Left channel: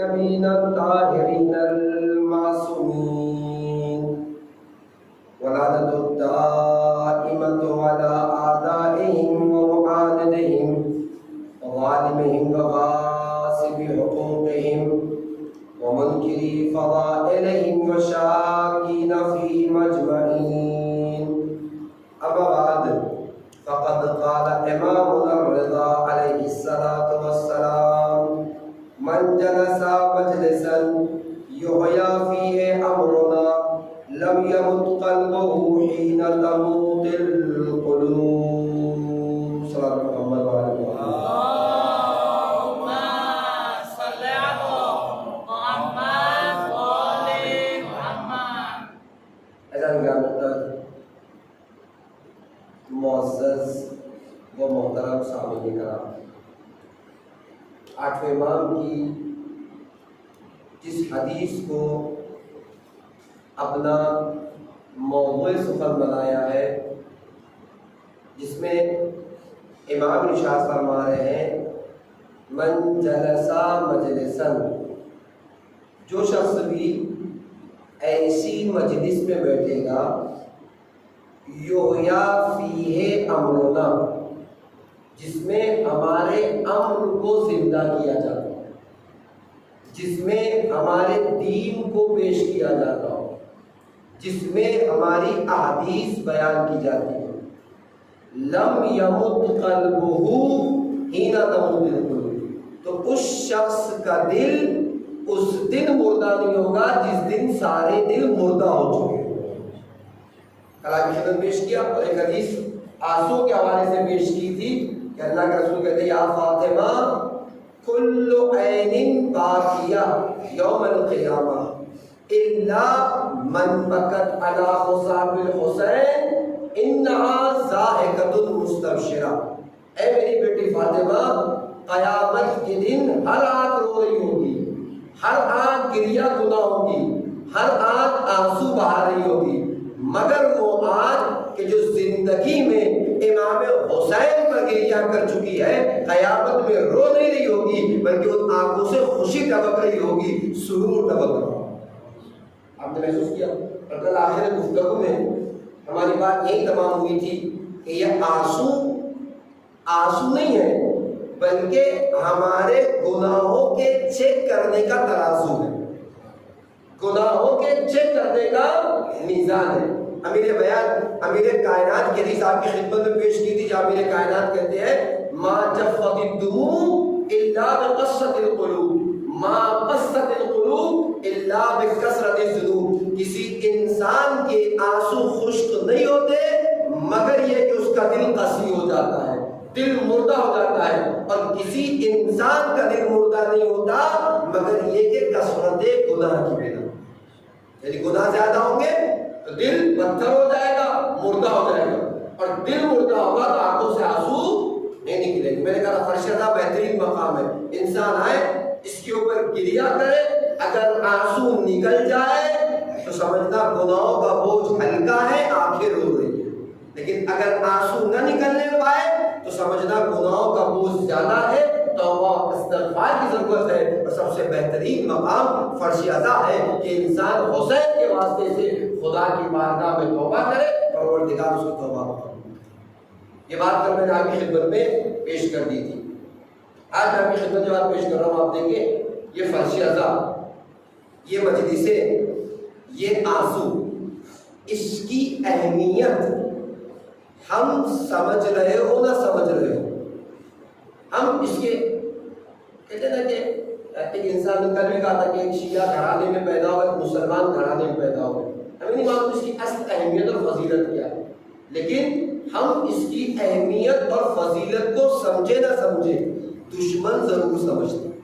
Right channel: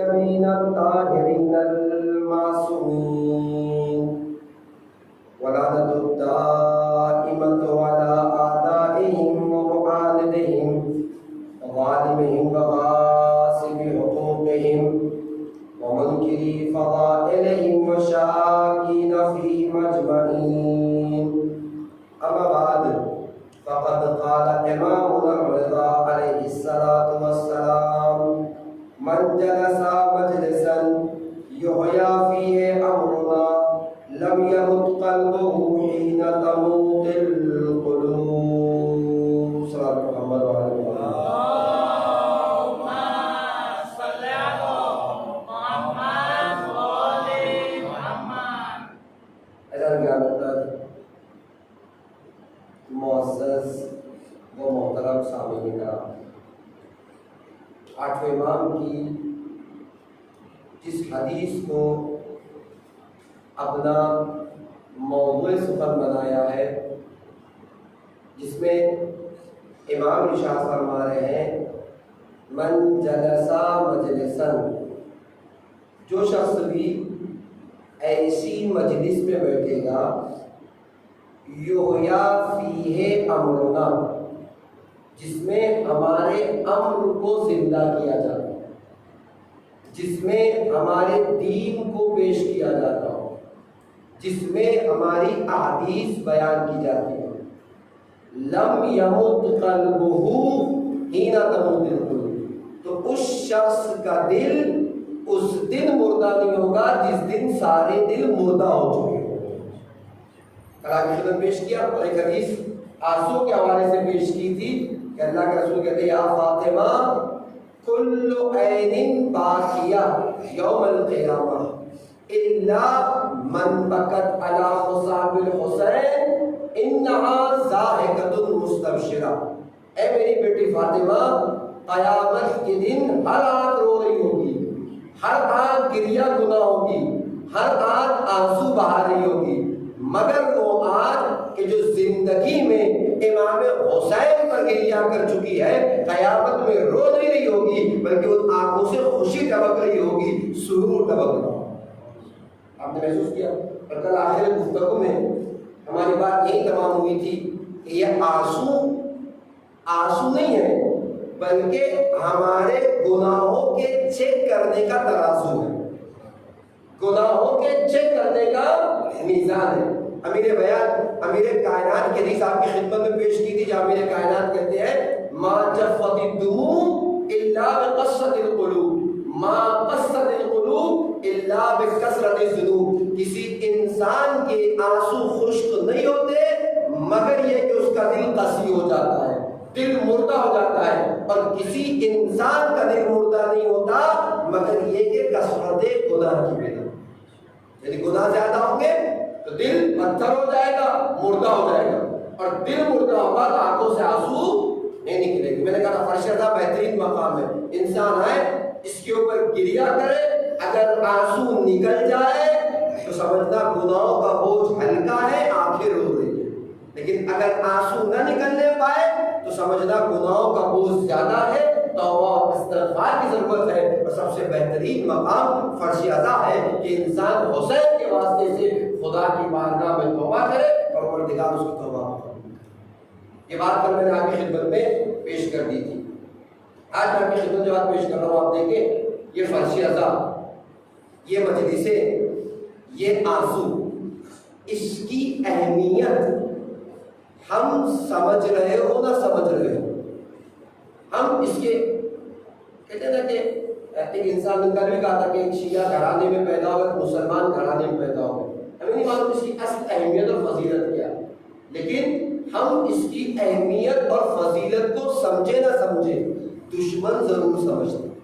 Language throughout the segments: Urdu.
الطيبين الطاهرين المعصومين ولعنة الدائمة على أعدائهم ومعاندهم وظالمهم وغاصب حقوقهم ومنكري فضائلهم وشاكين فيهم أجمعين. أما بعد فقد قال إمامنا الرضا عليه الصلاة والسلام: من جلس مجلسا يحيى فيه أمرنا لم يمت قلبه حين تموت القلوب. صلى محمد وعلى آله. اللهم صل على محمد وآل محمد. اذان گرامی معزز و محترم سامعین کرام، آٹھویں امام کی جس حدیث کو اپنا موضوع سخن بنایا ہے، جس میں امام ارشاد فرما رہے ہیں: من جلسا مجلسن، جو شخص بھی ایسی مجلس میں بیٹھے گا، یحییٰ فیہ امرنا، جس میں ہمارے امر کو زندہ کیا جاتا ہو، جس میں ہمارے دین کو پیش کیا جاتا ہو، جس میں ہماری احادیث بیان کی جاتی ہے، لم یمت قلبہ حین تموت القلوب، تو اس شخص کا دل اس دن مردہ نہیں ہوگا جس دن سارے دل مردہ ہو چکے ہیں۔ کلام کی خدمت پیش کیا اور ایک حدیث آنسو کے حوالے سے پیش کی تھی کہ اللہ کے رسول کہتے ہیں: یا فاطمہ کل عین باکیہ یوم القیامہ الا من بکت علی مصاب الحسین انہا ضاحکۃ مستبشرہ۔ اے میری بیٹی فاطمہ، قیامت کے دن ہر آنکھ رو رہی ہوگی، ہر آنکھ گریہ گناہ ہوگی، ہر آنکھ آنسو بہا رہی ہوگی، مگر وہ آنکھ کہ جو زندگی میں امام حسین پر گریہ کر چکی ہے، قیامت میں رو نہیں رہی ہوگی، بلکہ ان آنکھوں سے خوشی ٹپک رہی ہوگی، سرور ٹپک رہا ہوگا۔ آپ نے محسوس کیا؟ اور کل آخر گفتگو میں ہماری بات یہی تمام ہوئی تھی کہ یہ آنسو نہیں ہے، بلکہ ہمارے گناہوں کے چیک کرنے کا ترازو ہے، گناہوں کے چیک کرنے کا میزان ہے۔ امیر بیان، امیر کائنات کی حدیث آپ کی خدمت میں پیش کی تھی، جہاں امیر کائنات کہتے ہیں: ما جفت الدموع الا بقصۃ القلوب، ما قصت القلوب الا بکثرت الذنوب۔ کسی انسان کے آنسو خشک نہیں ہوتے مگر یہ کہ اس کا دل قسی ہو جاتا ہے، دل مردہ ہو جاتا ہے، اور کسی انسان کا دل مردہ نہیں ہوتا مگر یہ کہ کثرت گناہ کی وجہ، یعنی گناہ زیادہ ہوں گے تو دل پتھر ہو جائے گا، مردہ ہو جائے گا، اور دل مردہ ہوگا تو آنکھوں سے آنسو نہیں نکلے گی۔ میں نے کہا تھا فرش کا بہترین مقام ہے، انسان آئے اس کے اوپر گریہ کرے، اگر آنسو نکل جائے تو سمجھنا گناہوں کا بوجھ ہلکا ہے، آنکھیں رو رہی ہیں، لیکن اگر آنسو نہ نکلنے پائے تو سمجھنا گناہوں کا بوجھ زیادہ ہے، توبہ استغفار کی ضرورت ہے، اور سب سے بہترین مقام فرش عزا ہے کہ انسان حسین کے واسطے سے خدا کی بارگاہ میں توبہ کرے، پروردگار اس کی توبہ قبول کرے۔ یہ بات کل میں نے آپ کی خدمت میں پیش کر دی تھی۔ آج میں آپ کی خدمت جو بات پیش کر رہا ہوں، آپ دیکھیں یہ فرش عزا، یہ مجلسیں، یہ آنسو، اس کی اہمیت ہم سمجھ رہے ہو نہ سمجھ رہے ہو، ہم اس کے کہتے ہیں نا کہ ایک انسان نے کل بھی کہا تھا کہ ایک شیعہ گھرانے میں پیدا ہوا، ایک مسلمان گھرانے میں پیدا ہوا، ہمیں نہیں معلوم اس کی اصل اہمیت اور فضیلت کیا ہے، لیکن ہم اس کی اہمیت اور فضیلت کو سمجھے نہ سمجھے دشمن ضرور سمجھتے ہیں۔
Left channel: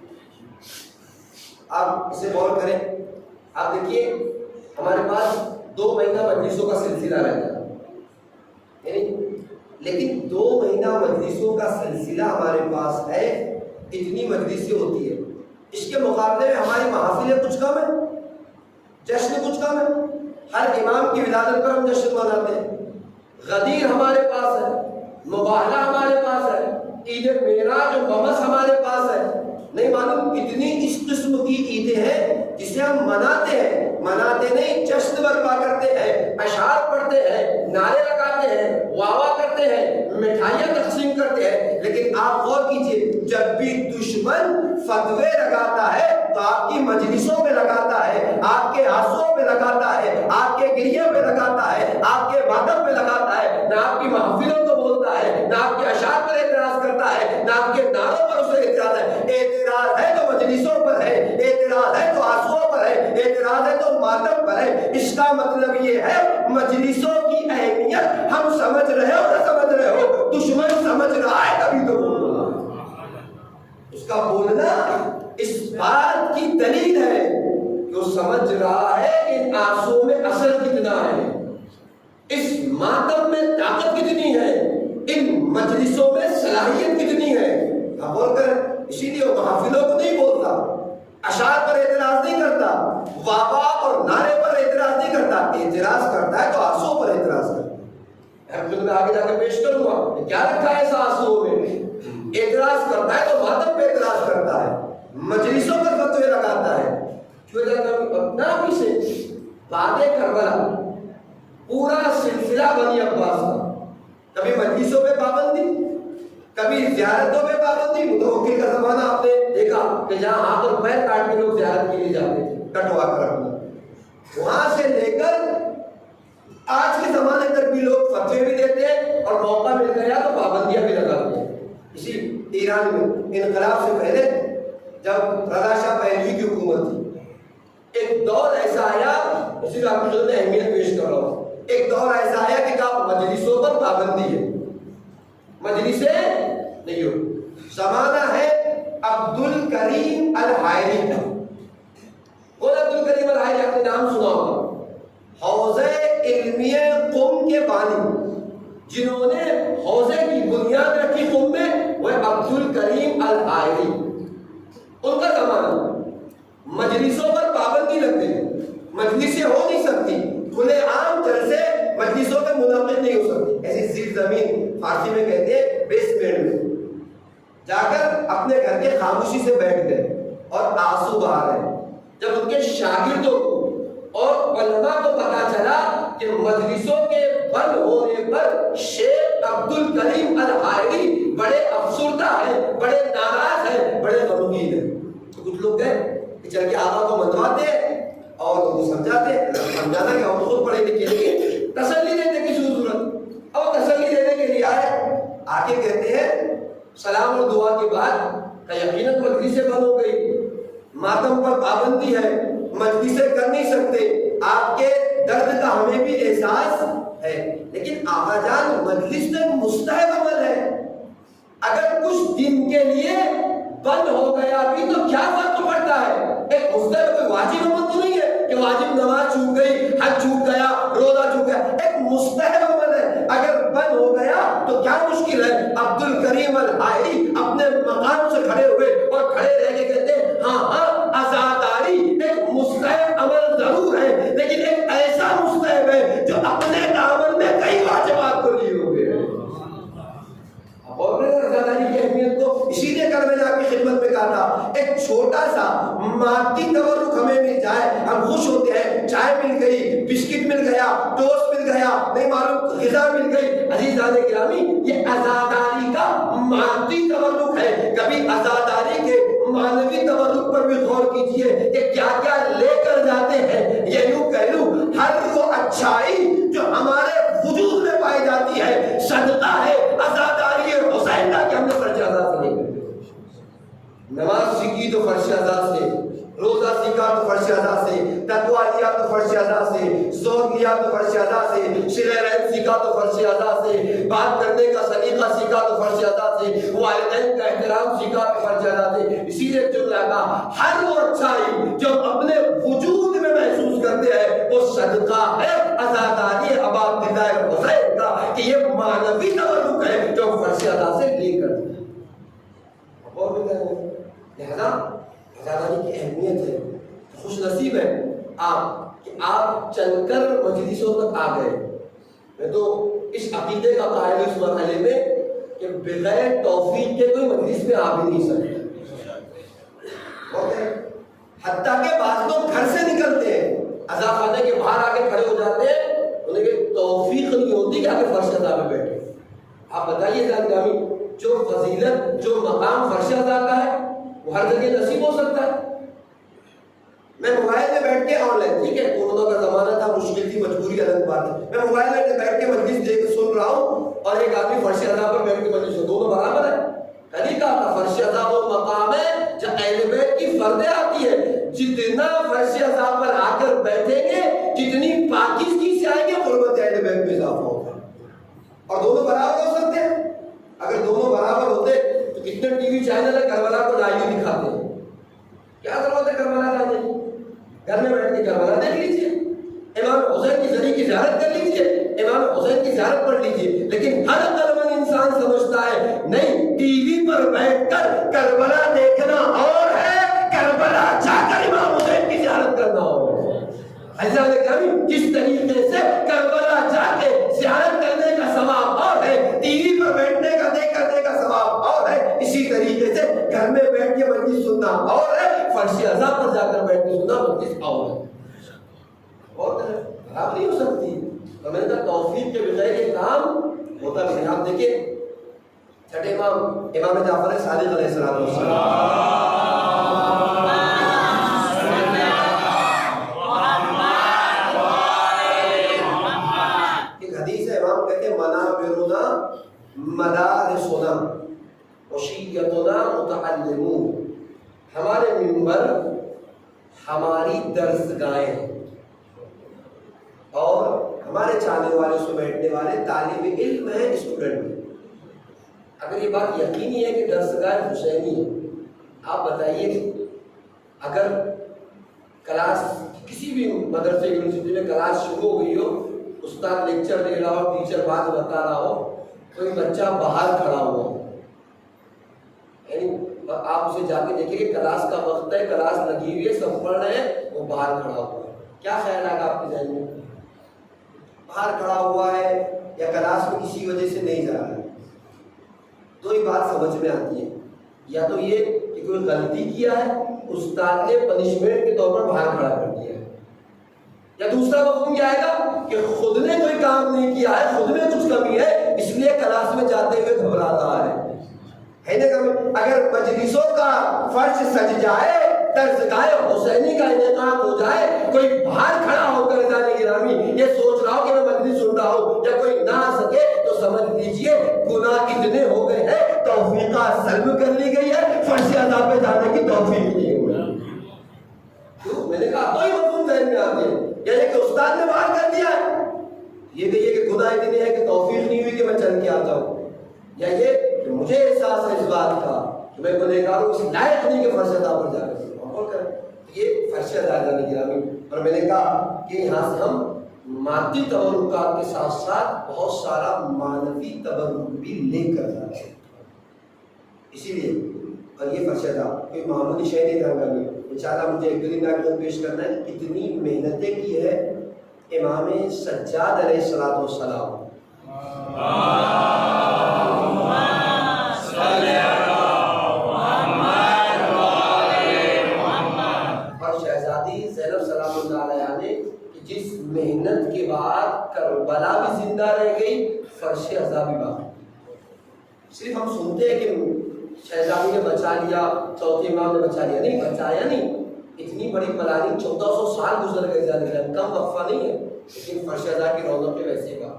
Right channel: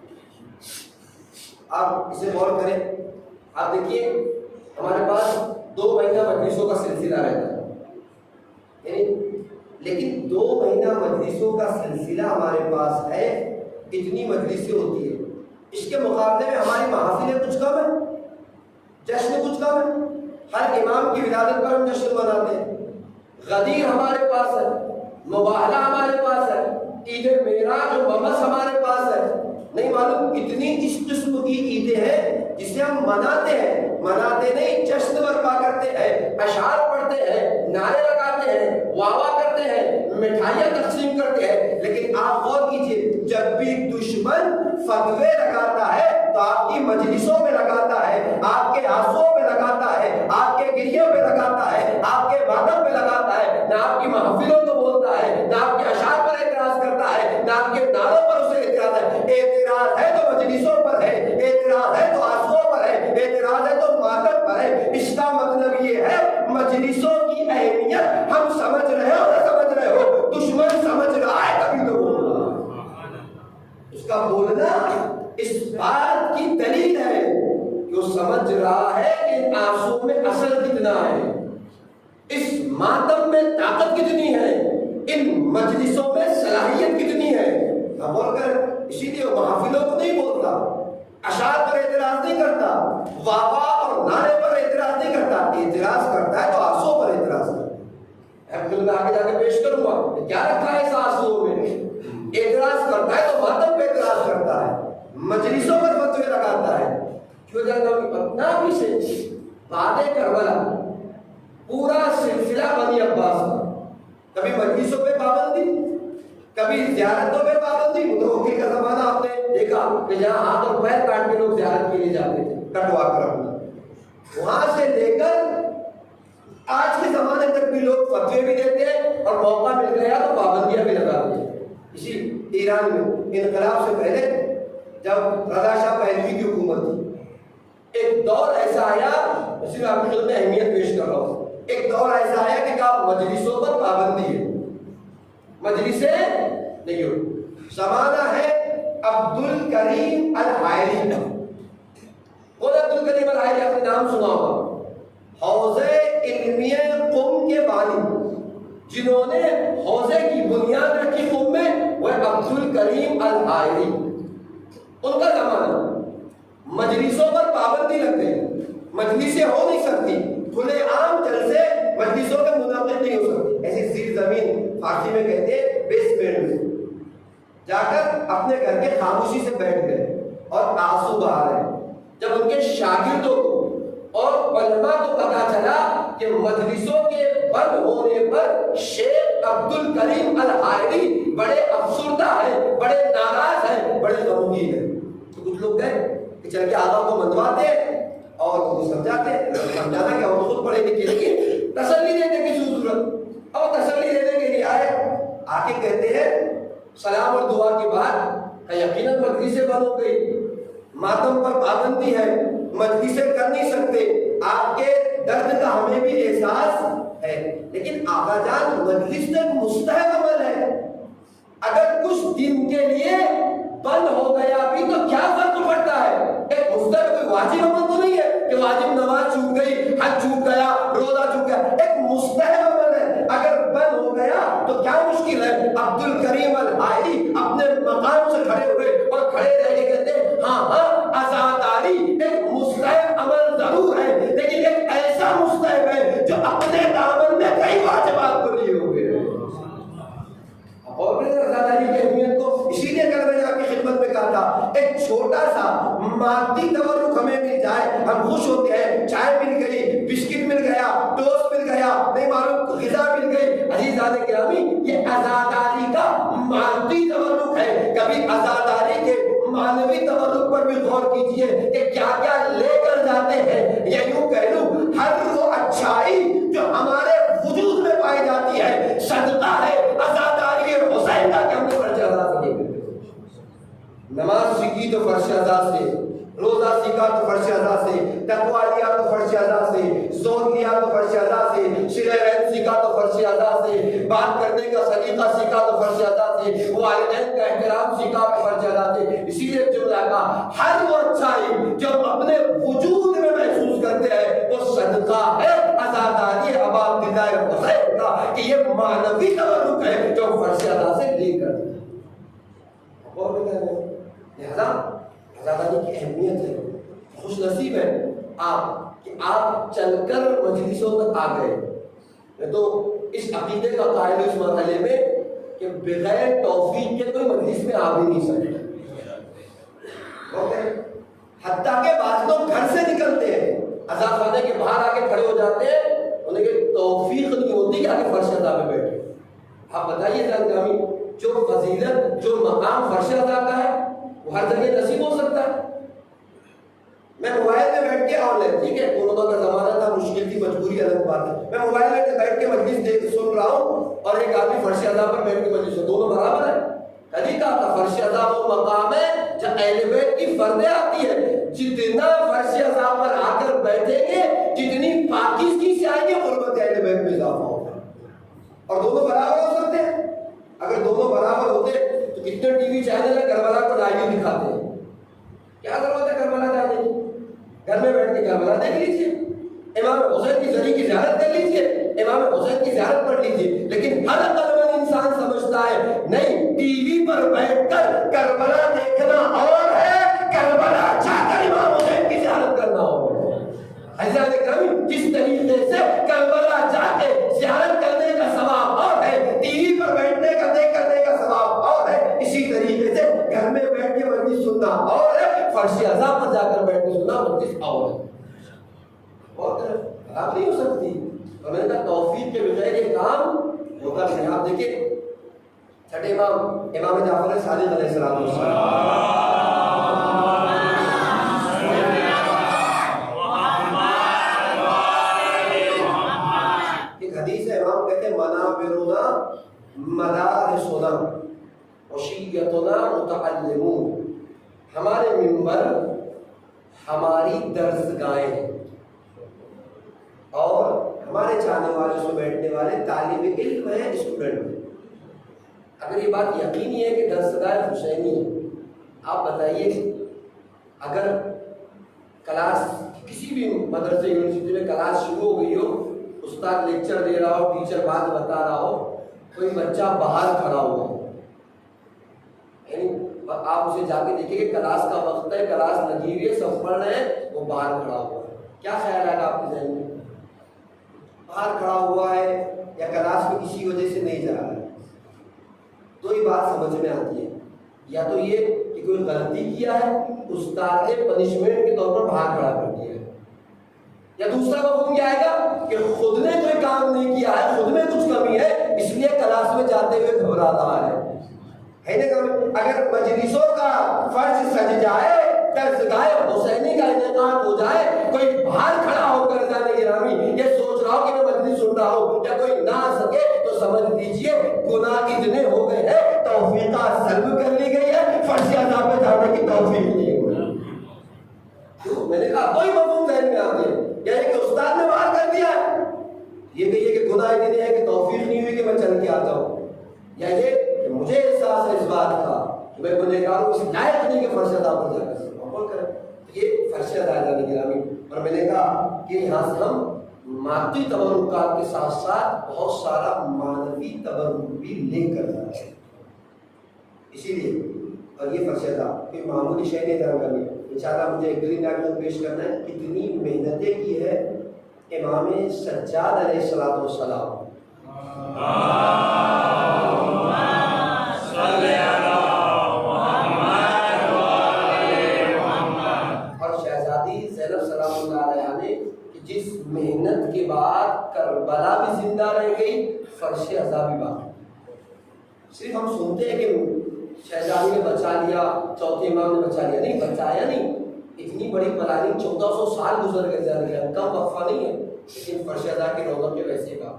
آپ اسے غور کریں، آپ دیکھیے ہمارے پاس 2 مہینہ مجلسوں کا سلسلہ رہتا ہے، یعنی لیکن 2 مہینہ مجلسوں کا سلسلہ ہمارے پاس ہے، اتنی مجلسیں ہوتی ہے، اس کے مقابلے میں ہماری محافلیں کچھ کم ہیں، جشن کچھ کم ہے، ہر امام کی ولادت پر ہم جشن مناتے ہیں، غدیر ہمارے پاس ہے، مباہلہ ہمارے پاس ہے، عید معراج و ممس ہمارے پاس ہے، نہیں معلوم کتنی اس قسم کی جسے ہم مناتے نہیں، جشن برپا کرتے ہیں، اشعار پڑھتے ہیں، نعرے لگاتے ہیں، واہ واہ کرتے ہیں، مٹھائیاں تقسیم کرتے ہیں، لیکن آپ غور کیجئے جب بھی دشمن فتوے لگاتا ہے تو آپ کی مجلسوں میں لگاتا ہے، آپ کے آنسوؤں میں لگاتا ہے، آپ کے گریے میں لگاتا ہے، آپ کے ماتم میں لگاتا ہے، نہ آپ کی محفلوں کو بولتا ہے، نہ آپ کے اشعار پر اعتراض کرتا ہے، نہ آپ کے نعروں پر اسے اعتراض ہے۔ اعتراض ہے تو مجلسوں پر ہے، اعتراض ہے تو آنسوؤں پر ہے، اعتراض ہے تو ماتم پر ہے۔ اس کا مطلب یہ ہے مجلسوں کی اہمیت ہم سمجھ رہے ہو نہ سمجھ رہے ہو، دشمن سمجھ رہا ہے تبھی تو بول رہا ہے۔ اس کا بولنا اس بات کی دلیل ہے کہ وہ سمجھ رہا ہے کہ ان آنسوؤں میں اثر کتنا ہے، اس ماتم میں طاقت کتنی ہے، ان مجلسوں میں صلاحیت کتنی ہے۔ بول کر اسی لیے وہ محافلوں کو نہیں بولتا، اشعار پر اعتراض نہیں کرتا، واہ واہ اور نعرے پر اعتراض نہیں کرتا، اعتراض کرتا ہے تو آنسوؤں پر اعتراض کرتا ہے۔ میں آگے جا کے پیش کروں گا کیا رکھا ہے اس آنسوؤں میں۔ اعتراض کرتا ہے تو ماتم پہ اعتراض کرتا ہے، مجلسوں پر فتوے لگاتا ہے۔ کیوں اپنا بھی سے بعد کربلا پورا سلسلہ بنی عباس کا، کبھی مجلسوں پہ پابندی، کبھی زیارتوں پہ پابندی۔ متوکل کا زمانہ آپ نے دیکھا کہ جہاں ہاتھ اور پیر کاٹ کے لوگ زیارت کے لیے جاتے تھے، کٹوا کر اپنا، وہاں سے لے کر آج کے زمانے تک بھی لوگ فتوے بھی دیتے ہیں اور موقع مل گیا تو پابندیاں بھی لگاتے ہیں۔ اسی ایران میں انقلاب سے پہلے جب رضا شاہ پہلوی کی حکومت تھی، ایک دور ایسا آیا، اسی میں آپ کی خدمت میں اہمیت پیش کر رہا ہوں، ایک دور ایسا آیا کہ کہا مجلسوں پر پابندی ہے، مجلسیں نہیں ہو۔ زمانہ ہے عبد الکریم الحائری کا۔ کون عبد الکریم الحائری؟ آپ نے نام سنا ہوگا، حوزہ علمیہ قم کے بانی، جنہوں نے حوزے کی بنیاد رکھی قم میں، وہ عبد الکریم الحائری۔ ان کا زمانہ مجلسوں پر پابندی لگ گئی، مجلسیں ہو نہیں سکتی، کھلے عام جلسے مجلسوں میں منعقد نہیں ہو سکتی۔ ایسی زیر زمین فارسی میں کہتے ہیں بیسمنٹ میں جا کر اپنے گھر کے خاموشی سے بیٹھ گئے اور آنسو بہا رہے۔ جب ان کے شاگردوں کو اور علماء کو پتا چلا کہ مجلسوں کے بند ہونے پر شیخ عبد الکریم الحائری بڑے افسردہ ہیں، بڑے ناراض ہیں، بڑے غمگین ہیں، تو کچھ لوگ گئے کہ چل کے آقا کو منواتے اور ان کو سمجھانا کہ ہم خود پڑھے لکھے لیکن تسلی دینے کی ضرورت، اور تسلی دینے کے لیے آ کے کہتے ہیں سلام اور دعا کے بعد یقیناً مجلسیں بند ہو گئی، ماتم پر پابندی ہے، مجلسیں کر نہیں سکتے، آپ کے درد کا ہمیں بھی احساس ہے، لیکن آقا جان مجلس تو مستحب عمل ہے، اگر کچھ دن کے لیے بند ہو گیا بھی تو کیا فرق پڑتا ہے؟ ایک مستحب کوئی واجب عمل تو نہیں ہے کہ واجب نماز چھوٹ گئی، حج چھوٹ گیا، روزہ چھوٹ گیا، ایک مستحب عمل ہے، اگر بند ہو گیا تو کیا مشکل ہے؟ عبد الکریم الحائری اپنے مقام سے کھڑے ہوئے اور کھڑے رہ کے کہتے ہیں ہاں عزاداری ایک مستحب عمل ضرور ہے، لیکن ایک ایسا مستحب ہے جو اپنے دامن میں کئی واجبات کو لیے ہوئے ہیں۔ اور عزاداری کی اہمیت کو اسی لیے کل میں نے آپ کی خدمت میں کہا تھا، ایک چھوٹا سا مادی تورک ہمیں مل جائے ہم خوش ہوتے ہیں، چائے مل گئی، بسکٹ مل گیا، ٹوسٹ مل گیا، نہیں معلوم غذا مل گئی۔ عزیزان گرامی، یہ عزاداری کا مادی تورک ہے، کبھی عزاداری کے معنوی تورک پر بھی غور کیجئے کہ کیا کیا لے کر جاتے ہیں۔ یا یوں کہہ لوں ہر وہ اچھائی جو ہمارے وجود میں پائی جاتی ہے صدقہ ہے عزاداری حسین کا کہ ہم نے فرض ادا نہیں کرتے۔ نماز سیکھی تو فرض ادا سے، روزہ سیکھا تو فرض ادا سے، تقویٰ لیا تو فرض ادا سے، زہد لیا تو فرض ادا سے، صلہ رحم سیکھا تو فرض ادا سے، بات کرنے کا سلیقہ سیکھا تو فرض ادا سے، والدین کا احترام سیکھا تو فرض ادا سے۔ اسی لیے جو کہا ہر وہ اچھائی جو اپنے وجود میں محسوس کرتے ہیں وہ صدقہ ہے عزاداری ابا عبداللہ حسین کا، کہ یہ معنوی تورک ہے جو فرض ادا سے لے کر۔ اور بھی کہتے ہیں لہذا عزاداری کی اہمیت ہے، خوش نصیب ہے آپ کہ آپ چل کر مجلسوں تک آ گئے۔ میں تو اس عقیدے کا قائل ہوں اس مرحلے میں کہ بغیر توفیق کے کوئی مجلس میں آ بھی نہیں سکتا۔ حتیٰ کہ بعض لوگ گھر سے نکلتے ہیں عزا خانے کے باہر آ کے کھڑے ہو جاتے ہیں، انہیں کہ توفیق نہیں ہوتی کہ آگے فرش عزا میں بیٹھے۔ آپ بتائیے جانکامی، جو فضیلت جو مقام فرش عزا کا ہے وہ ہر جگہ نصیب ہو سکتا ہے۔ میں موبائل میں بیٹھ کے آن لائن، ٹھیک ہے کورونا کا زمانہ تھا، مشکل تھی، مجبوری الگ بات ہے، میں موبائل میں بیٹھ کے مجلس دیکھ سن رہا ہوں اور ایک آدمی فرش عزا پر بیٹھ کے مجلس، دونوں برابر ہے؟ کہیں کہا تھا فرش عزا وہ مقام ہے جو اہل بیت کی فردیں آتی ہے، جتنا فرش عزا پر آ کر بیٹھیں گے جتنی پاکیزگی سے آئیں گے قربت اہل بیت میں اضافہ ہوگا۔ اور دونوں برابر ہو سکتے ہیں؟ اگر دونوں برابر ہوتے تو کتنے ٹی وی چینل ہے کربلا کو لائیو دکھاتے ہیں، کیا ضرورت ہے کربلا جانے کی؟ گھر میں بیٹھ کے کربلا دیکھ لیجیے، امام حسین کی زری کی زیارت کر لیجیے، امام حسین کی زیارت پڑھ لیجیے۔ لیکن ہر عقل مند انسان سمجھتا ہے نہیں، ٹی وی پر بیٹھ کر کربلا دیکھنا اور ہے، کربلا جا کر امام حسین کی زیارت کرنا اور ہے۔ عزیزان گرامی، جس طریقے سے کربلا جا کے زیارت کرنے کا ثواب اور ہے، ٹی وی پر بیٹھنے کا دیکھ کرنے کا ثواب اور ہے، اسی طریقے سے گھر میں بیٹھ کے مجلس سننا اور ہے، فرش عزا پر جا کر بیٹھ کے سننا مجلس اور ہے، اور خراب نہیں ہو سکتی۔ اور میں نے کہا توفیق کے بغیر یہ کام ہوتا نہیں۔ آپ دیکھیں چھٹے امام جعفر صادق علیہ السلام، ایک حدیث ہے، امام کہتے ہیں منابرنا مدارسنا وشیتنا متعلمون، ہمارے منبر ہماری درسگاہیں ہیں اور ہمارے چاہنے والے اس میں بیٹھنے والے طالب علم ہیں، اسٹوڈنٹ ہیں۔ اگر یہ بات یقینی ہے کہ درسگاہ حسینی ہے، آپ بتائیے اگر کلاس کسی بھی مدرسے یونیورسٹی میں کلاس شروع ہو گئی ہو، استاد لیکچر دے رہا ہو، ٹیچر بات بتا رہا ہو، کوئی بچہ باہر کھڑا ہوا ہو، یعنی آپ اسے جا کے دیکھیں کہ کلاس کا وقت ہے، کلاس لگی ہوئی ہے، سب پڑھ رہے ہیں، وہ باہر کھڑا ہوا ہے، کیا خیال آئے گا آپ کے ذہن میں؟ باہر کھڑا ہوا ہے یا کلاس میں کسی وجہ سے نہیں جا رہا ہے؟ تو یہ بات سمجھ میں آتی ہے، یا تو یہ کہ کوئی غلطی کیا ہے، استاد نے پنشمنٹ کے طور پر باہر کھڑا کر دیا ہے، یا دوسرا مفہوم کیا آئے گا کہ خود نے کوئی کام نہیں کیا ہے، خود میں کچھ کمی ہے، اس لیے کلاس میں جاتے ہوئے گھبراتا ہے نا؟ اگر مجلسوں کا فرش سج جائے، درسگاہ حسینی کا انعقاد ہو جائے، کوئی باہر کھڑا ہو کر جانے گرامی یہ سوچ رہا ہو کہ میں مجلس سن رہا ہوں، یا کوئی نہ آ سکے تو سمجھ لیجئے گناہ اتنے ہو گئے ہیں، توفیقہ سلب کر لی گئی ہے، فرش عذاب پہ جانے کی توفیق نہیں ہوئی۔ تو میں نے کہا دو ہی مفہوم ذہن میں آتے ہیں، یا یہ کہ استاد نے باہر کر دیا ہے، یہ کہیے کہ گناہ اتنے ہیں کہ توفیق نہیں ہوئی کہ میں چل کے آتا ہوں، یا یہ کہ مجھے احساس ہے اس بات کا کہ میں گنہگار ہوں، اس لائق نہیں کہ فرش عذاب پر جا کر عمل کریں۔ یہ فرش عذاب جانے گرامی، اور میں نے کہا کہ یہاں سے ہم مادی تبرکات کے ساتھ ساتھ بہت سارا معنوی تبرک بھی لے کر جاتے ہیں، اسی لیے اور یہ فرش عذاب کوئی معمولی شے نہیں جان کرنی۔ انشاءاللہ مجھے ایک گرین ناٹ پیش کرنا ہے، اتنی محنتیں کی ہے امام سجاد علیہ السلام، اور شہزادی زینب سلام اللہ علیہ نے کہ جس محنت کے بعد کربلا بھی زندہ رہ گئی، فرش عذاب بھی باقی۔ صرف ہم سنتے ہیں کہ شہزادی نے بچا لیا، چوتھے امام نے بچا لیا، نہیں بچایا نہیں، اتنی بڑی پلاننگ 1400 سال گزر گئے، کم وقفہ نہیں ہے، لیکن فرش عذاب کی رونق ویسے کا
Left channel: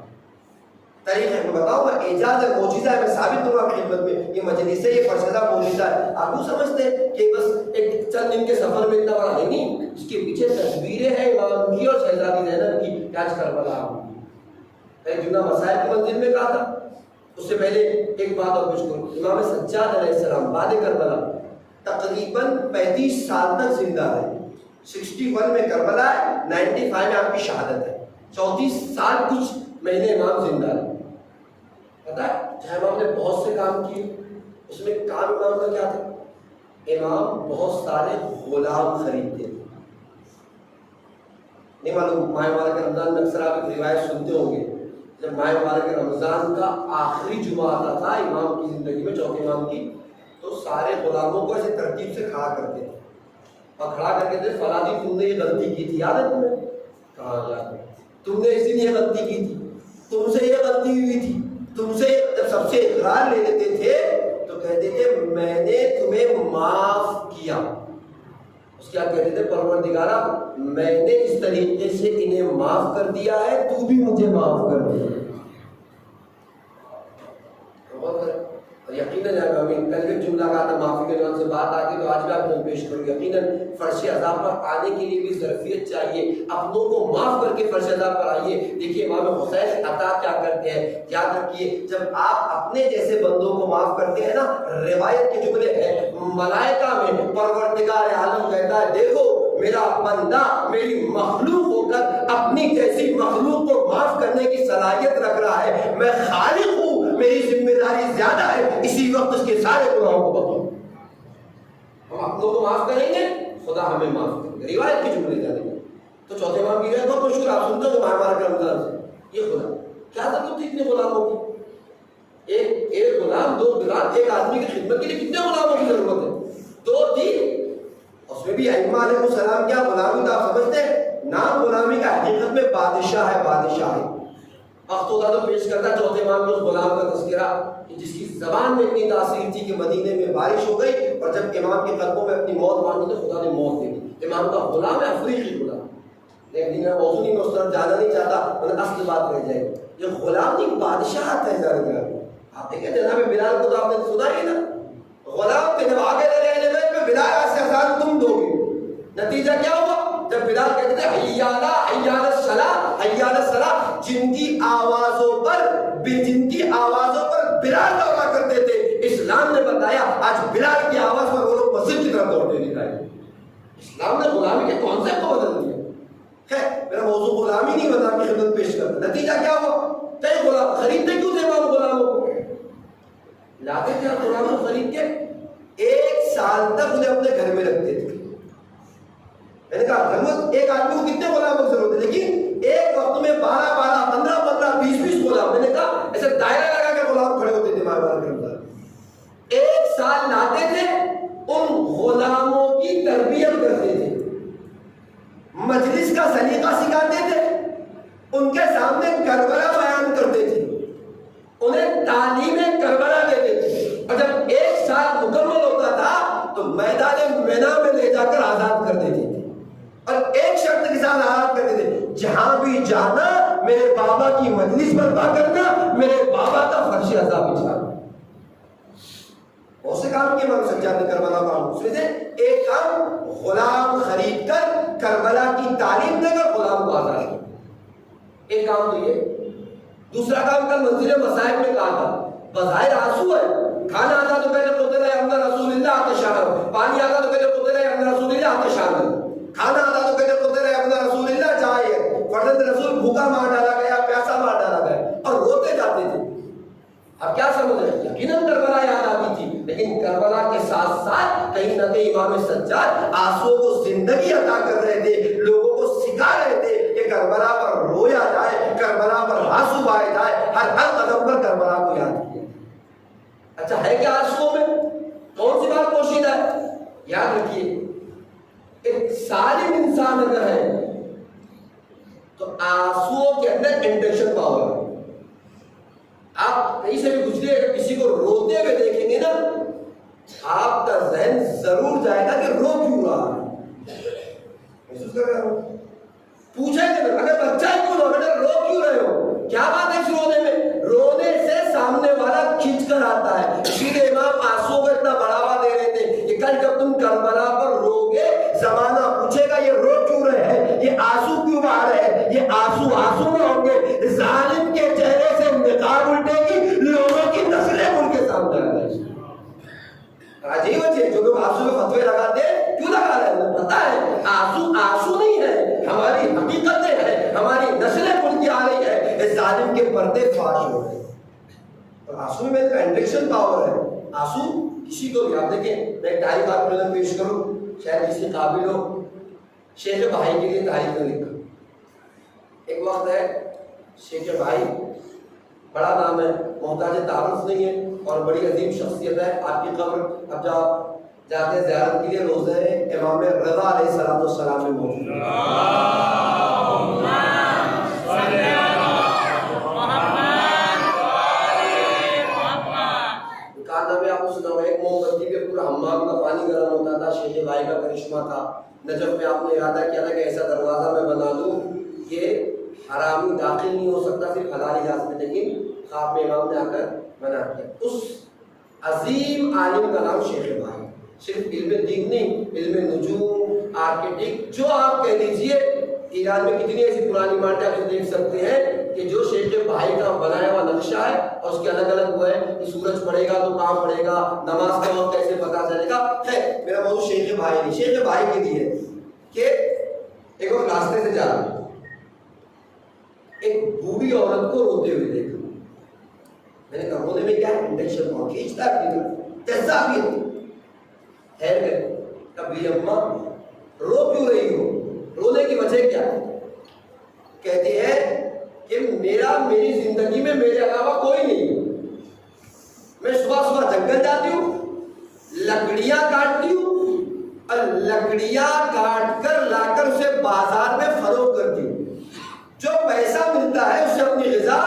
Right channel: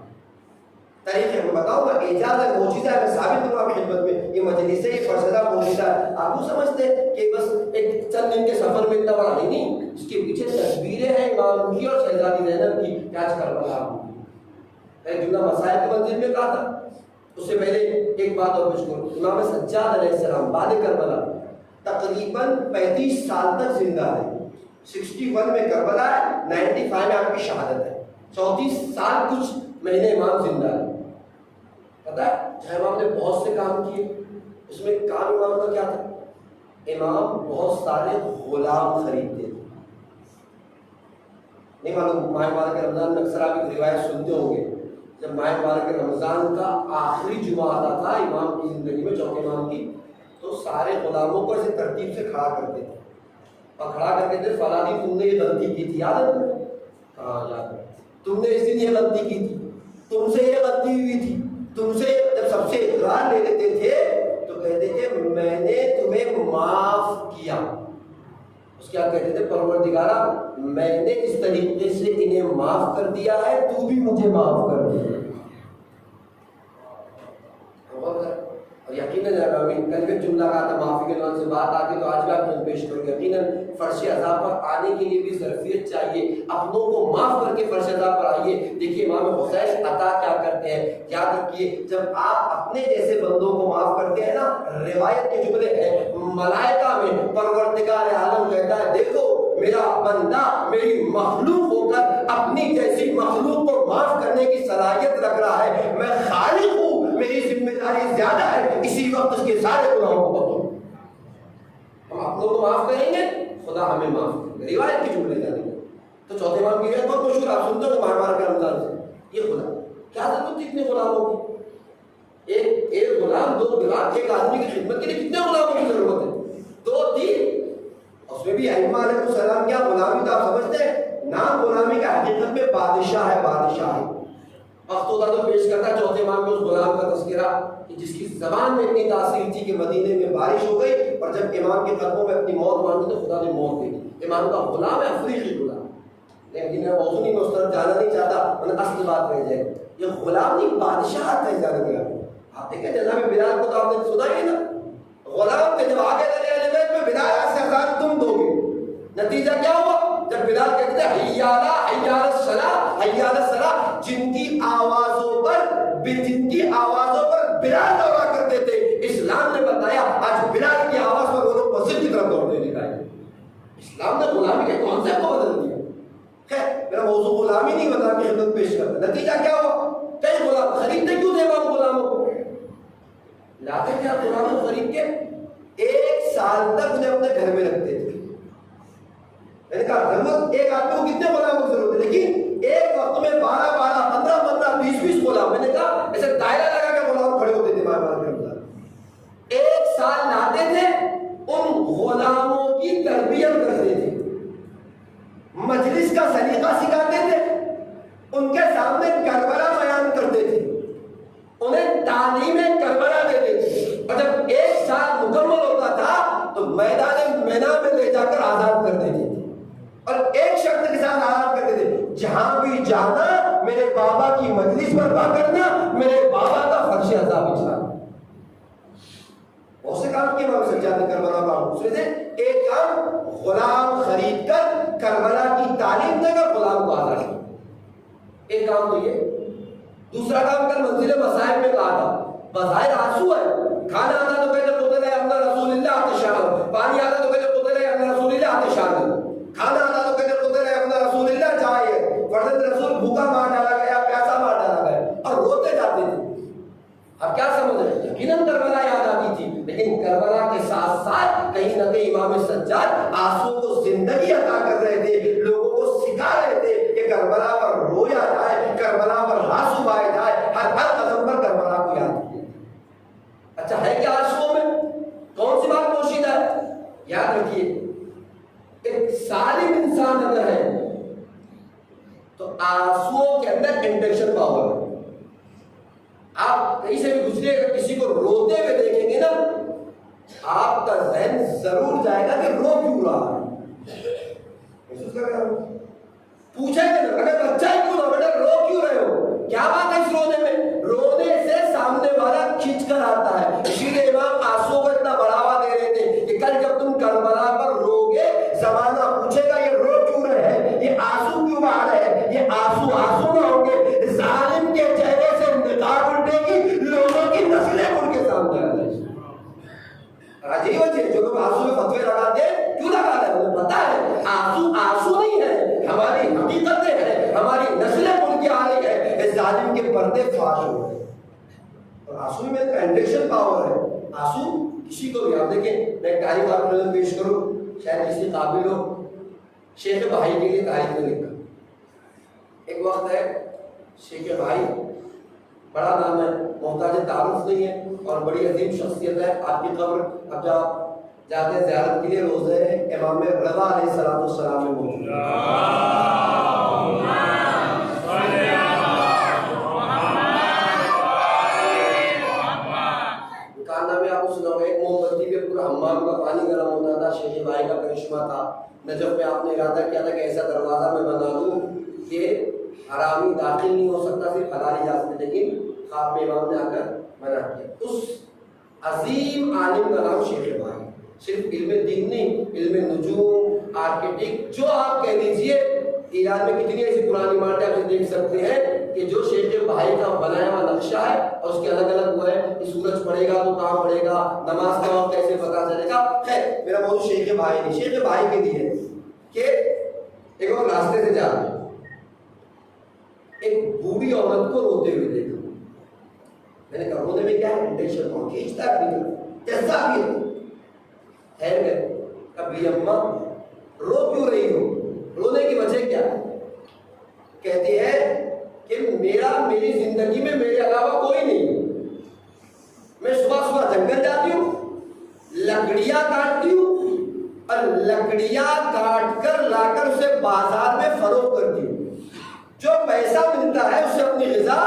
طریقے میں بتاؤں گا، اعجاز ہے، معجزہ ہے، میں ثابت دوں آپ کی خدمت میں، یہ مجلس ہے، یہ فرش عذاب معجزہ ہے۔ آپ کو سمجھتے ہیں کہ بس ایک چند دن کے سفر میں اتنا بڑا نہیں، اس کے پیچھے تصویریں ہیں امام کی اور شہزادی زینب کی کہ آج کربلا ہوئی۔ ایک جملہ مسائل کی منزل میں کہا تھا، اس سے پہلے ایک بات اور پیش کروں، امام سجاد علیہ السلام بعد کربلا تقریباً 35 سال تک زندہ رہے، 61 میں کربلا ہے، 95 میں آپ کی شہادت ہے، 34 سال کچھ مہینے امام زندہ رہے۔ پتہ ہے امام نے بہت سے کام کیے، اس میں کام امام کا کیا تھا؟ امام بہت سارے غلام خریدتے تھے۔ نہیں معلوم ماہ مبارک رمضان میں اکثر آپ ایک روایت سنتے ہوں گے، جب ماہ مبارک رمضان کا آخری جمعہ آتا تھا امام کی زندگی میں، چوتھے امام کی، تو سارے غلاموں کو ایسے ترتیب سے کھڑا کرتے تھے، اور کھڑا کر کے دے فلانی تم نے یہ غلطی کی تھی، یاد ہے تمہیں؟ کہاں یاد ہے؟ تم نے اس دن یہ غلطی کی تھی، تم سے یہ غلطی ہوئی تھی، تم سے جب سب سے اقرار لے لیتے تھے تو کہتے تھے میں نے تمہیں معاف کیا. اس کیا کہتے تھے؟ پروردگارا میں نے اس طریقے سے انہیں معاف کر دیا ہے، تو بھی مجھے معاف کر دے. اور یقیناً کل بھی جملہ کہا تھا معافی کے نام سے بات آ گئی تو آج بھی آپ نے پیش کرو. یقیناً فرش عذاب پر آنے کے لیے بھی ظرفیت چاہیے، اپنوں کو معاف کر کے فرش عذاب پر آئیے. دیکھیے امام حسین عطا کیا کرتے ہیں، یاد رکھیے جب آپ اپنے جیسے بندوں کو معاف کرتے ہیں نا، روایت کے جملے ہیں ملائکہ میں پروردگار عالم کہتا ہے دیکھو میرا بندہ میری مخلوق ہو کر اپنی جیسی مخلوق کو معاف کرنے کی صلاحیت رکھ رہا ہے، میں خالق ہوں، میری ذمہ داری زیادہ ہے، اسی وقت اس کے سارے گناہوں کو بخشوں. ہم اپنوں کو معاف کریں گے، خدا ہمیں معاف کرے گا. روایت کے جملے کریں گے. تو چوتھے امام کی بہت مشہور، آپ سنتے ہو مار مار کے رمضان سے یہ خدا کیا ضرورت تھی اتنے غلاموں کی؟ ایک غلام، دو غلام، ایک آدمی کی خدمت کے لیے کتنے غلاموں کی ضرورت ہے؟ دو تین. اس میں بھی ائمہ علیہ السلام کیا غلامی تو آپ سمجھتے ہیں؟ نام غلامی کا حقیقت میں بادشاہ ہے، بادشاہ ہے. وقت ہوتا تو پیش کرتا چوتھے امام میں اس غلام کا تذکرہ جس کی زبان میں اتنی تاثیر تھی کہ مدینے میں بارش ہو گئی اور جب امام کے قدموں میں اپنی موت مانگی تو خدا نے موت دے دی. امام کا غلام ہے، افریقی غلام. لیکن میرا موضوع نہیں، میں اس طرف جانا نہیں چاہتا، ورنہ اصل بات رہ جائے. یہ غلام نہیں، بادشاہ ہے. آپ دیکھیں جناب بلال کو تو آپ نے سنا ہی نا، غلام تھے. جب آگے دریا میں بلال سے اذان تم دو گے، نتیجہ کیا ہوا؟ جب بلال کہتے تھے حی علی الصلاۃ، حی علی الصلاۃ، جن کی آوازوں پر بلال دورا کرتے تھے، اسلام نے بتایا آج بلال کی آواز پر وہ لوگ مسجد کی طرف دوڑتے دکھائے. اسلام نے غلامی کے کانسیپٹ کو بدل دیا. خیر میرا موضوع غلامی نہیں بتا کی خدمت پیش کرتا. نتیجہ کیا ہوا؟ کئی غلام خریدتے کیوں تھے امام غلاموں کو؟ لاتے کیا غلاموں خرید کے 1 سال تک انہیں اپنے گھر میں رکھتے تھے. میں نے کہا ضرورت ایک آدمی کو کتنے غلاموں کی ضرورت ہے، لیکن ایک وقت میں 12 15 20 غلام. میں نے کہا ایسے دائرہ لگا کے غلام کھڑے ہوتے تھے مہمان کے اندر. 1 سال لاتے تھے، ان غلاموں کی تربیت کرتے تھے، مجلس کا سلیقہ سکھاتے تھے، ان کے سامنے کربلا بیان کرتے تھے، انہیں تعلیم کربلا دیتے تھے. اور جب 1 سال مکمل ہوتا تھا تو میدان مینا میں لے جا کر آزاد کر دیتے تھے اور ایک شرط کے ساتھ آزاد کرتے تھے، جہاں بھی جانا میرے بابا کی مجلس برپا کرنا، میرے بابا کا فرش عذاب بچانا. بہت سے کام کیے امام سجاد نے کربلا میں. اس میں سے ایک کام غلام خرید کر کربلا کی تعلیم دے کر غلام کو آزاد کیا. ایک کام تو یہ. دوسرا کام کل منزل مصائب میں کہا تھا، بظاہر آنسو ہے، کھانا آتا تو کہتے قتل ابن رسول اللہ آتشان، پانی آتا تو کہتے قتل ابن رسول اللہ آتشان، کھانا آتا تو کہتے قتل ابن رسول اللہ جائے، فرزند رسول بھوکا مار ڈالا گیا، پیاسا مار ڈالا گیا، اور روتے جاتے تھے. اب کیا سمجھ رہے ہیں؟ یقیناً کربلا یاد آتی تھی، لیکن کربلا کے ساتھ ساتھ کہیں نہ کہیں امام سجاد آنسو کو زندگی عطا کر رہے تھے، لوگوں کو سکھا رہے تھے کہ کربلا پر رویا جائے، کربلا پر آنسو بہائے جائے، ہر قدم پر کربلا کو یاد کیا. اچھا ہے کیا آنسو میں؟ کون سی بات پوشیدہ ہے؟ یاد رکھیے ایک سالم انسان اگر ہے تو آنسو کے اندر انڈکشن پاور ہے. آپ کہیں سے بھی گزرے اگر کسی کو روتے ہوئے دیکھیں گے نا، آپ کا ذہن ضرور جائے گا کہ رو کیوں رہا ہے. محسوس کر رہے ہو؟ پوچھیں گے اگر بچہ کیوں رو، بیٹا رو کیوں رہے ہو، کیا بات ہے اس رونے میں؟ رونے سے سامنے والا کھینچ کر آتا ہے. اسی لیے امام آنسو کو اتنا بڑھاوا دے رہے تھے کہ کل جب تم کربلا پر رو گے زمانہ پوچھے گا یہ رو کیوں رہے ہیں، یہ آنسو کیوں بہا رہے ہیں. یہ آنسو نہ ہوں گے، ظالم کے چہرے سے نقاب الٹے گی، لوگوں کی نسلیں ان کے سامنے آ جائیں. عجیب ہے جو لوگ آنسو میں فتوے لگاتے ہیں، کیوں لگا رہے ہیں؟ انہیں پتا ہے آنسو نہیں ہے، ہماری حقیقتیں ہیں، ہماری نسلیں ان کی آ رہی ہے، اس ظالم کے پردے فاش ہو رہے ہیں. اور آنسو میں ایک انڈکشن پاور ہے. آنسو کسی کو بھی، آپ دیکھیں میں ایک تاریخ آپ کو نظر پیش کروں، شاید کسی قابل ہو. شیخ بھائی کے لیے تاریخ میں لکھا. ایک وقت ہے شیخ بھائی، بڑا نام ہے، محتاج تعارف نہیں ہے اور بڑی عظیم شخصیت ہے. آپ کی قبر اب جب جاتے ہیں زیارت کے لیے، روزہ امام رضا علیہ السلام میں موجود ہے۔ آپ کو سنا ایک موم بتی پہ پورا حمام کا پانی گرم ہوتا تھا، شیخ بھائی کا کرشمہ تھا۔ نجف میں آپ نے ارادہ کیا تھا کہ ایسا دروازہ میں بنا دوں کہ حرامی داخل نہیں ہو سکتا، صرف حلالی جا سکتے، لیکن خواب میں امام نے آ کر منع کیا۔ اس عظیم عالم کا نام شیخ بھائی، صرف علم دین نہیں، علم نجوم، آرکیٹیکٹ، جو آپ کہہ لیجئے۔ ایران میں کتنی ایسی پرانی عمارتیں آپ دیکھ سکتے ہیں کہ جو شیخ بھائی کا بنایا ہوا نقشہ ہے اور اس کے الگ الگ وہ ہے کہ سورج پڑے گا تو کہاں پڑے گا، نماز کا وقت کیسے پتا چلے گا۔ خیر میرا موضوع شیخ بھائی نہیں، شیخ بھائی کے لیے کہ ایک وقت راستے سے جا رہے ایک بوڑھی عورت کو روتے ہوئے دیکھا۔ میں نے کہا رونے میں کیا ہے، انڈکشن کون کھینچتا ہے اپنی طرف، جیسا بھی ہے۔ خیر گئے، کبھی اماں رو کیوں رہی ہو، رونے کی وجہ کیا؟ کہتی ہے کہ میری زندگی میں میرے علاوہ کوئی نہیں ہے۔ میں صبح صبح جنگل جاتی ہوں، لکڑیاں کاٹتی ہوں اور لکڑیاں کاٹ کر لا کر اسے بازار میں فروخت کرتی ہوں، جو پیسہ ملتا ہے اسے اپنی غذا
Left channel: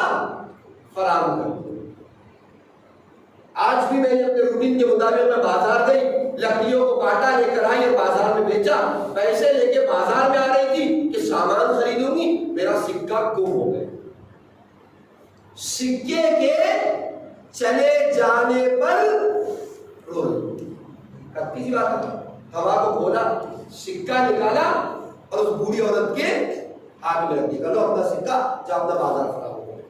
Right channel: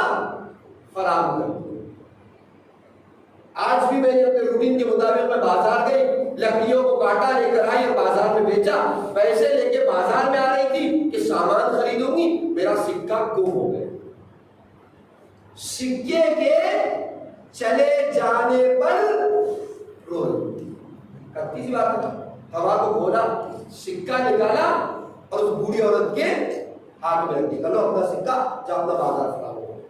فراہم کرتی ہوں۔ آج بھی میں نے اپنے روٹین کے مطابق میں بازار گئی، لکڑیوں کو کاٹا، لے کر آئی اور بازار میں بیچا، پیسے لے کے بازار میں آ رہی تھی کہ سامان خریدوں گی، میرا سکہ گم ہو گیا۔ سکے کے چلے جانے پر رو رہی، کرتی سی بات ہے، ہوا کو کھولا، سکہ نکالا اور اس بوڑھی عورت کے ہاتھ میں رکھ دیا، لو اپنا سکہ، جا اپنا بازار خراب ہو گیا۔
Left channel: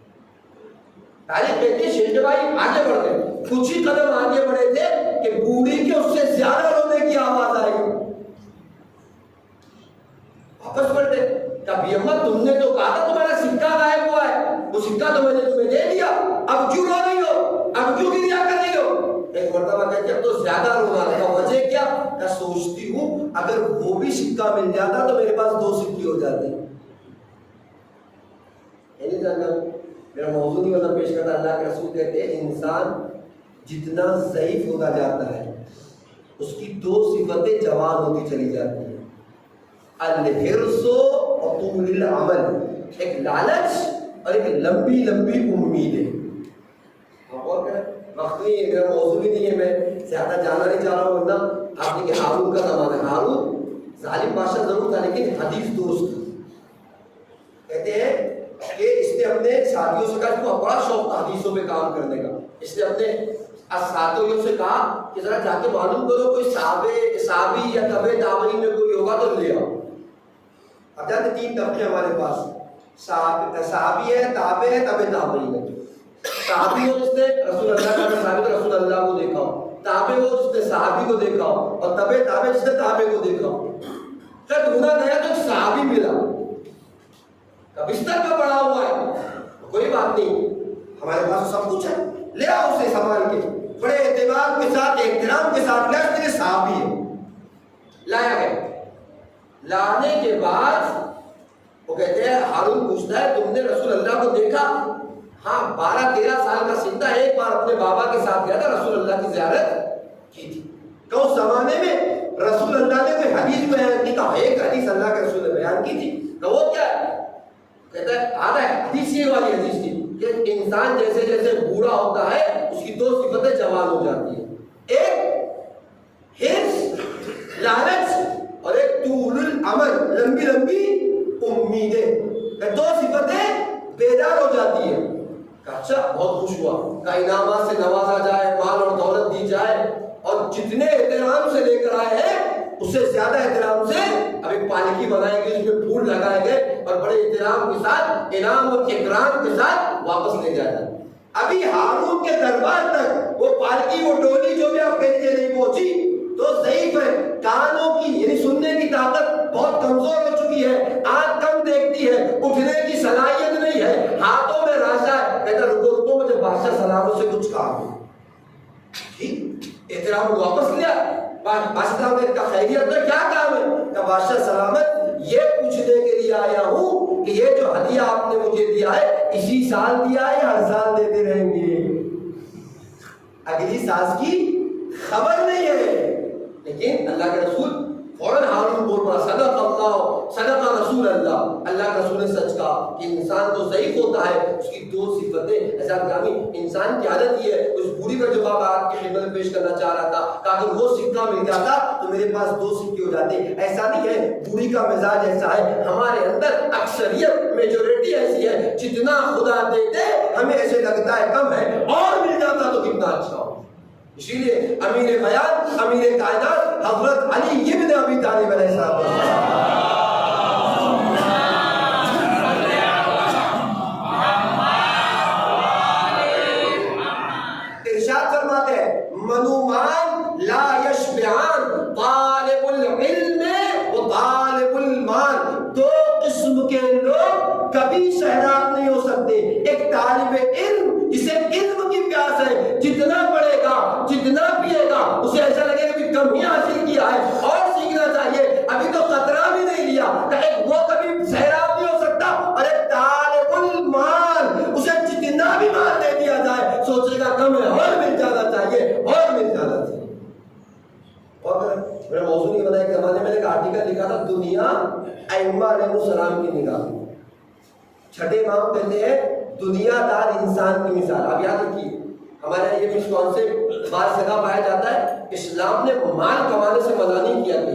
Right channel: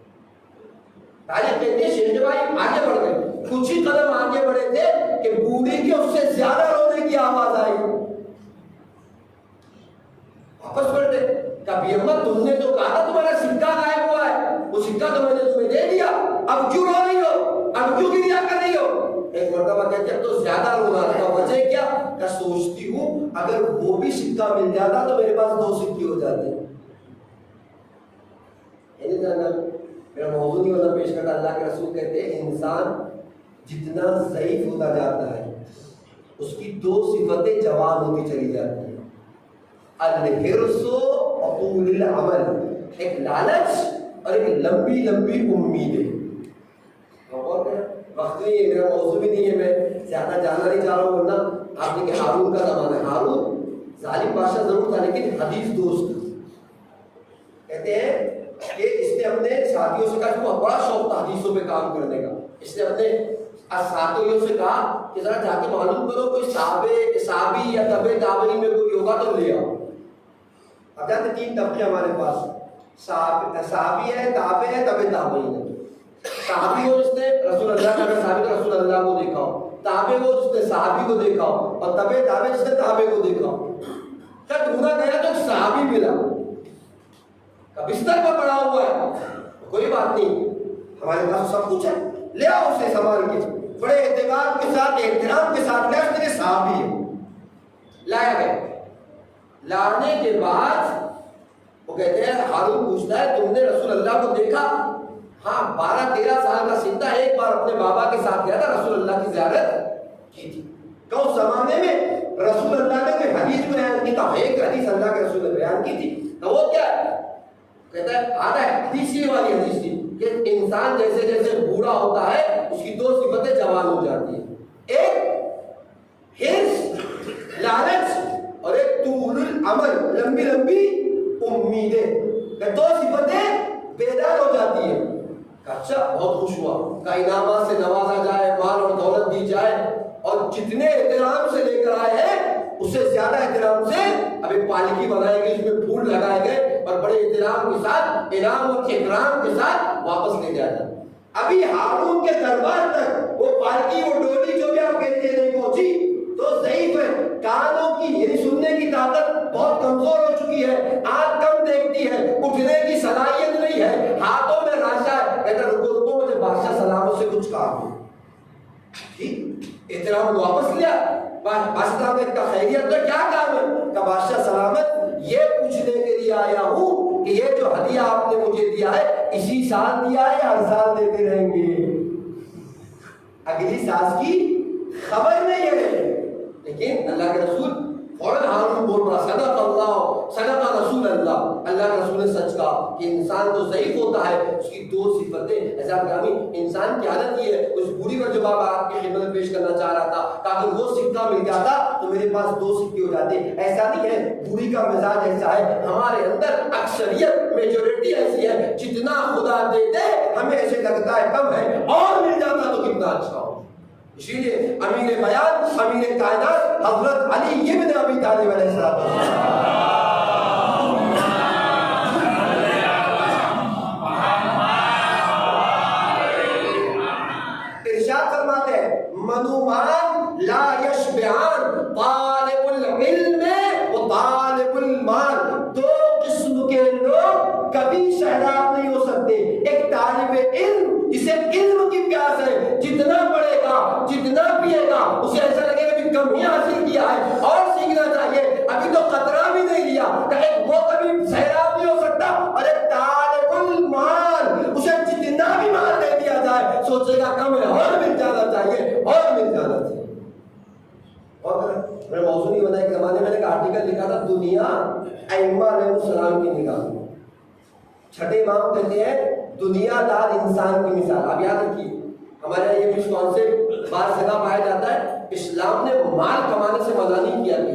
تاریخ کہتے ہیں شیخ بھائی آگے بڑھ گئے، کچھ ہی قدم آگے بڑھے تھے کہ بوڑھی کی اس سے زیادہ رونے کی آواز آئی۔ واپس پلٹے، کبھی اماں تم نے تو کہا تھا تمہارا سکہ غائب ہوا ہے، وہ سکہ تو میں نے تمہیں دے دیا، اب کیوں رو رہی ہو، اب کیوں گریا کر رہی ہو؟ ایک مرتبہ کہتے اب تو زیادہ رونا تھا، وجہ کیا کہ سوچتی ہوں اگر وہ بھی سکہ مل جاتا تو میرے پاس 2 سکے ہو جاتے۔ نہیں جاننا میرا موضوع نہیں ہوتا پیش کرتا، اللہ کے رسول کہتے ہیں انسان جتنا ضعیف ہوتا جاتا ہے اس کی 2 صفتیں جوان ہوتی چلی جاتی ہیں، الحرص و طول العمل، ایک لالچ اور ایک لمبی لمبی امیدیں۔ غور کریں، وقت نہیں ہے، میرا موضوع بھی نہیں ہے، میں زیادہ جانا نہیں چاہ رہا ہوں، ورنہ آپ نے کہ ہارون کا زمانہ ہے، ہارون ظالم بادشاہ ضرور تھا لیکن حدیث دوست تھا۔ کہتے ہیں کہ اس نے اپنے ساتھیوں سے کہا، اس کو بڑا شوق تھا حدیثوں پہ کام کرنے کا، اس نے اپنے ساتھیوں سے کہا کہ ذرا جا کے معلوم کرو کوئی صحابی یا تبع تابعین میں کوئی ہوگا تو لے آؤ۔ اب جانتے 3 طبقے ہمارے پاس، صحابی ہے، تابع ہے، تبع تابعین ہے۔ صحابی ہو جس نے رسول اللہ کا صحابی تو رسول اللہ کو دیکھا ہو، تابع ہو جس نے صحابی کو دیکھا ہو، اور تبع تابع جس نے تابع کو دیکھا ہو۔ کیا ڈھونڈا گیا تو ایک صحابی ملا، بستر میں پڑا ہوا ہے، کوئی بات نہیں ہمارے پاس سب کچھ ہے، لے آؤ اسے سنبھال کے، بڑے اعتبار کے ساتھ احترام کے ساتھ لیا، تیرے صحابی ہے، لایا گیا۔ لانے کے بعد وہ کہتے ہیں ہارون پوچھتا ہے تم نے رسول اللہ کو دیکھا؟ ہاں 12-13 سال کا سن تھا، ایک بار اپنے بابا کے ساتھ گیا تھا، رسول اللہ کی زیارت کی تھی۔ کہ اس زمانے میں رسول اللہ نے کوئی حدیث بیان کی، کہا ایک حدیث اللہ کے رسول نے بیان کی تھی، کہ وہ کیا ہے؟ کہتا ہے آدھا ہے حدیث، یہ والی حدیث تھی کہ انسان جیسے جیسے بوڑھا ہوتا ہے اس کی 2 صفتیں جوان ہو جاتی ہیں، ایک حرص لالچ اور ایک طول العمل لمبی لمبی امیدیں، 2 صفتیں بیدار ہو جاتی ہیں۔ اچھا بہت خوش ہوا کہ انعامات سے نوازا جائے، مال اور دولت دی جائے، اور جتنے احترام سے لے کر آئے ہیں اس سے زیادہ احترام سے اب ایک پالکی بنائی گئی، اس میں پھول لگائے گئے اور بڑے احترام کے ساتھ انعام اور اکرام کے ساتھ واپس لے جایا جاتا۔ ابھی ہارون کے دربار تک وہ پالکی، وہ ڈولی جو بھی آپ کہتے ہیں نہیں پہنچی تو ضعیف ہے، کانوں کی یعنی سننے کی طاقت بہت کمزور ہو چکی ہے، آنکھ کم دیکھتی ہے، اٹھنے کی صلاحیت نہیں ہے، ہاتھوں میں راشا ہے، کہتا رکو رکو مجھے بادشاہ سلامت سے کچھ کام ہے۔ ٹھیک احترام واپس لیا، بادشاہ سلامت کا خیریت کا کیا کام ہے؟ کہ بادشاہ سلامت یہ پوچھنے کے لیے آیا ہوں کہ یہ جو ہدیہ آپ نے مجھے دیا ہے اسی سال دیا ہے یا ہر سال دیتے رہیں گے؟ اگلی ساز کی خبر نہیں ہے، لیکن اللہ کے رسول فوراً ہارون بول پڑا صدق اللہ صدق رسول اللہ، اللہ کے رسول نے سچ کہا کہ انسان تو ضعیف ہوتا ہے، اس کی دو صفتیں ایسا گرامی انسان کی عادت یہ ہے. اس بوڑھی کا جواب آپ کی خدمت میں پیش کرنا چاہ رہا تھا کہ اگر وہ سکہ مل جاتا تو میرے پاس دو سکے ہو جاتے. ایسا نہیں ہے، بوڑھی کا مزاج ایسا ہے، ہمارے اندر اکثریت میجورٹی ایسی ہے جتنا خدا دے دے ہمیں ایسے لگتا ہے کم ہے، اور مل جاتا تو کتنا اچھا ہو. اسی لیے امیر بیان امیر کائنات حضرت علی ابن ابی طالب علیہ السلام ارشاد فرماتے ہیں منومان لا یشبعان طالب العلم و طالب المال. دو قسم کے لوگ کبھی سیراب نہیں ہو سکتے. ایک طالب علم جسے علم کی پیاس ہے، جتنا پڑھے گا جتنا پیے گا اسے ایسا لگے گا کہ کم ہی حاصل کیا ہے اور سیکھنا چاہیے، ابھی تو قطرہ بھی نہیں لیا. وہ کبھی سیراب نہیں ہو سکتا. اور ایک طالب المال اسے جتنا بھی مال دے دیا جائے سوچے گا کم ہے اور مل جانا چاہیے اور مل جانا چاہیے. اور میں موضوع نہیں بتایا، ایک زمانے میں نے ایک آرٹیکل لکھا تھا دنیا ائمہ علیہ السلام کی نگاہ میں. چھٹے امام کہتے ہیں دنیا دار انسان کی مثال. آپ یاد رکھیے ہمارے یہاں یہ مس کانسیپٹ بار سگا پایا جاتا ہے. اسلام نے مال کمانے سے منع نہیں کیا کہ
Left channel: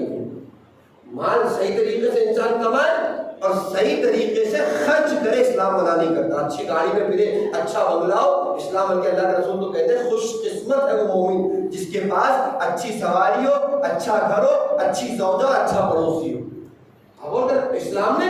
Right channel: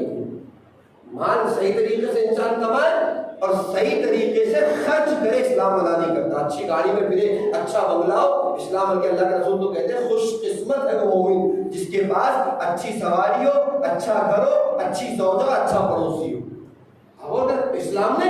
مال صحیح طریقے سے انسان کمائے اور صحیح طریقے سے خرچ کرے، اسلام منع نہیں کرتا. اچھی گاڑی میں پھرے، اچھا بنگلہ ہو، اسلام بلکہ اللہ کے رسول تو کہتے ہیں خوش قسمت ہے وہ مومن جس کے پاس اچھی سواری ہو، اچھا گھر ہو، اچھی زوجہ، اچھا پڑوسی ہو. اب اسلام نے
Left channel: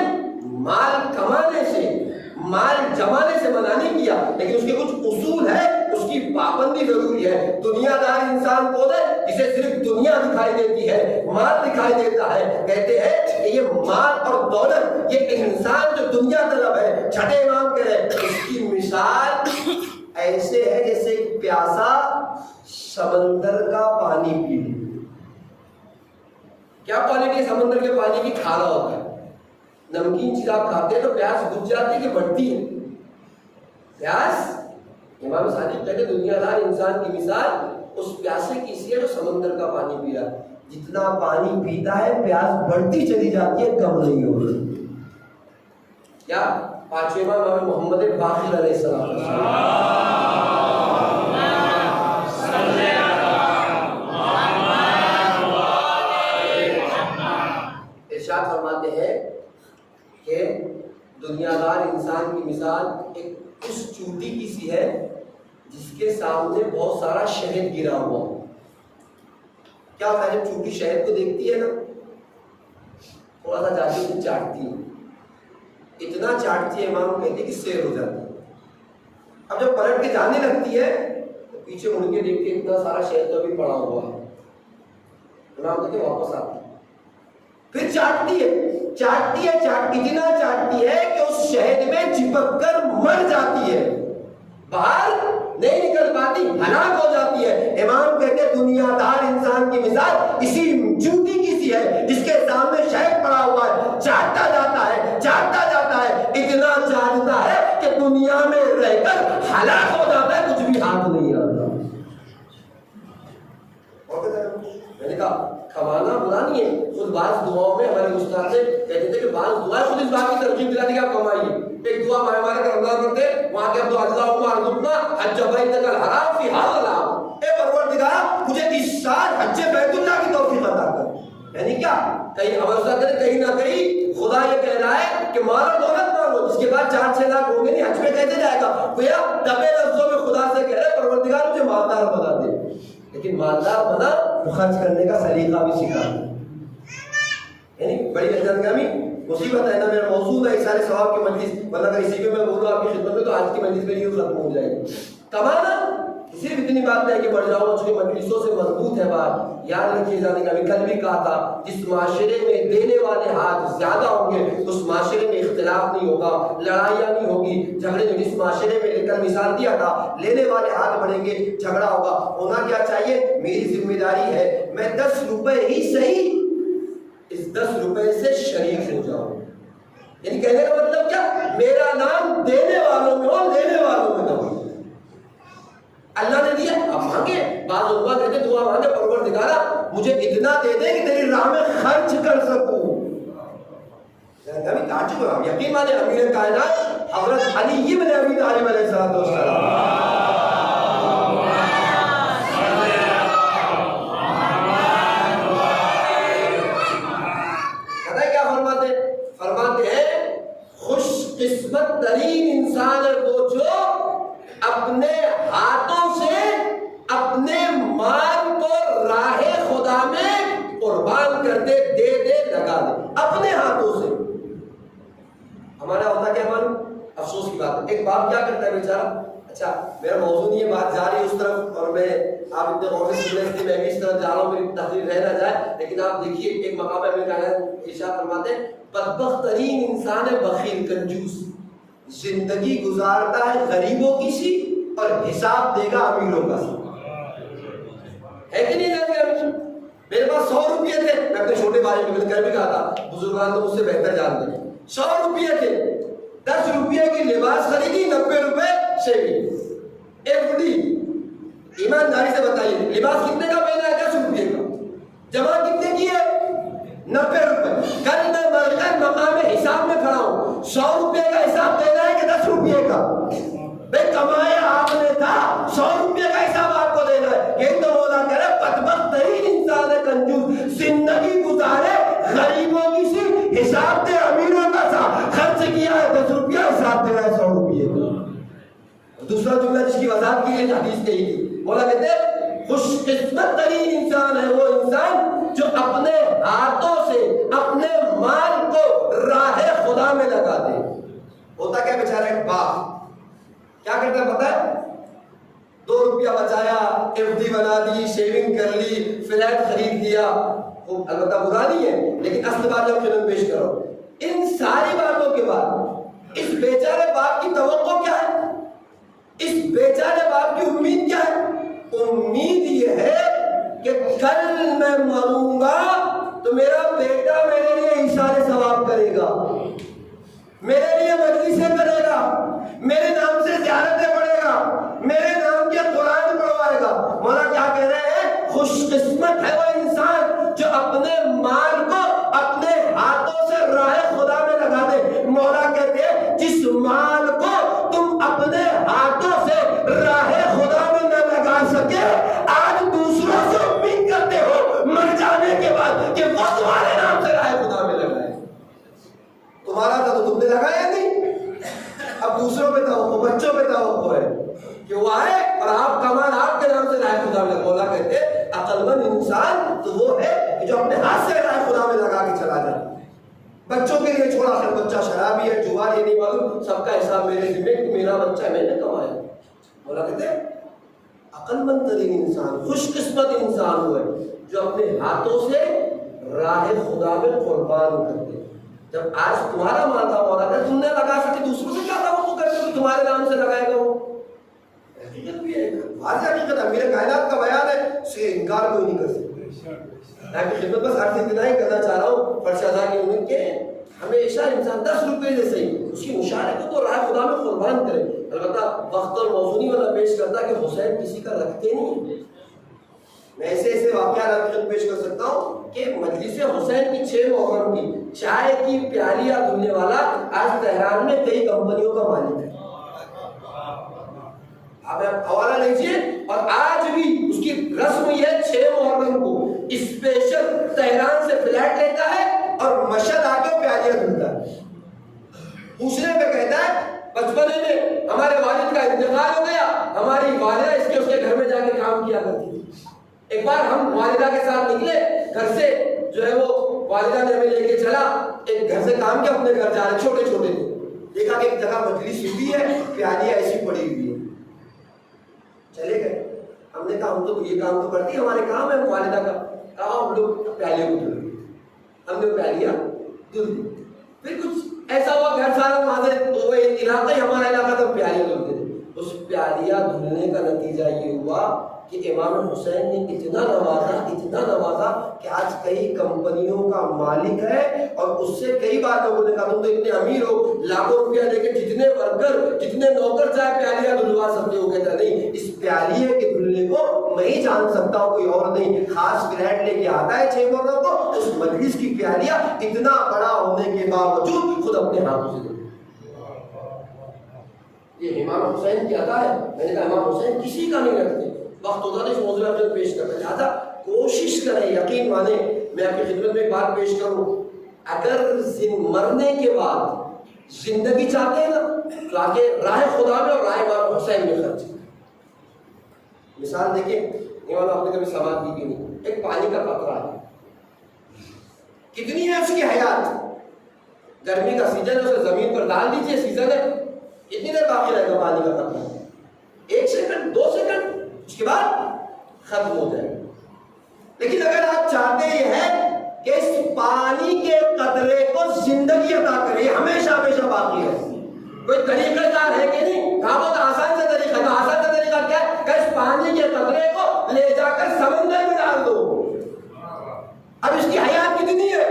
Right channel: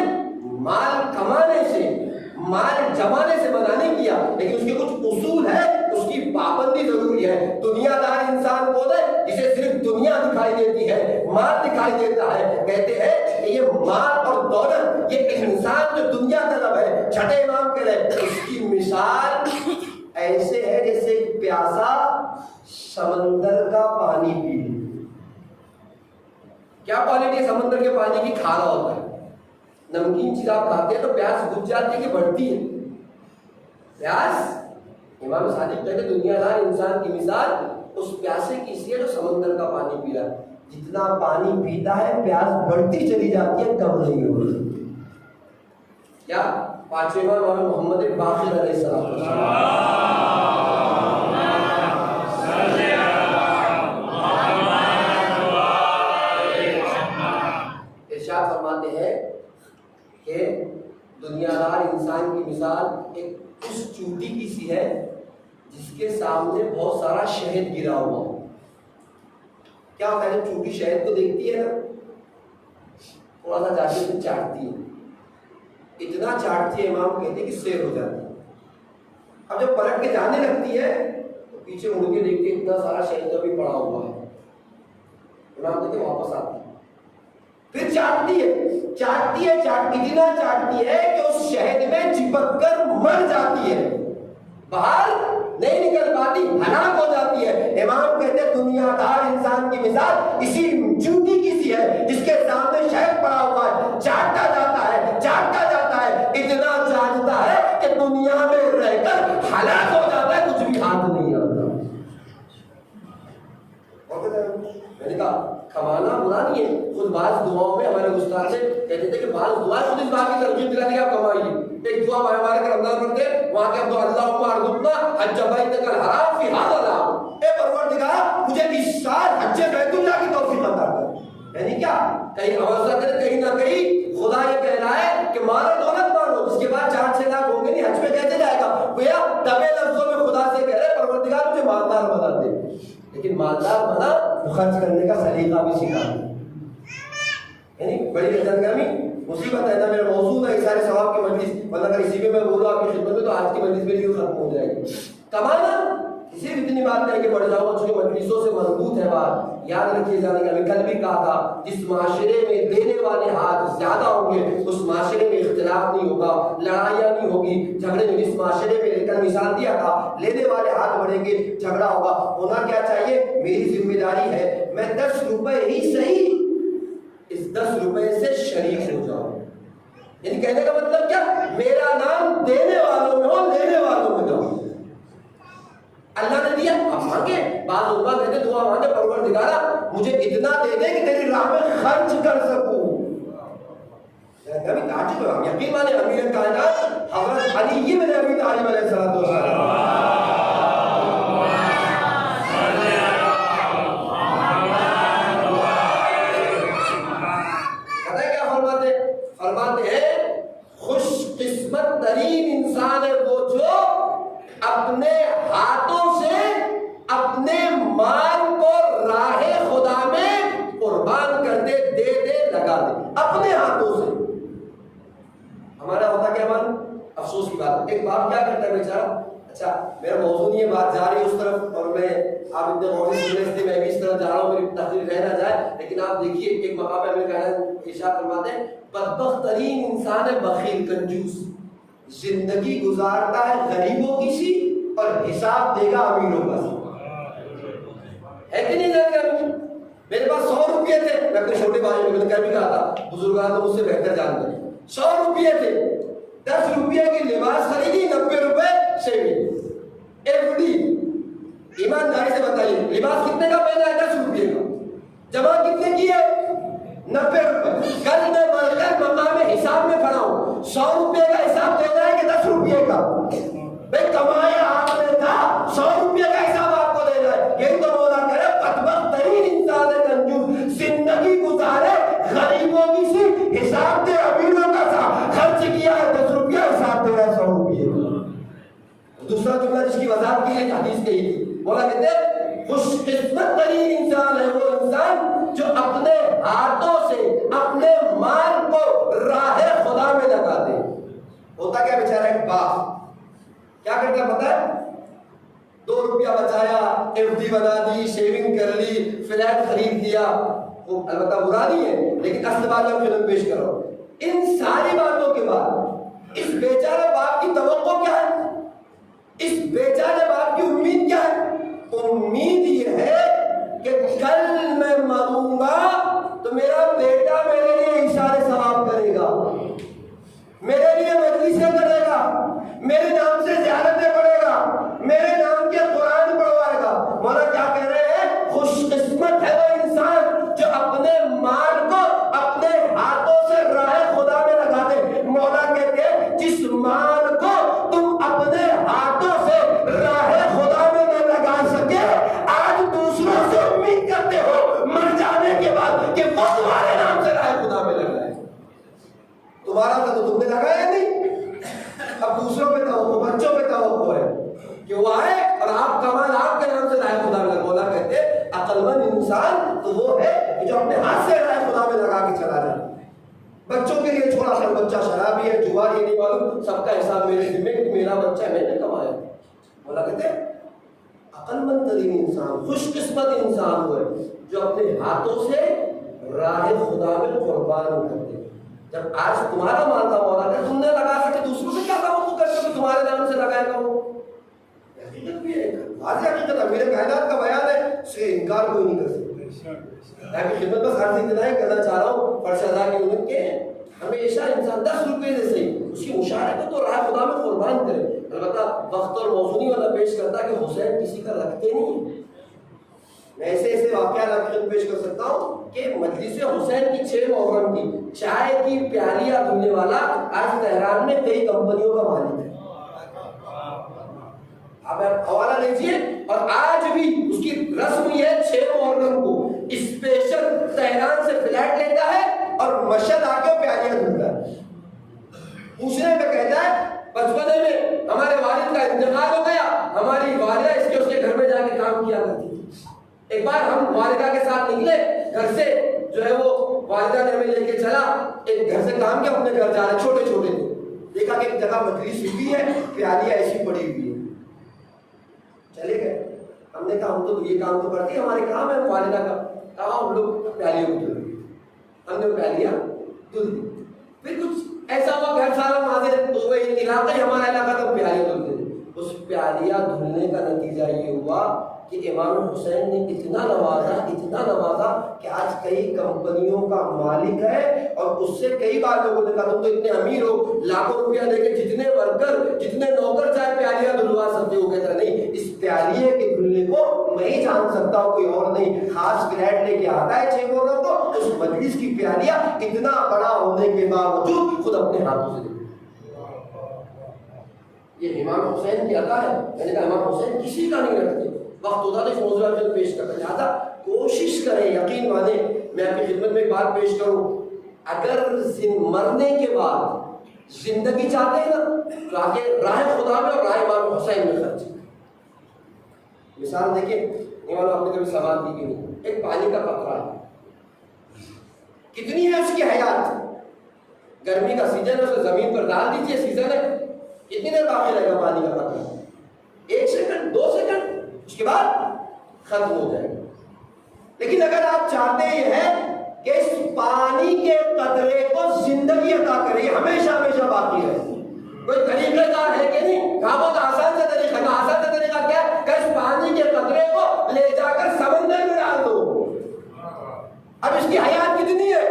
مال کمانے سے مال جمانے سے منع نہیں کیا، لیکن اس کے کچھ اصول ہے، اس کی پابندی ضروری ہے. دنیا دار انسان کو دے جسے صرف دنیا دکھائی دیتی ہے، مال دکھائی دیتا ہے. کہتے ہیں کہ یہ مال اور دولت، یہ انسان جو دنیا طلب ہے، چھٹے امام کہہ رہے اس کی مثال ایسے ہے جیسے ایک پیاسا سمندر کا پانی پی لے. کیا کوالٹی ہے سمندر کے پانی کی؟ کھارا ہوتا ہے. نمکین چیز آپ کھاتے ہیں تو پیاس بجھ جاتی ہے کہ بڑھتی ہے؟ پیاس. امام صادق کہتے ہیں دنیا دار انسان کی مثال اس پیاسے کی سی ہے جو سمندر کا پانی پی رہا ہے. جتنا پانی پیتا ہے پیاس بڑھتی چلی جاتی ہے، کم نہیں ہو رہی. کیا پانچویں امام محمد باقر علیہ السلام ارشاد فرماتے ہیں کہ دنیا دار انسان کی مثال ایک اس چوٹی کی سی ہے جس کے سامنے بہت سارا شہد گرا ہوا. کیا ہوتا ہے جب چوٹی شہد کو دیکھتی ہے نا تھوڑا سا جا کے چاٹتی ہے، اتنا چاٹتی ہے امام کہتے ہیں کہ سیر ہو جاتی ہے. اب جب پلٹ کے جانے لگتی ہے تو پیچھے مڑ کے دیکھتے اتنا سارا شہد تو ابھی پڑا ہوا ہے. امام کہتے ہیں واپس آتی ہے، پھر چاٹتی ہے اتنا چاٹتی ہے کہ اس شہد میں چپک کر مر جاتی ہے، باہر نہیں نکل پاتی، ہلاک ہو جاتی ہے. امام کہتے ہیں دنیا دار انسان کی مثال اسی چوٹی کی سی ہے جس کے سامنے شہد پڑا ہوا ہے، چاٹتا جاتا ہے اتنا چاٹتا ہے کہ دنیا میں رہ کر ہلاک ہو جاتا ہے، کچھ بھی ہاتھ نہیں آتا. میں نے کہا کمانا برا نہیں ہے. خود بعض دعاؤں میں ہمارے استاد سے کہتے تھے کہ بعض دعائیں خود اس بات کی ترغیب دلاتی کہ آپ کمائیے. ایک دعا ہمارے کا رمضان پڑھتے وہاں کے اللہم ارزقنا حج بیتک الحرام فی ھذا العام. اے پروردگار مجھے اس سال حج بیت اللہ کی توفیق عطا کر. یعنی کیا کہیں ہمارے استاد کہتے کہیں نہ کہیں خدا یہ کہہ رہا ہے کہ مال اور دولت مانگو، جس کے بعد 4-6 لاکھ ہوں گے نہیں حج پہ کیسے جائے گا؟ گویا دبے لفظوں میں خدا سے کہہ رہے پروردگار مجھے مالدار بنا دے. لیکن مالدار بنا خرچ کرنے کا سلیقہ بھی سکھا دے. یعنی بڑی عزت گرامی مصیبت ہے نا. میرا موضوع ہے سارے ثواب کی مجلس، ورنہ اگر اسی کے میں بولوں آپ کی خدمت میں تو آج کی مجلس میں یہ ختم ہو جائے گی. کمانا کسی بھی اتنی بات نہیں کہ بڑھ جاؤ، چونکہ مجلسوں سے مضبوط ہے بات. یاد رکھیے جانے کا کل بھی کہا تھا جس معاشرے میں دینے والے ہاتھ زیادہ ہوں گے اس معاشرے میں اختلاف نہیں ہوگا، لڑائیاں نہیں ہوگی، جھگڑے نہیں. جس معاشرے میں لے کر مثال دیا تھا لینے والے ہاتھ بڑھیں گے، جھگڑا ہوگا. ہونا کیا چاہیے؟ میری ذمہ داری ہے میں 10 روپے ہی صحیح اس 10 روپے سے شریک ہو جاؤں. یعنی کہنے کا مطلب کیا؟ میرا نام دینے والوں میں ہو، لینے والوں میں نہ ہو. اللہ نے دیا اب مانگے، بعض علماء کہتے دعا مانگے پروردگارا مجھے اتنا دے دے کہ تیری راہ میں خرچ کر سکوں. کبھی تعجب ہوا, یقین مانے امیر کائنات حضرت علی ابن ابی طالب علیہ الصلوۃ والسلام فرماتے ہیں خوش قسمت ترین انسان ہے وہ جو اپنے ہاتھوں سے اپنے مال کو راہ خدا میں قربان کر دے, دے دے, لگا دے, اپنے ہاتھوں سے. ہمارا ہوتا کیا من, افسوس کی بات ہے, ایک باپ کیا کرتا ہے بیچارہ, اچھا میرا موضوع نہیں ہے, بات جا رہی ہے اس طرف اور میں آپ اتنے غور سے سن رہے, میں بھی اس طرح جا رہا ہوں, میری تقریر رہ نہ جائے, لیکن آپ دیکھیے ایک مقام پہ ہمیں کہنا ارشاد فرماتے ہیں بدبخت ترین انسان ہے بخیل کنجوس, زندگی گزارتا ہے غریبوں کی سی اور حساب دے گا امیروں کا سی. ہے کہ نہیں جان کے میرے پاس 100 روپیے تھے, میں اپنے چھوٹے بھائی کو میں نے کل بھی کہا تھا, بزرگان تو مجھ سے بہتر جانتے ہیں, 100 روپیے تھے, 10 روپیے کی لباس خریدی, 90 روپے شیونگ, ایف ڈی. ایمانداری سے بتائیے لباس کتنے کا پہنا ہے, 10 روپیے کا, جمع کتنے کی ہے, 90 روپے. کل میں مقام حساب میں کھڑا ہوں, 100 روپے کا حساب دینا ہے کہ 10 روپیے کا, بھائی کمایا آپ نے تھا, 100 روپے کا حساب آپ کو دینا ہے. یہی تو مولا کہہ رہے بدبخت ترین انسان ہے کنجوس, زندگی گزارے غریبوں کی سی, حساب دے امیروں کا سا, خرچ کیا ہے 10 روپیہ, حساب دے رہا ہے 100 روپیے کا. دوسرا جملہ جس کی وضاحت کی ہے حدیث کہی تھی, مولا کہتے ہیں خوش قسمت ترین انسان ہے وہ انسان جو اپنے ہاتھوں سے اپنے مال کو راہ خدا میں لگا دے. ہوتا کیا بیچارہ ایک باپ کیا کرتا ہے پتہ ہے, 2 روپیہ بچایا, ایف ڈی بنا دی, شیونگ کر لی, فلیٹ خرید دیا, وہ البتہ برا نہیں ہے لیکن اصل بات جب فلم پیش کرو, ان ساری باتوں کے بعد اس بیچارے باپ کی توقع کیا ہے, اس بیچارے باپ کی امید کیا ہے, امید یہ ہے کہ کل میں مروں گا تو میرا بیٹا میرے لیے اشارے ثواب کرے گا, میرے لیے مجلسیں کرے گا, میرے نام سے زیارتیں پڑھے گا, میرے نام کے قرآن پڑھوائے گا. مولا کیا کہہ رہے ہیں, خوش قسمت ہے وہ انسان جو اپنے مال کو اپنے ہاتھوں سے راہ خدا میں لگا دے. مولا کہتے ہیں جس مال کو تم اپنے ہاتھوں سے راہ خدا میں نہ لگا سکے, آج دوسروں سے امید کرتے ہو مر جانے کے بعد کہ وہ تمہارے نام سے راہ خدا میں لگائے. تمہارا تھا تو تم نے لگایا نہیں, اب دوسروں پہ توقع, بچوں پہ توقع ہے کہ وہ آئے اور آپ کمال آپ کے نام سے راہ خدا میں لگا. مولا کہتے عقل مند انسان تو وہ ہے کہ جو اپنے ہاتھ سے راہ خدا میں لگا کے چلا جائے. بچوں کے لیے چھوڑا کر بچہ شرابی ہے, جوار, یہ نہیں معلوم, سب کا حساب میرے ذمہ کہ میرا بچہ ہے, میں نے کمایا. مولا کہتے عقل مند ترین انسان, خوش قسمت انسان وہ ہے جو اپنے ہاتھوں سے راہ خدا میں قربان کرتے. جب آج تمہارا مال تھا مولا کہ تم نے لگا سکے, دوسروں سے کیا توقع کرتے ہو تمہارے نام سے لگائے گا. وہ حقیقت بھی ہے, واضح حقیقت ہے, میرے کائنات کا بیان ہے, اس سے انکار کوئی نہیں کر سکتا. میں آپ کی خدمت بس عرض اتنا ہی کرنا چاہ رہا ہوں فرش ادا کی انہوں کے ہمیشہ انسان 10 روپے سے صحیح اس کی مشاعرے کو تو راہ خدا میں قربان کرے. البتہ وقت اور موضوع نہیں والا پیش کرتا کہ حسین کسی کا رکھتے نہیں. میں ایسے واقعات آپ کی خدمت پیش کر سکتا ہوں کہ مجلس حسین کی 6 محرم کی چائے کی پیالیاں دھلنے والا آج تہران میں کئی کمپنیوں کا مالک ہے. اب حوالہ لیجیے, اور آج بھی اس کی رسم یہ ہے 6 محرم کو اسپیشل تہران سے فلیٹ لیتا ہے اور مشہد آ کے پیالیاں دھلتا ہے. پوچھنے پہ کہتا ہے بچپنے میں ہمارے والد کا انتقال ہو گیا, ہماری والدہ اس کے گھر میں جا کے کام کیا کرتی تھی. ایک بار ہم والدہ کے ساتھ نکلے گھر سے, جو ہے وہ والدہ نے ہمیں لے کے چلا, ایک گھر سے کام کیا, اپنے گھر جا رہے چھوٹے چھوٹے تھے, دیکھا کہ ایک جگہ مجلس ہوئی ہے, پیالیاں ایسی پڑی ہوئی ہے, چلے گئے. ہم نے کہا ہم تو یہ کام تو کرتے ہیں, ہمارے کام ہے. والدہ کا کہا ہم لوگ پیالیوں کو دھل, ہم نے پیالیاں دھل دی. پھر کچھ ایسا ہوا گھر سارا ماضر تو وہ علاقہ ہی ہمارا علاقہ تھا, پیالیاں دھلتے تھے. اس پیالیاں دھلنے کا نتیجہ یہ ہوا کہ امام حسین نے اتنا نوازا کہ آج کئی کمپنیوں کا مالک ہے، اور اس سے کئی بار لوگوں نے کہا تم تو اتنے امیر ہو، لاکھوں روپیہ لے کے جتنے ورکر جتنے نوکر چاہے پیالیاں دھلوا سکتے ہو. کہتا نہیں، اس پیالیے کے دھلنے کو میں ہی جان سکتا ہوں، کوئی اور نہیں. خاص گریڈ لے کے آتا ہے چیمبروں کو، اس مجلس کی پیالیاں اتنا بڑا ہونے کے باوجود خود اپنے ہاتھوں سے. یہ امام حسین کی عطا ہے. میں نے کہا امام حسین کسی کا نہیں رکھتے، وقت ہوتا نہیں موضوع میں پیش کرتا. لہٰذا کوشش کریں، یقین مانیں. میں آپ کی خدمت میں ایک بات پیش کروں، اگر مرنے کے بعد زندگی چاہتے ہیں نا تو آگے راہ خدا میں اور راہ امام حسین میں خرچ. مثال دیکھیں، امام آپ نے کبھی سماعت دی کہ نہیں، ایک پانی کا قطرہ ہے، کتنی ہے اس کی حیات. گرمی کا سیزن ہے، اسے زمین پر ڈال دیجئے، سیزن ہے، کتنی دیر باقی رہے گا پانی کا قطرہ؟ 1 سیکنڈ 2 سیکنڈ، اس کے بعد ختم ہو جائے گا. لیکن اگر آپ چاہتے یہ ہے کہ اس پانی کے قطرے کو زندگی عطا کرے، ہمیشہ ہمیشہ باقی رہے، کوئی طریقہ کار ہے کہ نہیں؟ کہاں بہت آسان سے طریقہ ہے. آسان سے طریقہ کیا ہے کہ اس پانی کے قطرے کو لے جا کر سمندر میں ڈال دو. اب اس کی حیات کتنی ہے؟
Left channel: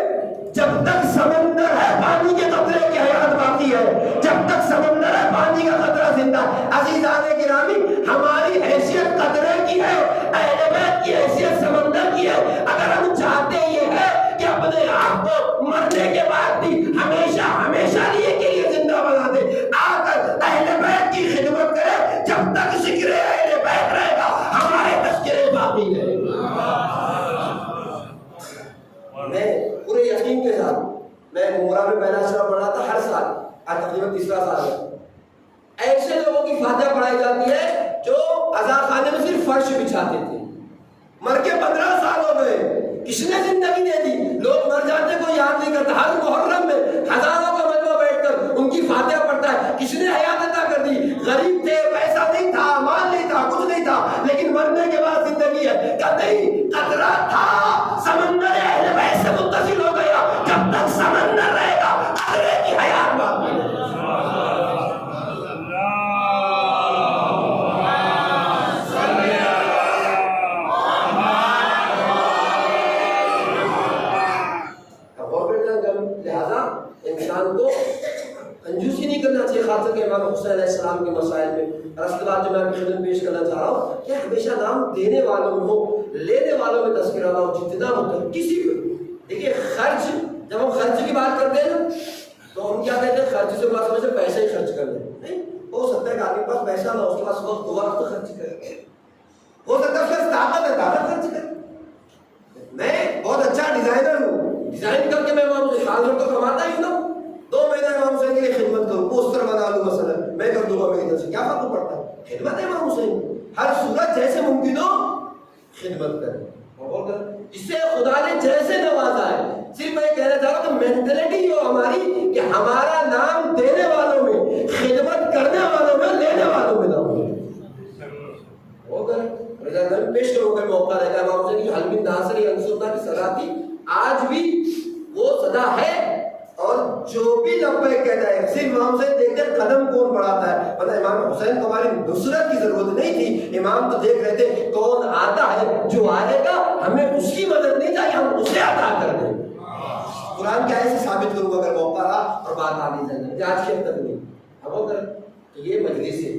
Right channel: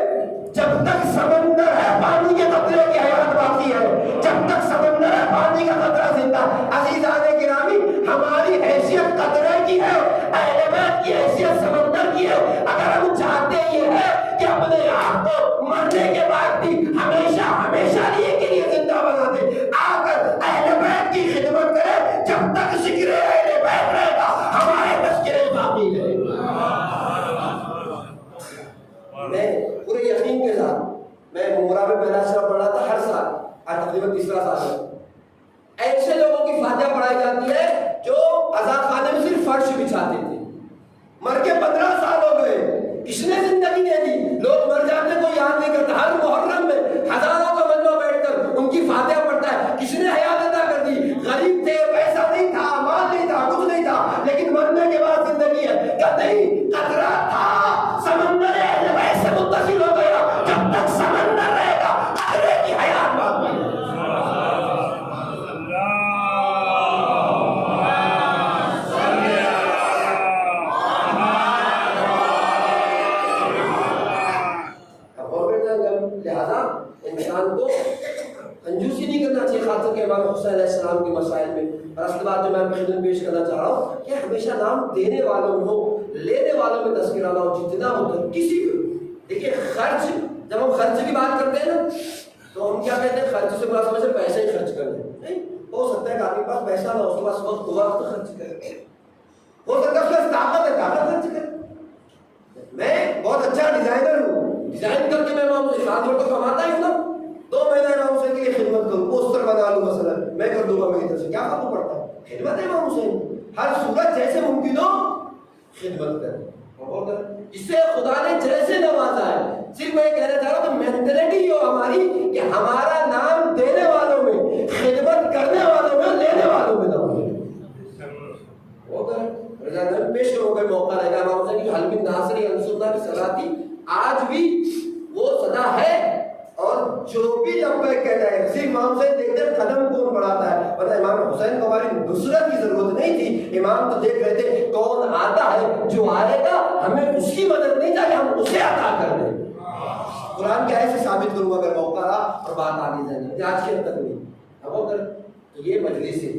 جب تک سمندر ہے پانی کے قطرے کی حیات باقی ہے، جب تک سمندر ہے پانی کا قطرہ زندہ. عزیزان گرامی، ہماری حیثیت قطرے کی ہے، اہل بیت کی حیثیت سمندر کی ہے. اگر ہم چاہتے یہ ہے کہ اپنے آپ کو مرنے کے بعد بھی ہمیشہ ہمیشہ کے لیے زندہ بنا دے، آ کر اہل بیت کی خدمت کرے. جب تک ذکر اہل بیت رہے گا ہمارے تذکرے باقی رہے گا. میں پورے یقین کے ساتھ، میں عمرہ میں پہلا اشرا پڑھا تھا ہر سال، آج تقریباً 3 سال ہے. ایسے لوگوں کی فاتحہ پڑھائی جاتی ہے جو عزا خانے میں صرف فرش بچھاتے تھے، مر کے 15 سال ہو گئے. کس نے زندگی دے دی؟ لوگ مر جاتے کو یاد نہیں کرتا. ہر محرم میں ہزاروں کا مجمع بیٹھ کر ان کی فاتحہ پڑھتا ہے. کس نے حیات عطا کر دی؟ غریب تھے، پیسہ نہیں تھا، مال نہیں تھا، کچھ نہیں تھا، لیکن مرنے کے بعد زندگی ہے. کہ نہیں، قطرہ تھا، سمندر اہل بیت سے متصل ہو گیا. جب تک سمندر رہے گا قطرے کی حیات باقی ہے. لہذا انسان کو کنجوسی نہیں کرنا چاہیے خاص کر کے امام حسین علیہ السلام کے مسائل میں. اور اس کے بعد جو میں آپ کی خدمت پیش کرنا چاہ رہا ہوں کہ ہمیشہ نام دینے والوں میں ہو، لینے والوں میں تذکرہ نہ ہو. جتنا مطلب کسی کو دیکھیے، خرچ، جب ہم خرچ کی بات کرتے ہیں نا تو ہم کیا کہتے ہیں؟ خرچ سے بات سمجھتے پیسہ ہی خرچ کر دیں. نہیں، ہو سکتا ہے کہ آپ کے پاس پیسہ نہ ہو، اس کے پاس وقت خرچ کرے. ہو سکتا ہے اس کے پاس طاقت ہے، طاقت خرچ کرے. میں بہت اچھا ڈیزائنر ہوں، ڈیزائن کر کے میں سال بھر تو کماتا ہی ہوں نا. 2 مہینہ امام حسین کے لیے خدمت کروں، پوسٹر بنا لوں مثلا، میں کر دوں گا میری طرف سے. کیا فرق پڑتا ہے؟ خدمت ہے امام حسین. ہر صورت جیسے ممکن ہو خدمت کریں. اس سے خدا نے جیسے نوازا ہے، صرف میں کہنا چاہ رہا ہوں کہ مینٹلٹی ہو ہماری کہ ہمارا نام دینے والوں میں، خدمت کرنے والوں میں، لینے والوں میں نہ ہو. پیش کروں گے موقع رہے گا. امام حسین کی جو حلم ناصری انصرنا کی صدا تھی، آج بھی وہ صدا ہے. اور جو بھی لبیک کہتا ہے، صرف امام حسین دیکھتے ہیں قدم کون بڑھاتا ہے. پتہ امام حسین کو ہماری نصرت کی ضرورت نہیں تھی. امام تو دیکھ رہے تھے کون آتا ہے، جو آئے گا ہمیں اس کی مدد نہیں چاہیے، ہم اسے عطا کر دیں. قرآن کی آیت سے ثابت کروں گا اگر موقع رہا اور بات آگے جائے. آج کی تک نہیں اب اگر تو یہ مجلس ہے،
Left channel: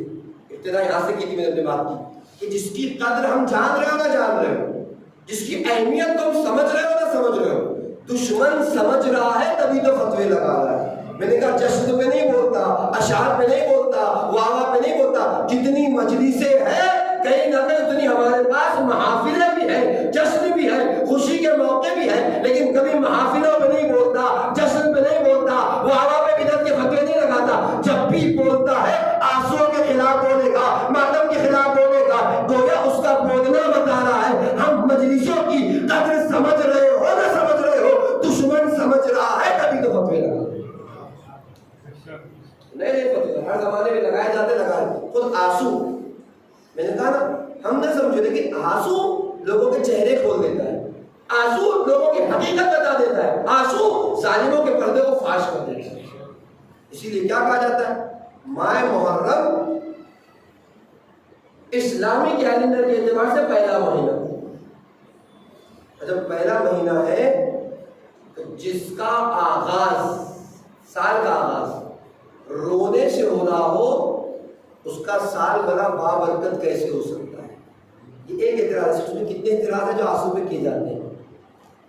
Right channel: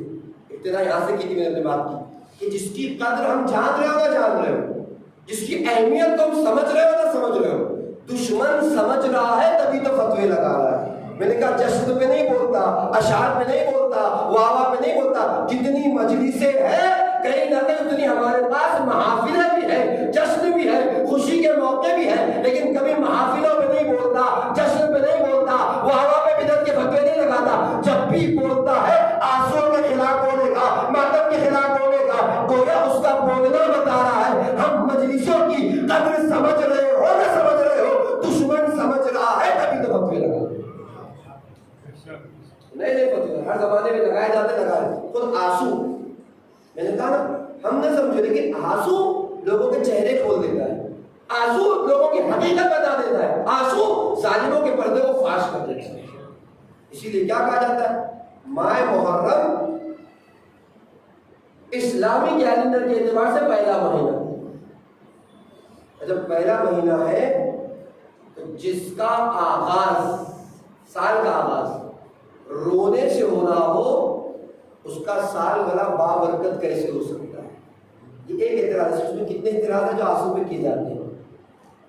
ابتدا یہاں سے کی تھی میں نے اپنی بات کی کہ جس کی قدر ہم جان رہے ہو نہ جان رہے ہو، جس کی اہمیت تم سمجھ رہے ہو نہ سمجھ رہے ہو، دشمن سمجھ رہا ہے تبھی تو فتوے لگا رہا ہے. میں نے کہا جشن پہ نہیں بولتا، اشعار پہ نہیں بولتا، واوا پہ نہیں بولتا. جتنی مجلسیں ہیں کہیں نہ کہیں اتنی ہمارے پاس محافلیں بھی ہیں، جشن بھی ہے، خوشی کے موقع بھی ہیں، لیکن کبھی محافلوں پہ نہیں بولتا، جشن پہ نہیں بولتا، واوا پہ بدعت کے فتوے نہیں لگاتا. جب بھی بولتا ہے آنسوؤں کے خلاف بولے گا، ماتم کے خلاف بولے گا. گویا اس کا بولنا بتا رہا ہے ہم مجلسوں کی قدر سمجھ رہے ہو نہ سمجھ رہے ہو، دشمن سمجھ رہا ہے تبھی تو فتوے لگا. نہیں فتوے ہر زمانے میں لگائے جاتے، لگائے. خود آنسو میں نے کہا نا ہم نہ سمجھو، لیکن آنسو لوگوں کے چہرے کھول دیتا ہے، آنسو لوگوں کی حقیقت بتا دیتا ہے، آنسو ظالموں کے پردے کو فاش کر دیتا ہے. اسی لیے کیا کہا جاتا ہے؟ ماہ محرم اسلامی کیلنڈر کے اعتبار سے پہلا مہینہ. جب پہلا مہینہ ہے تو جس کا آغاز، سال کا آغاز رونے سے ہو رہا ہو، اس کا سال بڑا بابرکت کیسے ہو سکتا ہے؟ یہ ایک اعتراض ہے. اس میں کتنے اعتراض ہیں جو آنسو پہ کیے جاتے ہیں؟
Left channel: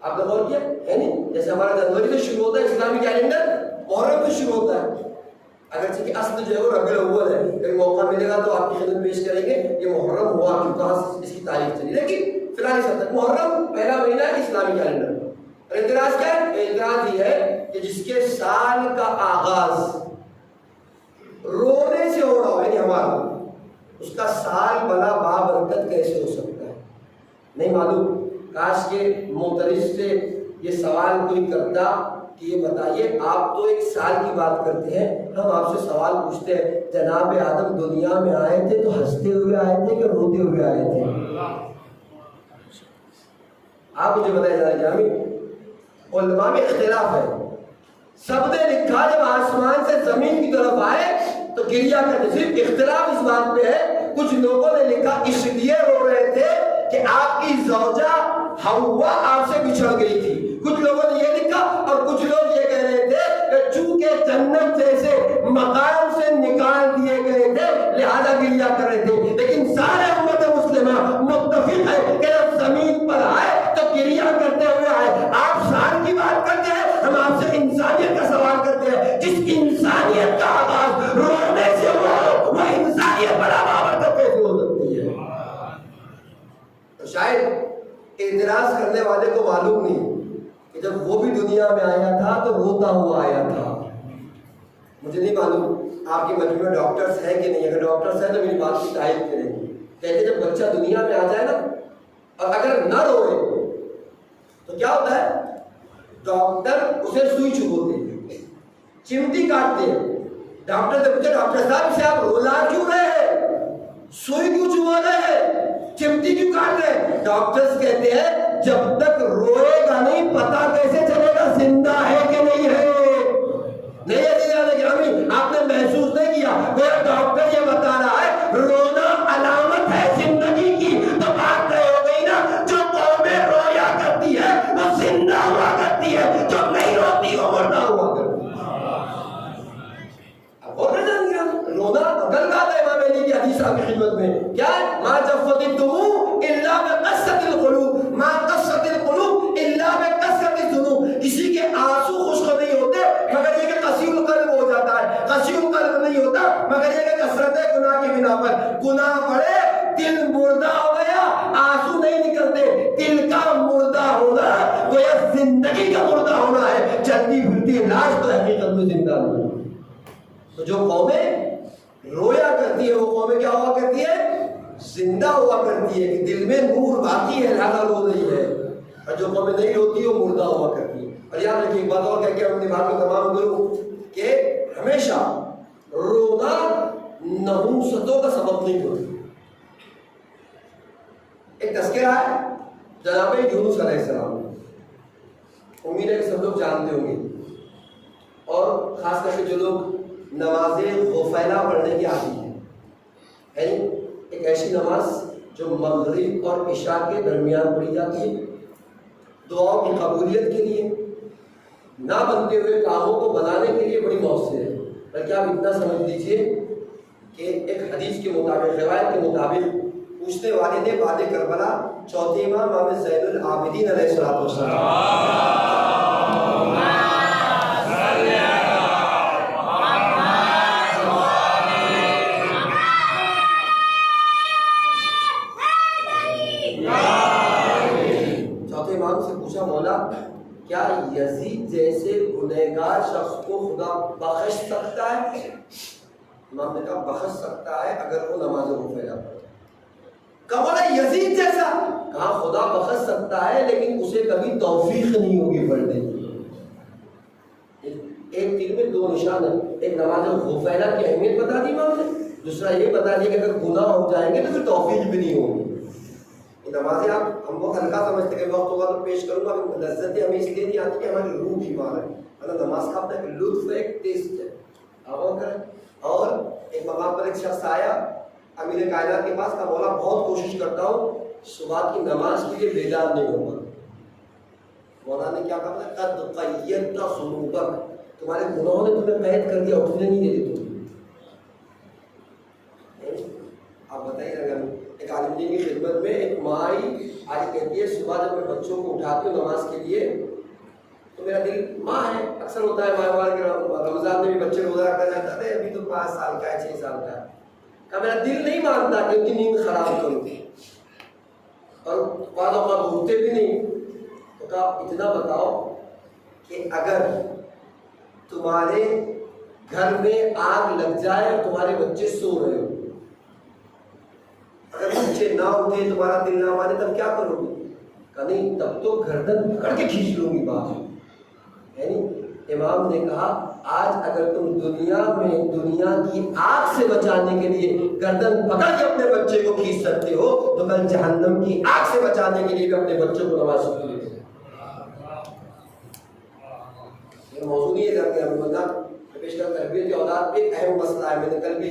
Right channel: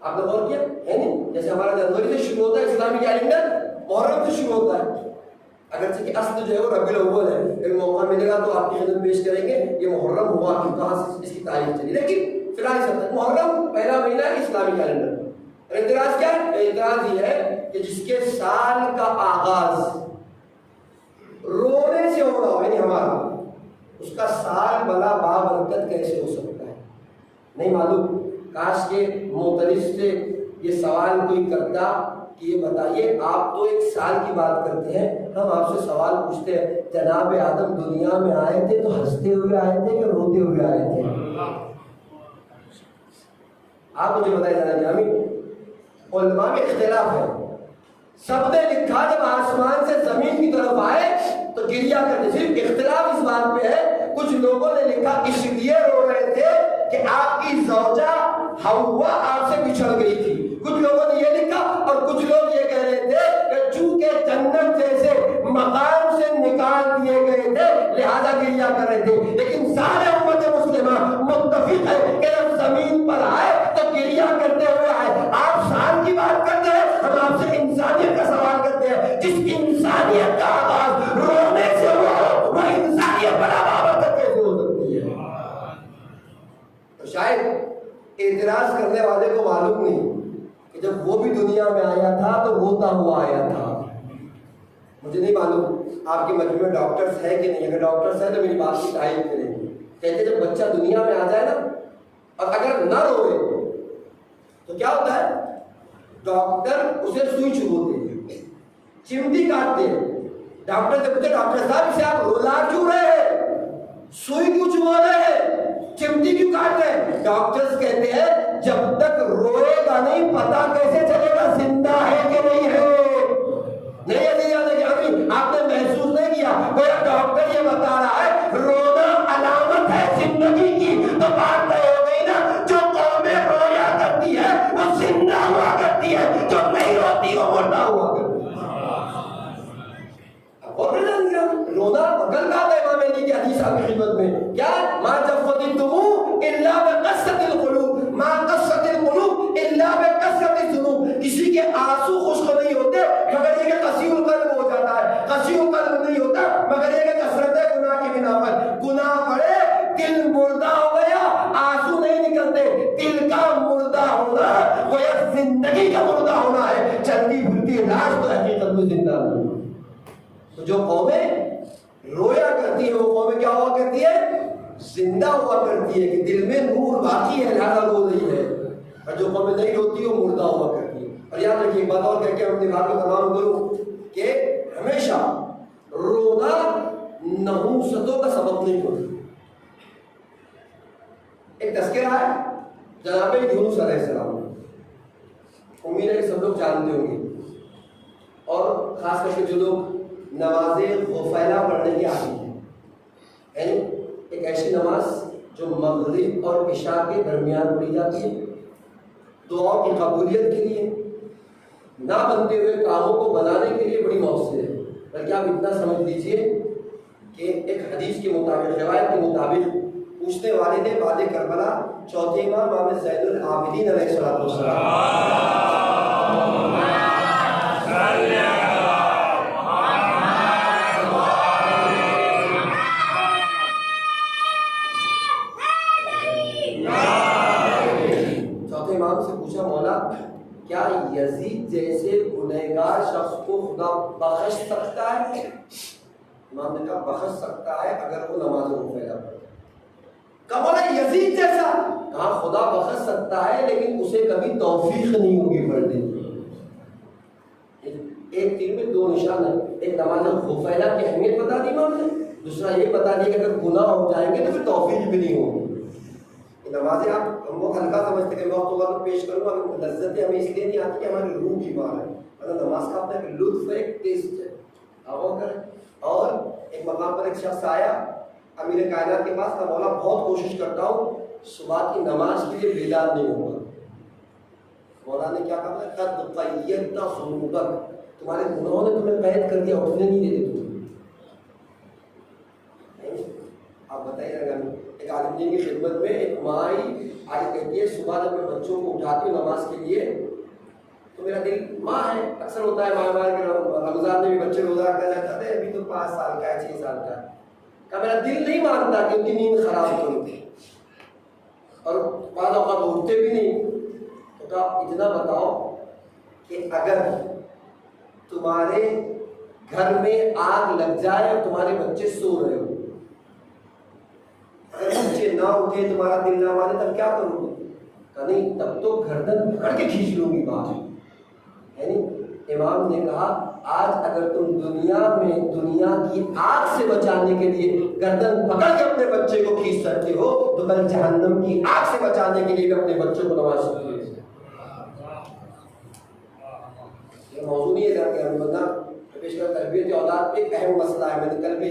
آپ نے غور کیا ہے نہیں؟ جیسے ہمارا جنوری سے شروع ہوتا ہے اسلامی کیلنڈر، محرم سے شروع ہوتا ہے. اگرچہ کہ اصل جو ہے وہ ربیع الاول ہے، لیکن موقع ملے گا تو آپ کی خدمت پیش کریں گے یہ محرم ہوا کہ کہاں اس کی تاریخ چلی. لیکن فی الحال اس حد تک محرم پہلا مہینہ ہے اسلامی کیلنڈر. اعتراض کیا ہے؟ اعتراض یہ ہے کہ جس کے سال کا آغاز رونے سے ہو رہا ہو، یعنی ہمارا، اس کا سال بلا بابرکت کیسے ہو سکتا ہے؟ نہیں معلوم. کاش کے معترض سے یہ سوال کوئی کرتا کہ یہ بتائیے، آپ تو ایک سال کی بات کرتے ہیں، ہم آپ سے سوال پوچھتے ہیں جناب آدم دنیا میں آئے تھے تو ہنستے ہوئے آئے تھے کہ روتے ہوئے آئے تھے؟ آپ مجھے بتائیں ذرا جامی. علماء میں اختلاف ہے. سب نے لکھا جب آسمان سے زمین کی طرف آئے تو گریا کرتے. صرف اختلاف اس بات پہ ہے، کچھ لوگوں نے لکھا اس لیے رو رہے تھے کہ آپ کی زوجہ حوا آپ سے بچھڑ گئی تھی. کچھ لوگوں نے یہ لکھا اور کچھ لوگ یہ کہہ رہے تھے کہ چونکہ جنت جیسے مقام سے نکال دیے گئے تھے لہذا گریا کر رہے تھے. لیکن سارے امت مسلمہ متفق ہے کہ جب زمین پر آئے تو گریا کرتے ہوئے آئے. آپ شان کی بات کرتے ہیں، ہم آپ سے انسانیت کا سوال کرتے ہیں. جس انسانیت کا آغاز رونے سے ہوا وہ انسانیت پر بابرکت کیسے ہو سکتی ہے؟ تو شاید اعتراض کرنے والے کو معلوم نہیں کہ جب وہ بھی دنیا میں آیا تھا تو روتا ہوا آیا تھا. مجھے نہیں معلوم آپ کے مجموعے میں ڈاکٹرز ہیں کہ نہیں. اگر ڈاکٹرز ہیں تو میری بات کی تائید کریں گے. کہتے جب بچہ دنیا میں آ جائے نا اور اگر نہ روئے تو کیا ہوتا ہے؟ ڈاکٹر اسے سوئی چبوتے ہیں، چمٹی کاٹتے ہیں. ڈاکٹر سے پوچھے ڈاکٹر صاحب اسے آپ رولا کیوں رہے ہیں، سوئی کیوں چبو رہے ہیں، چمٹی کیوں کاٹ رہے ہیں؟ ڈاکٹرز کہتے ہیں جب تک روئے گا نہیں پتا کیسے چلے گا زندہ ہے کہ نہیں ہے. نہیں ہے جانے کہ ابھی آپ نے محسوس نہیں کیا. کوئی ڈاکٹر یہ بتا رہا ہے رونا علامت ہے زندگی کی، تو بات طے ہو گئی نا. جو قومیں رویا کرتی ہے وہ زندہ ہوا کرتی ہے، جو نہیں روتی وہ مردہ ہوا کرتی ہے. اب اور جان گیا رونا گل کہا تھا امام علی کی حدیث آپ کی خدمت میں کیا ہے؟ ما جفت الدموع الا بقسۃ القلوب، ما قسۃ القلوب الا بکثرۃ الذنوب. کسی کے آنسو خشک نہیں ہوتے مگر یہ کہ قصیر القلب ہو جاتا ہے، قصیر القلب نہیں ہوتا مگر یہ کہ کثرت گناہ کی بنا پر. گناہ بڑھے دل مردہ ہو گیا، آنسو نہیں نکلتے. دل کا مردہ ہونا گویا زندگی کا مردہ ہونا ہے. چلتی پھرتی لاش تو حقیقت میں زندہ نہیں. تو جو قومیں رویا کرتی ہے وہ قومیں کیا ہوا کرتی ہے؟ زندہ ہوا کرتی ہے کہ دل میں نور باقی ہے لہذا رو رہی ہے. اور جو قومیں نہیں روتی وہ مردہ ہوا کرتی ہے. اور یاد رکھیے ایک بات اور کہہ کے اپنی بات کو تمام کروں کہ ہمیشہ رونا نحوستوں کا سبب نہیں ہوتا. ایک تذکرہ ہے جناب یونس علیہ السلام، امید ہے کہ سب لوگ جانتے ہوں گے، اور خاص کر کے جو لوگ نماز غفیلہ پڑھنے کی عادی ہے، یعنی ایک ایسی نماز جو مغرب اور عشاء کے درمیان پڑھی جاتی ہے، دعاؤں کی قبولیت کے لیے، نہ بنتے ہوئے کاموں کو بنانے کے لیے بڑی مؤثر ہے. بلکہ آپ اتنا سمجھ لیجئے کہ ایک حدیث کے مطابق، روایت کے مطابق، پوچھنے والے نے بعد کربلا چوتھے امام زین العابدین علیہ السلام سے پوچھا مولا کیا یزید جیسے گنہگار شخص کو خدا بخش سکتا ہے؟ امام نے کہا بخش سکتا ہے اگر وہ نماز غفیلہ پڑھے. کہا مولا یزید جیسا؟ کہا خدا بخش سکتا ہے لیکن اسے کبھی توفیق نہیں ہوگی پڑھنے کی. ایک تیر میں دو نشان ہے، ایک نماز غفیلہ کی اہمیت بتا دی امام نے، دوسرا یہ بتا دیا کہ اگر گناہ ہو جائیں گے تو پھر توفیق بھی نہیں ہوگی. نمازیں آپ ہم بہت ہلکا سمجھتے کہ وقت ہوگا تو پیش کروں گا، لذتیں ہمیں اس لیے نہیں آتی کہ ہماری روح بیمار ہے. مطلب نماز کا اپنا ایک لطف ہے، ایک ٹیسٹ ہے. آپ کریں. اور ایک مقام پر ایک شخص آیا امیر کائنات کے پاس کہا مولا بہت کوشش کرتا ہوں صبح کی نماز کے لیے بیدار نہیں ہوگا. مولا نے کیا کہا؟ قد قیدت ذنوبک، تمہارے گناہوں نے تمہیں قید کر دیا، اٹھنے نہیں دیتے تم. آپ بتائیے اگر ایک عالم دین کی خدمت میں ایک ماں آج کہتی ہے صبح جب میں بچوں کو اٹھاتی ہوں نماز کے لیے تو میرا دل، ماں ہے اکثر ہوتا ہے ماں کے رمضان میں بھی بچے روزہ رکھا جاتا ہے، ابھی تو 5 سال کا ہے 6 سال کا ہے، کہ میرا دل نہیں مانتا کہ ان کی نیند خراب کروں اور بعض اوقات اٹھتے بھی نہیں. تو کہا اتنا بتاؤ کہ اگر تمہارے گھر میں آگ لگ جائے اور تمہارے بچے سو رہے ہو، اگر بچے نہ اٹھے تمہارا دل نہ مانے تب کیا کرو گے؟ کہا نہیں تب تو گردن پکڑ کے کھینچ لوں گی بات. یعنی امام نے کہا آج اگر تم دنیا میں دنیا کی آگ سے بچانے کے لیے گردن پکڑ کے اپنے بچے کو کھینچ سکتے ہو تو کل جہنم کی آگ سے بچانے کے لیے بھی اپنے بچوں کو نماز پڑھو. یہ موضوع نہیں ہے کہ ہم بندہ پیش کر تربیت اولاد پہ ایک اہم مسئلہ ہے. میں نے کل بھی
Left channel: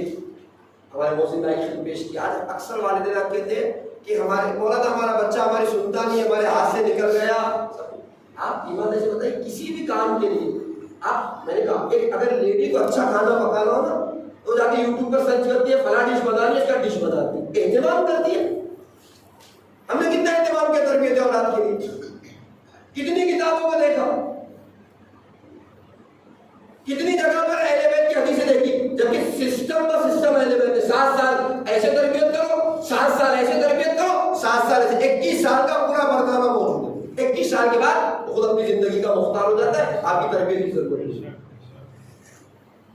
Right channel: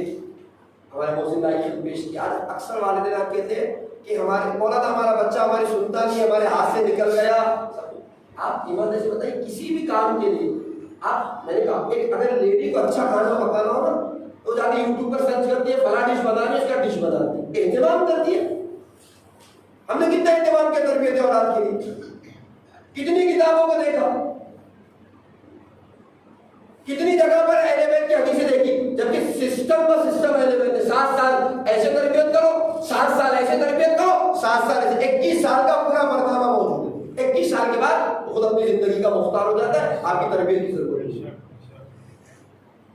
ہمارے محسن بھائی نے پیش کیا. آج اکثر والدین کہتے ہیں کہ ہمارے مولانا ہمارا بچہ ہماری سنتا نہیں، ہمارے ہاتھ سے نکل گیا. آپ ایمان سے بتائیے کسی بھی کام کے لیے آپ، میں نے کہا ایک اگر لیڈی کو اچھا کھانا پکانا ہو نا تو جا کے یوٹیوب پر سرچ کرتی ہے فلاں ڈش بنانی ہے، اس کا ڈش بناتی ہے، اہتمام کرتی ہے. ہم نے کتنا اہتمام کیا تربیت اولاد کے لیے، کتنی کتابوں کو دیکھا، کتنی جگہ پر اہل بیت کی حدیثیں دیکھی، جبکہ سسٹم تو سسٹم اہل بیت ہے. 7 سال ایسے تربیت کرو، 7 سال ایسے تربیت کرو، 7 سال ایسے، 21 سال کا پورا مرتبہ موجود ہے. 21 سال کے بعد خود اپنی زندگی کا مختار ہو جاتا ہے. آپ کی تربیت کی ضرورت ہے.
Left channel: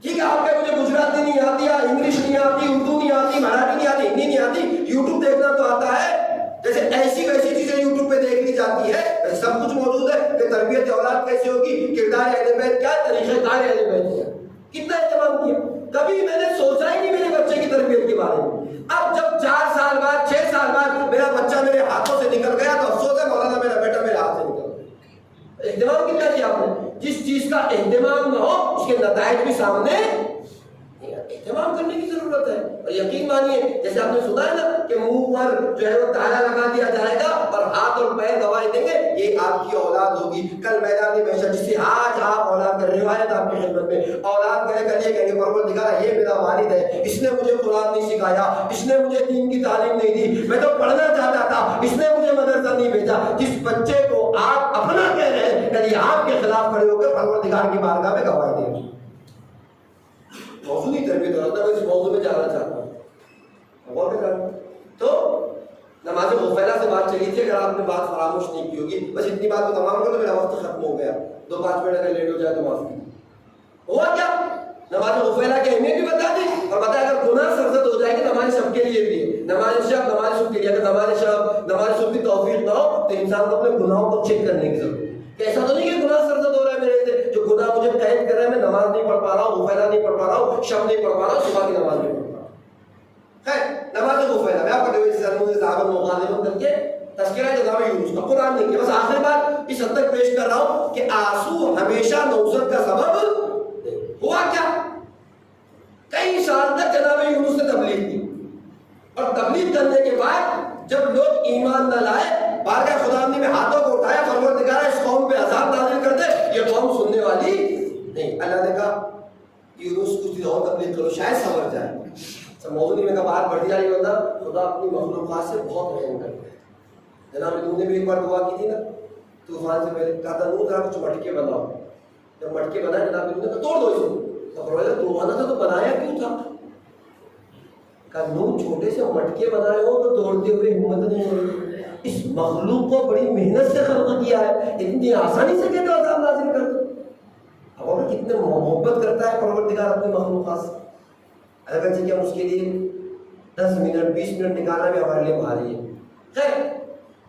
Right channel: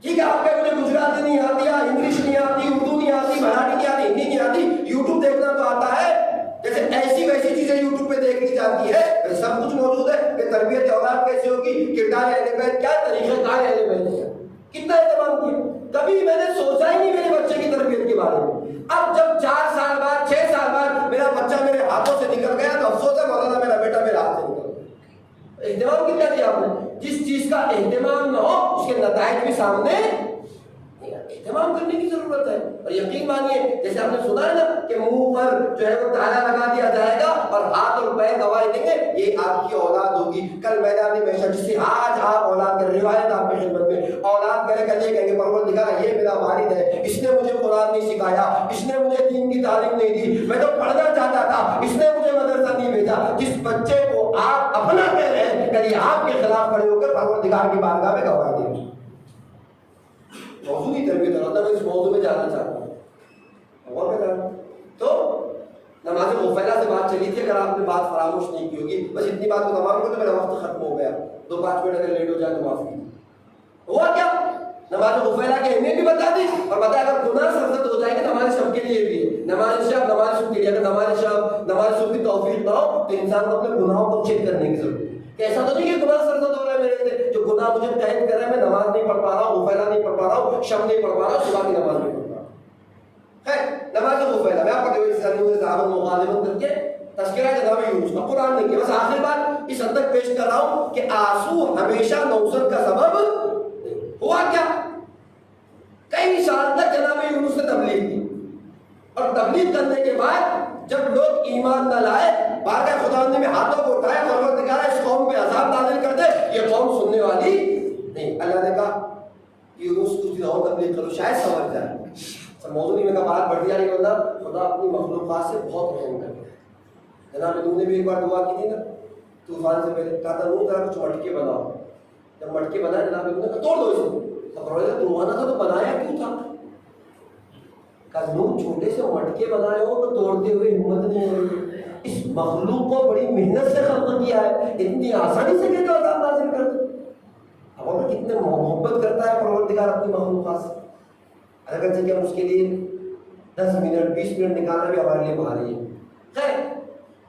ٹھیک ہے آپ کہ مجھے گجراتی نہیں آتی، انگلش نہیں آتی، اردو نہیں آتی، مراٹھی نہیں آتی، ہندی نہیں آتی، یوٹیوب دیکھنا تو آتا ہے. جیسے ایسی ویسی چیزیں یوٹیوب پہ دیکھ لی جاتی ہے، سب کچھ موجود ہے کہ تربیت اولاد کیسے ہوگی، کردار اہل بیت کیا، طریقہ کار اہل بیت کیا. کتنا اہتمام کیا. کبھی میں نے سوچا ہی نہیں میرے بچے کی تربیت کے بارے میں. اب جب 4 سال بعد 6 سال بعد میرا بچہ میرے ہاتھوں سے نکل گیا تو افسوس ہے مولانا میرا بیٹا میرے ہاتھ سے نکل گیا. اہتمام کتنا کیا آپ نے. جس چیز کا اہتمام نہ ہو اس کے نتائج بھی سامنے. اہتمام کرنے کی ضرورت ہے. اور یقین مانیے جیسے آپ نے سنا ہے نا کہ منہ پر جو ہے وہ تالا لگا دیا جائے گا اور ہاتھ اور پیر گواہی دیں گے یہ آپ کی اولاد ہوگی. کل میدان میں جسے آج آپ اولاد کر روایت آپ کی خدمت میں اولاد کرے کر یہ کہیں گے پروردگار یہ میرا والد ہے، اس نے مجھے قرآن نہیں سکھایا، اس نے مجھے دین کی تعلیم نہیں دی، میں تو پڑھنا چاہتا تھا، اس نے مجھے مدرسہ نہیں بھیجا. جس بچے کو آپ اپنا کہہ رہے ہیں کل آپ کے خلاف کھڑے ہو کر پروردگار کی بارگاہ میں گواہی دیں. موضوع کی تربیت ہو رہا تھا، میں اس موضوع میں جانا چاہتا ہوں. تو نماز غفیلہ سے بات چلی تھی، اگر آپ نے بات فراموش نہیں کی ہوگی، بس اتنی بات کو تمام کر تو میرا وقت ختم ہو گیا. 2-5 منٹ اگر لیٹ ہو جائے تو معاف کیجیے. ہوا کیا؟ نماز غفیلہ کی اہمیت بھی بتا دی اور بتایا اگر گناہ سرزد ہو جائے گا نماز شب کے لیے بھی ہے. نماز شب نماز صبح کے لیے، اگر نماز صبح کی توفیق نہ ہو تو انسان کو اپنے گناہوں کو چیک کرنے کی ضرورت ہے. کہ ایسا تو نہیں کہ گناہ سرزد ہو رہا ہے میرے سے، جو گناہ مجھے قید کر رہا ہے، میں نماز نہیں پڑھ پا رہا ہوں، غفیلہ نہیں پڑھ پا رہا ہوں، شب نہیں پڑھ پا رہا ہوں، صبح کی نماز نہیں پڑھ پا رہا ہوں. خیر نماز غفیلہ میں آپ کو صحابہ مغالبت کر کے تذکرہ جناب یونس کا قرآن نہیں کیا. بس آخر بات اس حد تک پیش کر رہا ہوں کہ آنسو ہمیشہ نوزت کا سبب ہوا. کیا کئی سال تک جناب یونس نے تبلیغ کی اور تبلیغ کرنے کے بعد جب لوگ ایمان نہ لائے بارگاہ خداوندی میں ہاتھوں کو اٹھایا، پروردگار اس قوم پہ عذاب نازل کر دے، یہ قوم سننے والی نہیں. اللہ نے کہا یونس کچھ دن اور تبلیغ کرو شاید سنور جائے. موضوع نہیں میں کہا بات بڑھ جائے گا. خدا اپنی مخلوقات سے بہت رحم کرتا ہے. جناب نوح نے بھی ایک بار دعا کی تھی نا طوفان سے پہلے، کہا تھا نوح ذرا کچھ مٹکے بناؤ. جب مٹکے بنائے جناب نوح نے کہا توڑ دو اسے. تو فرمایا توڑنا تھا تو بنایا کیوں تھا؟ کہا نوح چھوٹے سے مٹکے بنائے ہو تو توڑتے ہوئے ہمت نہیں ہوئی. اس مخلوق کو بڑی محنت سے خلق کیا ہے، اتنی آسانی سے کہتے عذاب نازل کر دو. اور کتنے محبت کرتا ہے پروردگار اپنی مخلوقات سے. اگر کہ ہم اس کے لیے 10 منٹ 20 منٹ نکالنا بھی ہمارے لیے بھاری ہے. خیر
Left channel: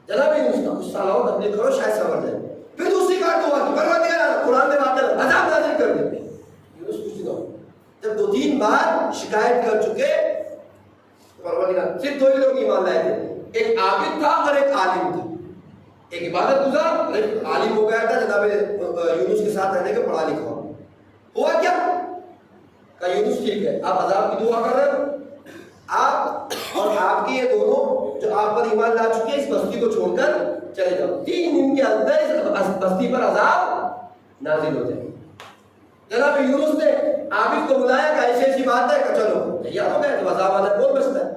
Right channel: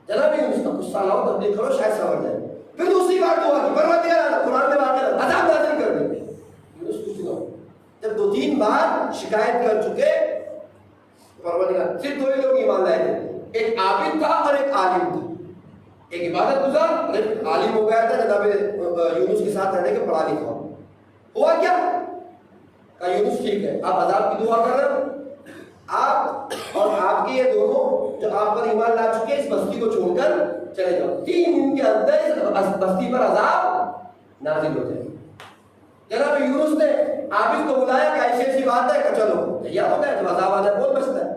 جناب یونس کا کچھ سال اور تبلیغ کرو شاید سمجھ جائے. پھر دوسری بار دعا کی پروردگار قرآن میں واقع عذاب نازل کر دے. یونس کچھ نہ ہو. جب 2-3 بار شکایت کر چکے پروردگار صرف 2 ہی لوگ ایمان لائے تھے، ایک عابد تھا اور ایک عالم تھا. ایک عبادت گزار اور ایک عالم ہو گیا تھا جناب یونس کے ساتھ رہنے کے پڑھا لکھا. ہوا کیا؟ کہا یونس ٹھیک ہے آپ عذاب کی دعا کر رہے ہو، آپ اور آپ کے یہ دونوں جو آپ پر ایمان لا چکے ہیں اس بستی کو چھوڑ کر چلے جاؤ، 3 دن کے اندر اس بستی پر عذاب نازل ہو جائے۔ جناب یونس نے عابد کو بلایا کہ ایسی ایسی بات ہے کہ چلو تیار ہو گئے، جب عذاب آ جائے کون بچتا ہے؟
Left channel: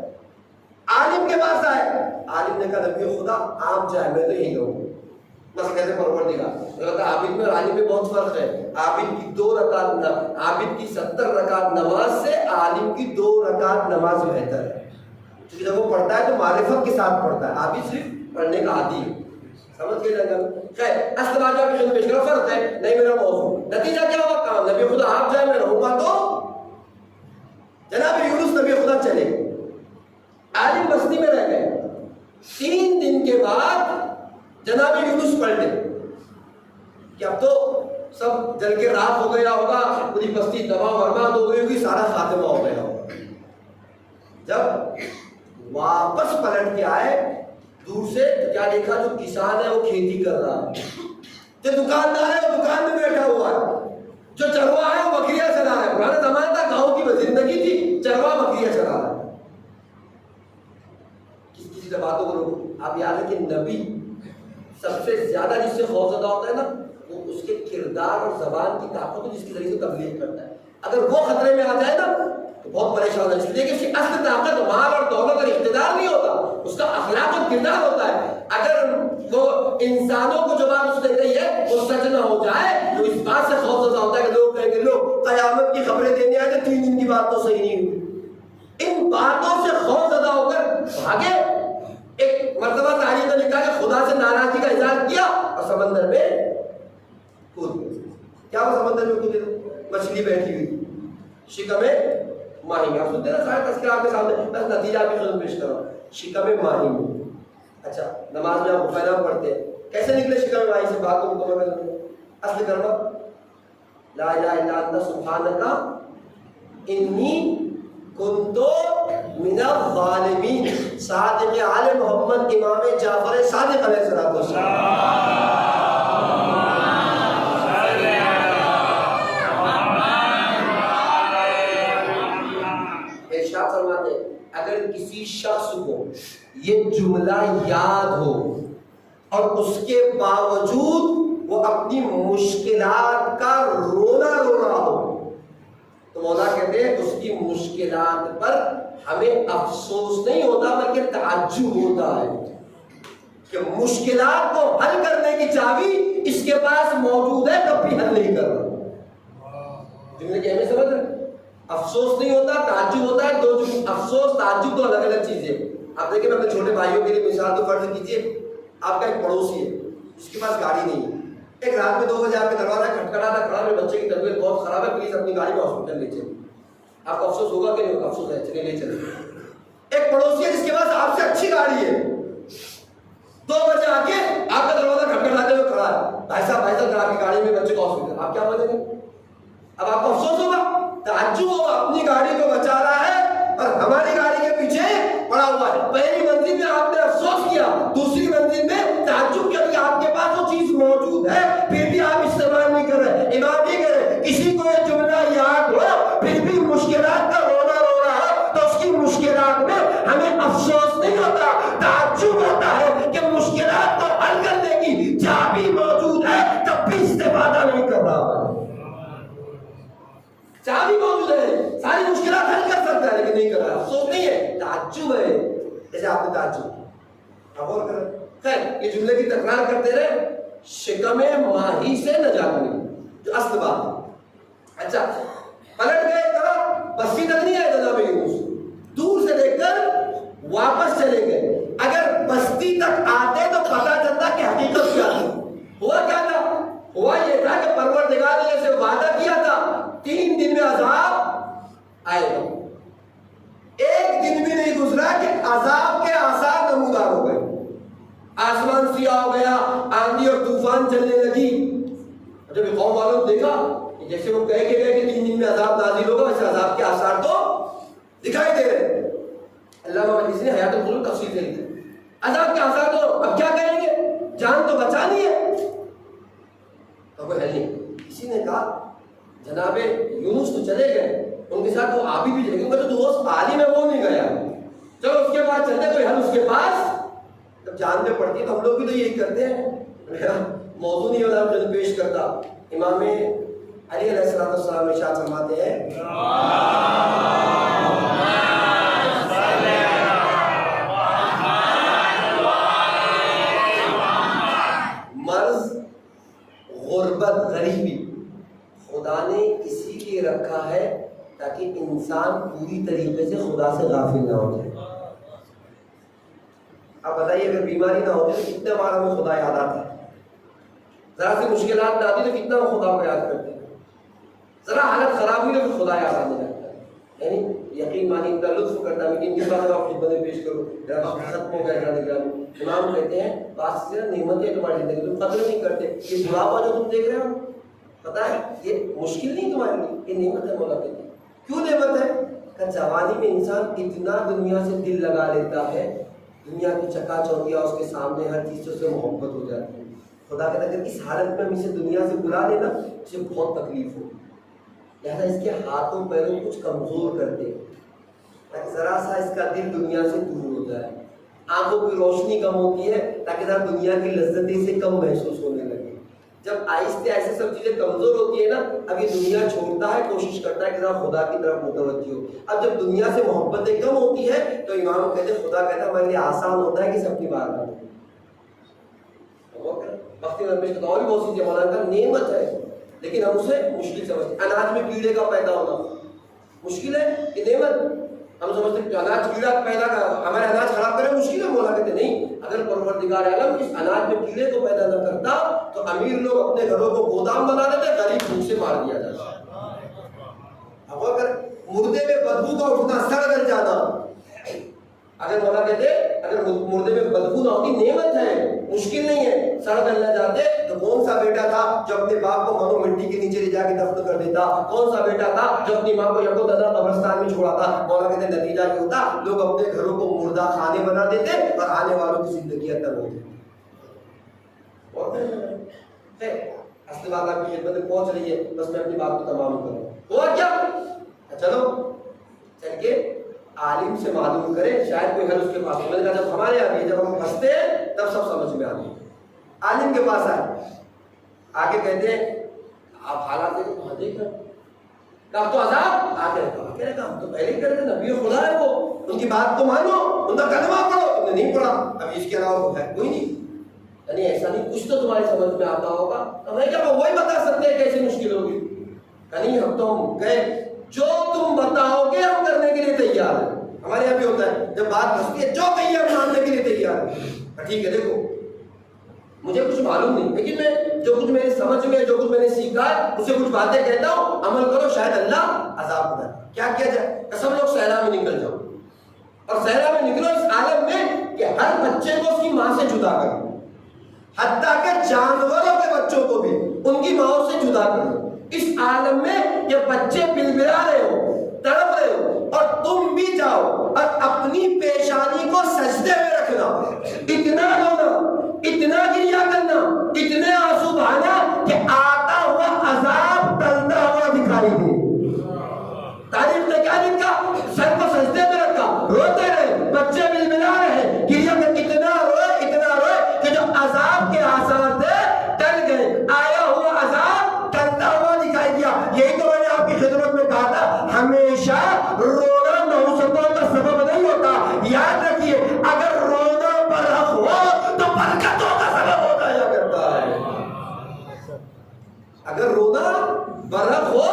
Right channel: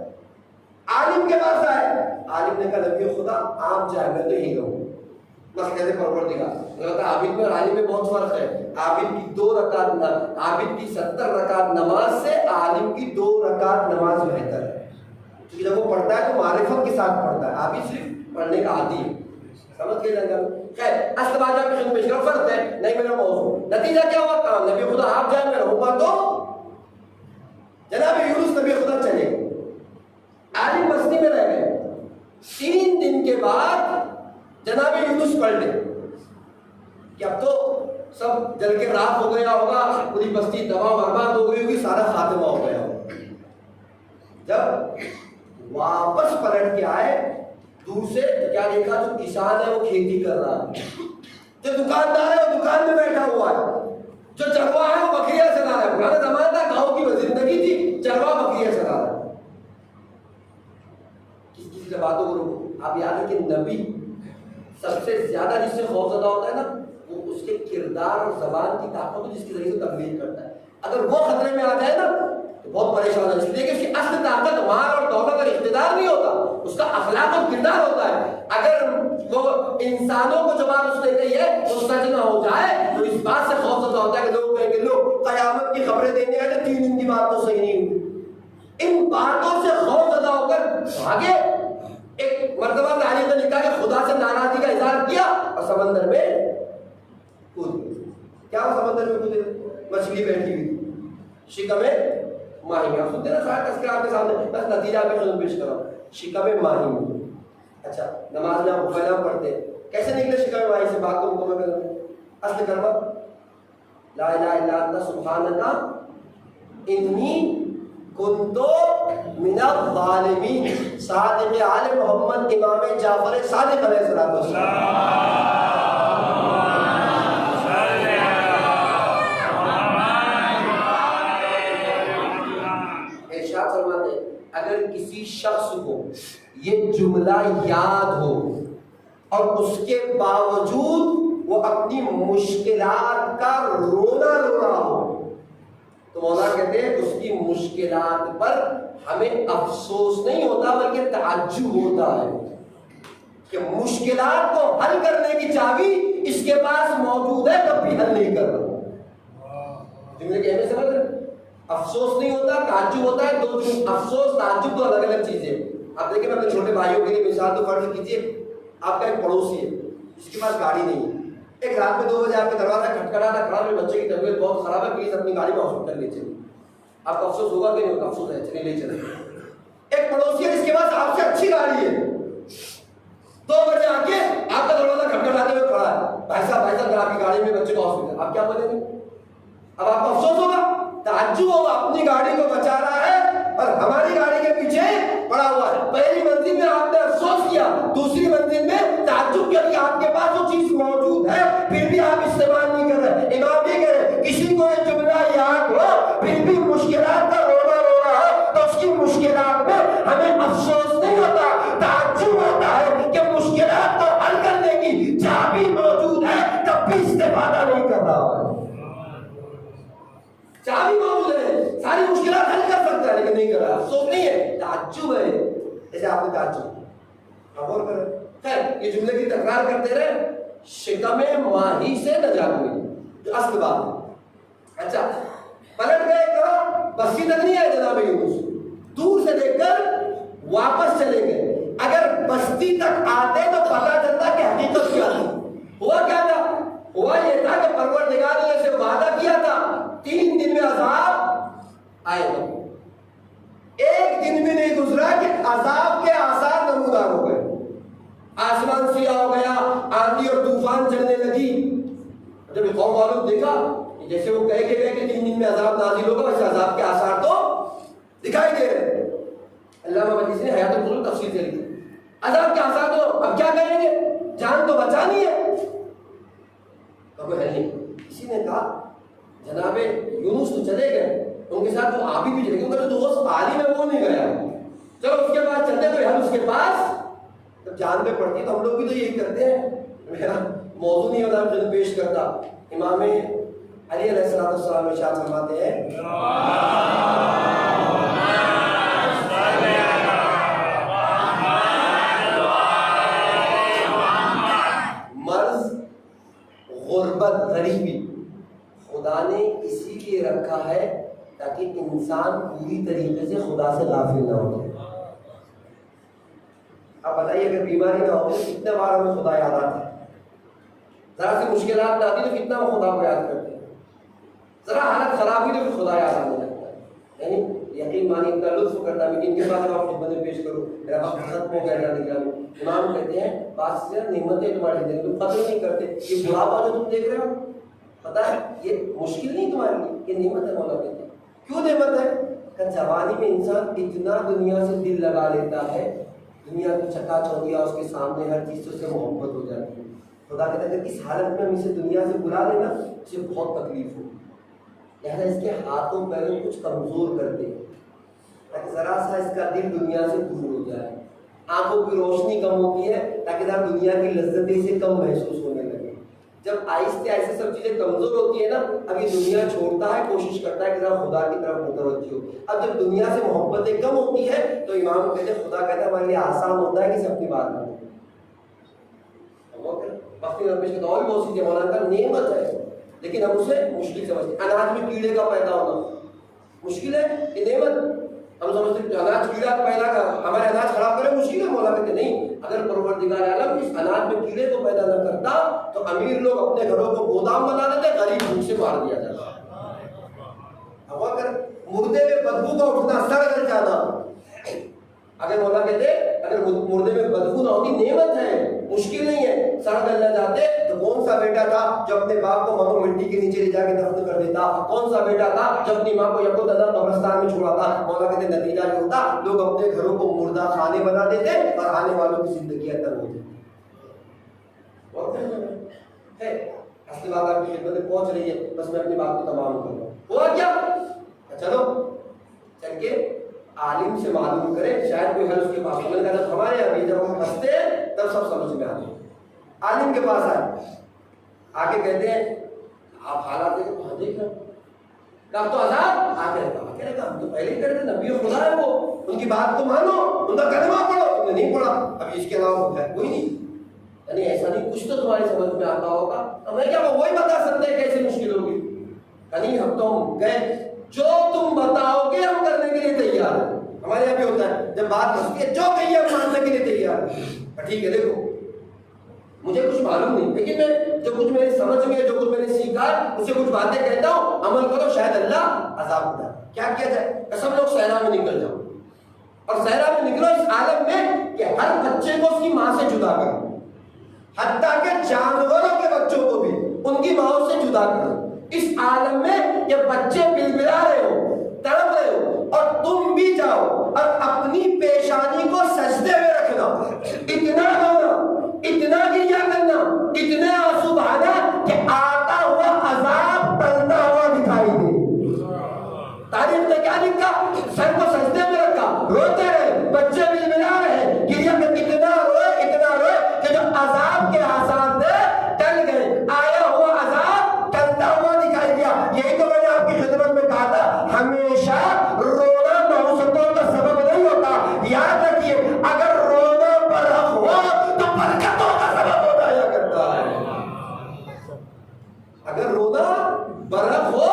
عالم کے پاس آئے، عالم نے کہا نبی خدا آپ جائے، میں تو یہی کہوں بس کہتے پروردگار۔ عابد میں اور عالم میں بہت فرق ہے۔ عابد کی 2 رکعت، عابد کی 70 رکعت نماز سے عالم کی 2 رکعت نماز بہتر ہے، کیونکہ جب وہ پڑھتا ہے تو معرفت کے ساتھ پڑھتا ہے، عابد صرف پڑھنے کا عادی ہے۔ سمجھ کے جائے گا؟ خیر اصل بات آپ کی پیش کرو، فرض ہے نہیں میرا موضوع، نتیجہ کیا ہوا؟ کام نبی خدا آپ جائے میں رہوں گا۔ تو جناب یونس نبی خدا چلے گئے، عالم بستی میں رہ گئے۔ 3 دن کے بعد جناب یونس پلٹے کہ اب تو سب جل کے راکھ ہو گیا ہوگا، پوری بستی تباہ و برباد ہو گئی ہوگی، سارا خاتمہ ہو گیا ہوگا۔ جب واپس پلٹ کے آئے دور سے تو کیا دیکھا؟ جو کسان ہے وہ کھیتی کر رہا ہے، جو دکاندار ہے وہ دکان میں بیٹھا ہوا ہے، جو چرواہ ہے وہ بکریاں چلا رہا ہے۔ پرانا زمانہ تھا، گاؤں کی زندگی تھی، چرواہ بکریاں چلا رہا ہے۔ کسی سے باتوں کو روکو۔ آپ یاد ہے کہ نبی سب سے زیادہ جس سے خوفزدہ ہوتا ہے نا، وہ اس کے کردار اور زبان کی طاقت کو جس کے ذریعے سے تبلیغ کرتا ہے۔ اگر وہ خطرے میں آ جائے نا تو بہت پریشان ہے، اس لیے کہ اس کی اصل طاقت مال اور دولت اور اقتدار نہیں ہوتا، اس کا اخلاق اور کردار ہوتا ہے۔ اگر وہ انسانوں کو جو بات اس نے کہی ہے وہ سچ نہ ہو جائے تو اس بات سے خوفزدہ ہوتا ہے کہ لوگ کہیں گے لو قیامت کی خبریں دینے آئے تو 3 دن کی بات تو صحیح نہیں ہوئی۔ ان باتوں سے خوفزدہ ہو کر آگے ایک مرتبہ تاریخ نے لکھا کہ خدا سے ناراضی کا اظہار کیا اور سمندر میں کود گئے۔ کیا وہ سمندر میں کودے؟ مچھلی بیٹھی ہوئی تھی، شکم ماہی میں۔ آپ سنتے ہیں نا سارا تذکرہ آپ کے سامنے، بس نتیجہ آپ کی خدمت پیش کر رہا ہوں۔ شکم ماہی میں، اچھا نماز میں آپ پہلا پڑھتے ہیں، کیسے نکلے شکم ماہی سے؟ بات کو مکمل کر لیں۔ اصل کلمہ لا الہ الا انت سبحانک انی کنت من الظالمین، صادق آل محمد امام جعفر صادق علیہ السلام۔ ارشاد فرماتے ہیں اگر کسی شخص کو یہ جملہ یاد ہو اور اس کے باوجود وہ اپنی مشکلات کا رونا رو رہا ہو تو مولا کہتے ہیں اس کی مشکلات پر ہمیں افسوس نہیں ہوتا بلکہ تعجب ہوتا ہے کہ مشکلات کو حل کرنے کی چابی اس کے پاس موجود ہے، تب بھی حل نہیں کر رہا۔ جملے کی اہمیت سمجھ رہے؟ افسوس نہیں ہوتا، تعجب ہوتا ہے۔ 2 افسوس تعجب 2 الگ الگ چیزیں۔ آپ دیکھیں میں اپنے چھوٹے بھائیوں کے لیے مثال تو فرض کیجیے، آپ کا ایک پڑوسی ہے جس کے پاس گاڑی نہیں ہے، ایک رات میں 2 بجے آپ کے دروازہ کھٹکھٹانا کھڑا، میرے بچے کی طبیعت بہت خراب ہے، پلیز اپنی گاڑی میں ہاسپٹل لے چلیں۔ آپ کو افسوس ہوگا کہ نہیں ہوگا؟ افسوس ہے، چلیے لے چلیں۔ ایک پڑوسی ہے جس کے پاس آپ سے اچھی گاڑی ہے، 2 بجے آ کے آپ کا دروازہ کھٹکھٹاتے ہوئے کھڑا ہے، بھائی صاحب آپ کی گاڑی میں بچے کو ہاسپٹل، آپ کیا بولیں گے؟ اب آپ کو افسوس ہوگا، تعجب ہوگا، اپنی گاڑی کو بچا رہا ہے اور ہماری گاڑی کے پیچھے پڑا ہوا ہے۔ پہلی منزل میں آپ نے افسوس کیا، دوسری منزل میں تعجب کیا کہ آپ کے پاس وہ چیز موجود ہے پھر بھی آپ استعمال نہیں کر رہے۔ امام یہ کہہ رہے کسی کو یہ جملہ یاد ہو پھر بھی مشکلات کا رونا رو رہا ہو تو اس کی مشکلات میں ہمیں افسوس نہیں ہوتا، تعجب ہوتا ہے کہ مشکلات کو حل کرنے کی چابی موجود ہے تب بھی استفادہ نہیں کر رہا ہے۔ چابی موجود ہے، ساری مشکلات حل کر سکتا ہے لیکن نہیں کر رہا، افسوس نہیں ہے، تعجب ہے۔ جیسے آپ نے تعجب اب اور کر خیر یہ جملے کی تکرار کرتے رہے، شکم ماہی سے نجات ملی، جو اصل بات ہے۔ اچھا پلٹ گئے، کہا بستی تک نہیں آئے جناب یونس، دور سے دیکھ کر واپس چلے گئے۔ اگر بستی تک آتے تو پتہ چلتا کہ حقیقت کیا تھی۔ ہوا کیا تھا؟ ہوا یہ تھا کہ پروردگار نے اسے وعدہ کیا تھا 3 دن میں عذاب آئے گا۔ 1 دن بھی نہیں گزرا کہ عذاب کے آثار نمودار ہو گئے، آسمان سیاہ ہو گیا، آندھی اور طوفان چلنے لگی۔ جب یہ قوم والوں نے دیکھا جیسے وہ کہے کہ 3 دن میں عذاب نازل ہوگا، ویسے عذاب کے آثار تو دکھائی دے رہے۔ علامہ مجلسی نے حیات القلوب تفسیر سے لکھی عذاب کے آثار تو اب کیا کہیں گے، جان تو بچانی ہے، تو کوئی حل نہیں۔ کسی نے کہا جناب یونس تو چلے گئے، ان کے ساتھ وہ عابد بھی چلے گئے، ان کا جو دوست عالم ہے وہ نہیں گیا، چلو اس کے بعد چلتے کوئی حل اس کے پاس جب جان پہ پڑتی ہے تو ہم لوگ بھی تو یہی کرتے ہیں. میرا موضوع نہیں ہوتا جو پیش کرتا. امام علی علیہ السلام ارشاد فرماتے ہیں مرض غربت غریبی خدا نے اسی لیے رکھا ہے تاکہ انسان پوری طریقے سے خدا سے غافل نہ ہو جائے. اب بتائیے اگر بیماری نہ ہوتی تو کتنے بار ہمیں خدا یاد آتا ہے. ذرا سی مشکلات نہ آتی تو کتنا ہم خدا کو یاد کرتے ہیں. ذرا حالت خراب ہوئی تو پھر خدا یاد آنے لگتا ہے. یعنی یقین مانی اتنا لطف کرتا ہے. لیکن ان کے بعد اب آپ خدمت میں پیش کرو میرا وقت ختم ہو گیا. امام کہتے ہیں بات سے نعمتیں تمہاری زندگی تم قدر نہیں کرتے. یہ بڑھاپا جو تم دیکھ رہے ہو پتا ہے یہ مشکل نہیں تمہارے لیے, یہ نعمت ہے. مولا کہتے ہیں کیوں نعمت ہے کہ جوانی میں انسان اتنا دنیا سے دل لگا لیتا ہے, دنیا کی چکا چوندیاں اس کے سامنے ہر چیز سے اسے محبت ہو جاتی ہے. خدا کہتا ہے کہ اس حالت میں ہم اسے دنیا سے بلا لینا اسے بہت تکلیف ہو. لہٰذا اس کے ہاتھوں پیروں کچھ کمزور کر دے تاکہ ذرا سا اس کا دل دنیا سے دور ہو جائے. آنکھوں کی روشنی کم ہوتی ہے تاکہ ذرا دنیا کی لذتیں سے کم محسوس ہونے لگے. جب آہستہ آہستہ سب چیزیں کمزور ہوتی ہے نا, اب یہ دنیا چھوڑتا ہے, کوشش کرتا ہے کہ ذرا خدا کی طرف متوجہ ہو. اب جب دنیا سے محبتیں کم ہوتی ہے تو امام کہتے ہیں خدا کہتا ہے ہمارے لیے آسان ہوتا ہے کہ اسے اپنی بات کریں. وقتی رمیش کا اور بھی بہت سی چیزیں مولانا کا نعمت ہے لیکن ہم اسے مشکل سمجھتے ہیں. اناج میں کیڑے کا پیدا ہونا مشکل ہے, یہ نعمت. ہم سمجھتے ہیں کہ اناج کیڑا پیدا کر ہمارے اناج خراب کرے مشکل ہے. مولا کہتے نہیں, اگر پروردگار عالم اس اناج میں کیڑے کو پیدا نہ کرتا تو امیر لوگ اپنے گھروں کو گودام بنا دیتے, غریب بھوک سے مار دیا جاتا. اب اگر مردے میں بدبو کا اٹھنا, سڑ گل جانا, اگر مولا کہتے اگر مردے میں بدبو نہ ہوتی نعمت ہے, مشکل نہیں ہے. سڑ گل نہ جاتے تو کون سا بیٹا تھا جو اپنے باپ کو منو مٹی کے نیچے لے جا کے دفن کر دیتا, کون سا بیٹا تھا جو اپنی ماں کو یکو دنا قبرستان میں چھوڑاتا. مولا کہتے نتیجہ یہ ہوتا لوگ اپنے گھروں کو مردہ خانے بنا دیتے اور آنے والوں کی زندگیاں تر ہو جاتی. اصل بات آپ کی خدمت میں پہنچ رہی ہے, بس میں اپنی بات کو تمام کر رہا ہوں. ہوا کیا, چلو چل کے عالم سے معلوم کرے, شاید کوئی حل اس کے پاس. میں نے کہا جب ہمارے یہاں بھی جب ہم ہنستے ہیں تب سب سمجھ میں آتے ہیں. عالم کے پاس آئے, آگے کہتے ہیں آپ حالات دیکھو, کہاں دیکھ رہے کہا تو عذاب آگے رکھا, ہم تو پہلے ہی کرتے, نبی خدا ہے وہ, ان کی بات کو مانو, ان کا کلمہ پڑھو. تم نے نہیں پڑھا, اب اس کے علاوہ ہے کوئی نہیں. یعنی ایسا نہیں, کچھ تو تمہاری سمجھ میں آتا ہوگا. اب میں کیا وہی بتا سکتے ہیں کیسے مشکل ہوگی. نہیں ہم تو ہم گئے, جو تم بتاؤ گے ہم کرنے کے لیے تیار ہیں. ہمارے یہاں بھی ہوتا ہے جب بات پھنستی ہے جو کہیے ہم ماننے کے لیے تیار ہیں. ٹھیک ہے دیکھو مجھے کچھ معلوم نہیں لیکن میں جو کچھ میری سمجھ میں جو کچھ میں نے سیکھا ہے اسے کچھ باتیں کہتا ہوں, عمل کرو, شاید اللہ عذاب دے. کیا کیا جائے, سب لوگ صحرا میں نکل جاؤ اور صحرا میں نکلو اس عالم میں کہ ہر بچے کو اس کی ماں سے جدا کرو, حتیٰ کہ جانوروں کے بچوں کو بھی ان کی ماں سے جدا کرو. اس عالم میں کہ بچے بلبلا رہے ہو, تڑپ رہے ہو, اور تم بھی جاؤ اور اپنی پیشانی کو سجدے میں رکھنا, اتنا رونا, اتنا گریا کرنا, اتنے آنسو بہانا کہ آتا ہوا عذاب ٹلتا ہوا دکھائی دے. تاریخ نے کیا لکھا, سر کو سجدے میں رکھا, روتے رہے, بچے بلبلا رہے, گریا کر اتنا روئے کہ جو عذاب کے آثار تھے ٹل گئے, آیا ہوا عذاب ٹلتا ہوا دکھائی دیا. یہی تو میں نے آپ کی خدمت میں کہا تھا, ہمیشہ رونا نحوستوں کا سبب نہیں ہوتا. یاد رکھیے اگر رونا برحق ہو تو برکتوں کا سبب ہو جایا کرتا ہے. اگر رونا برحق ہو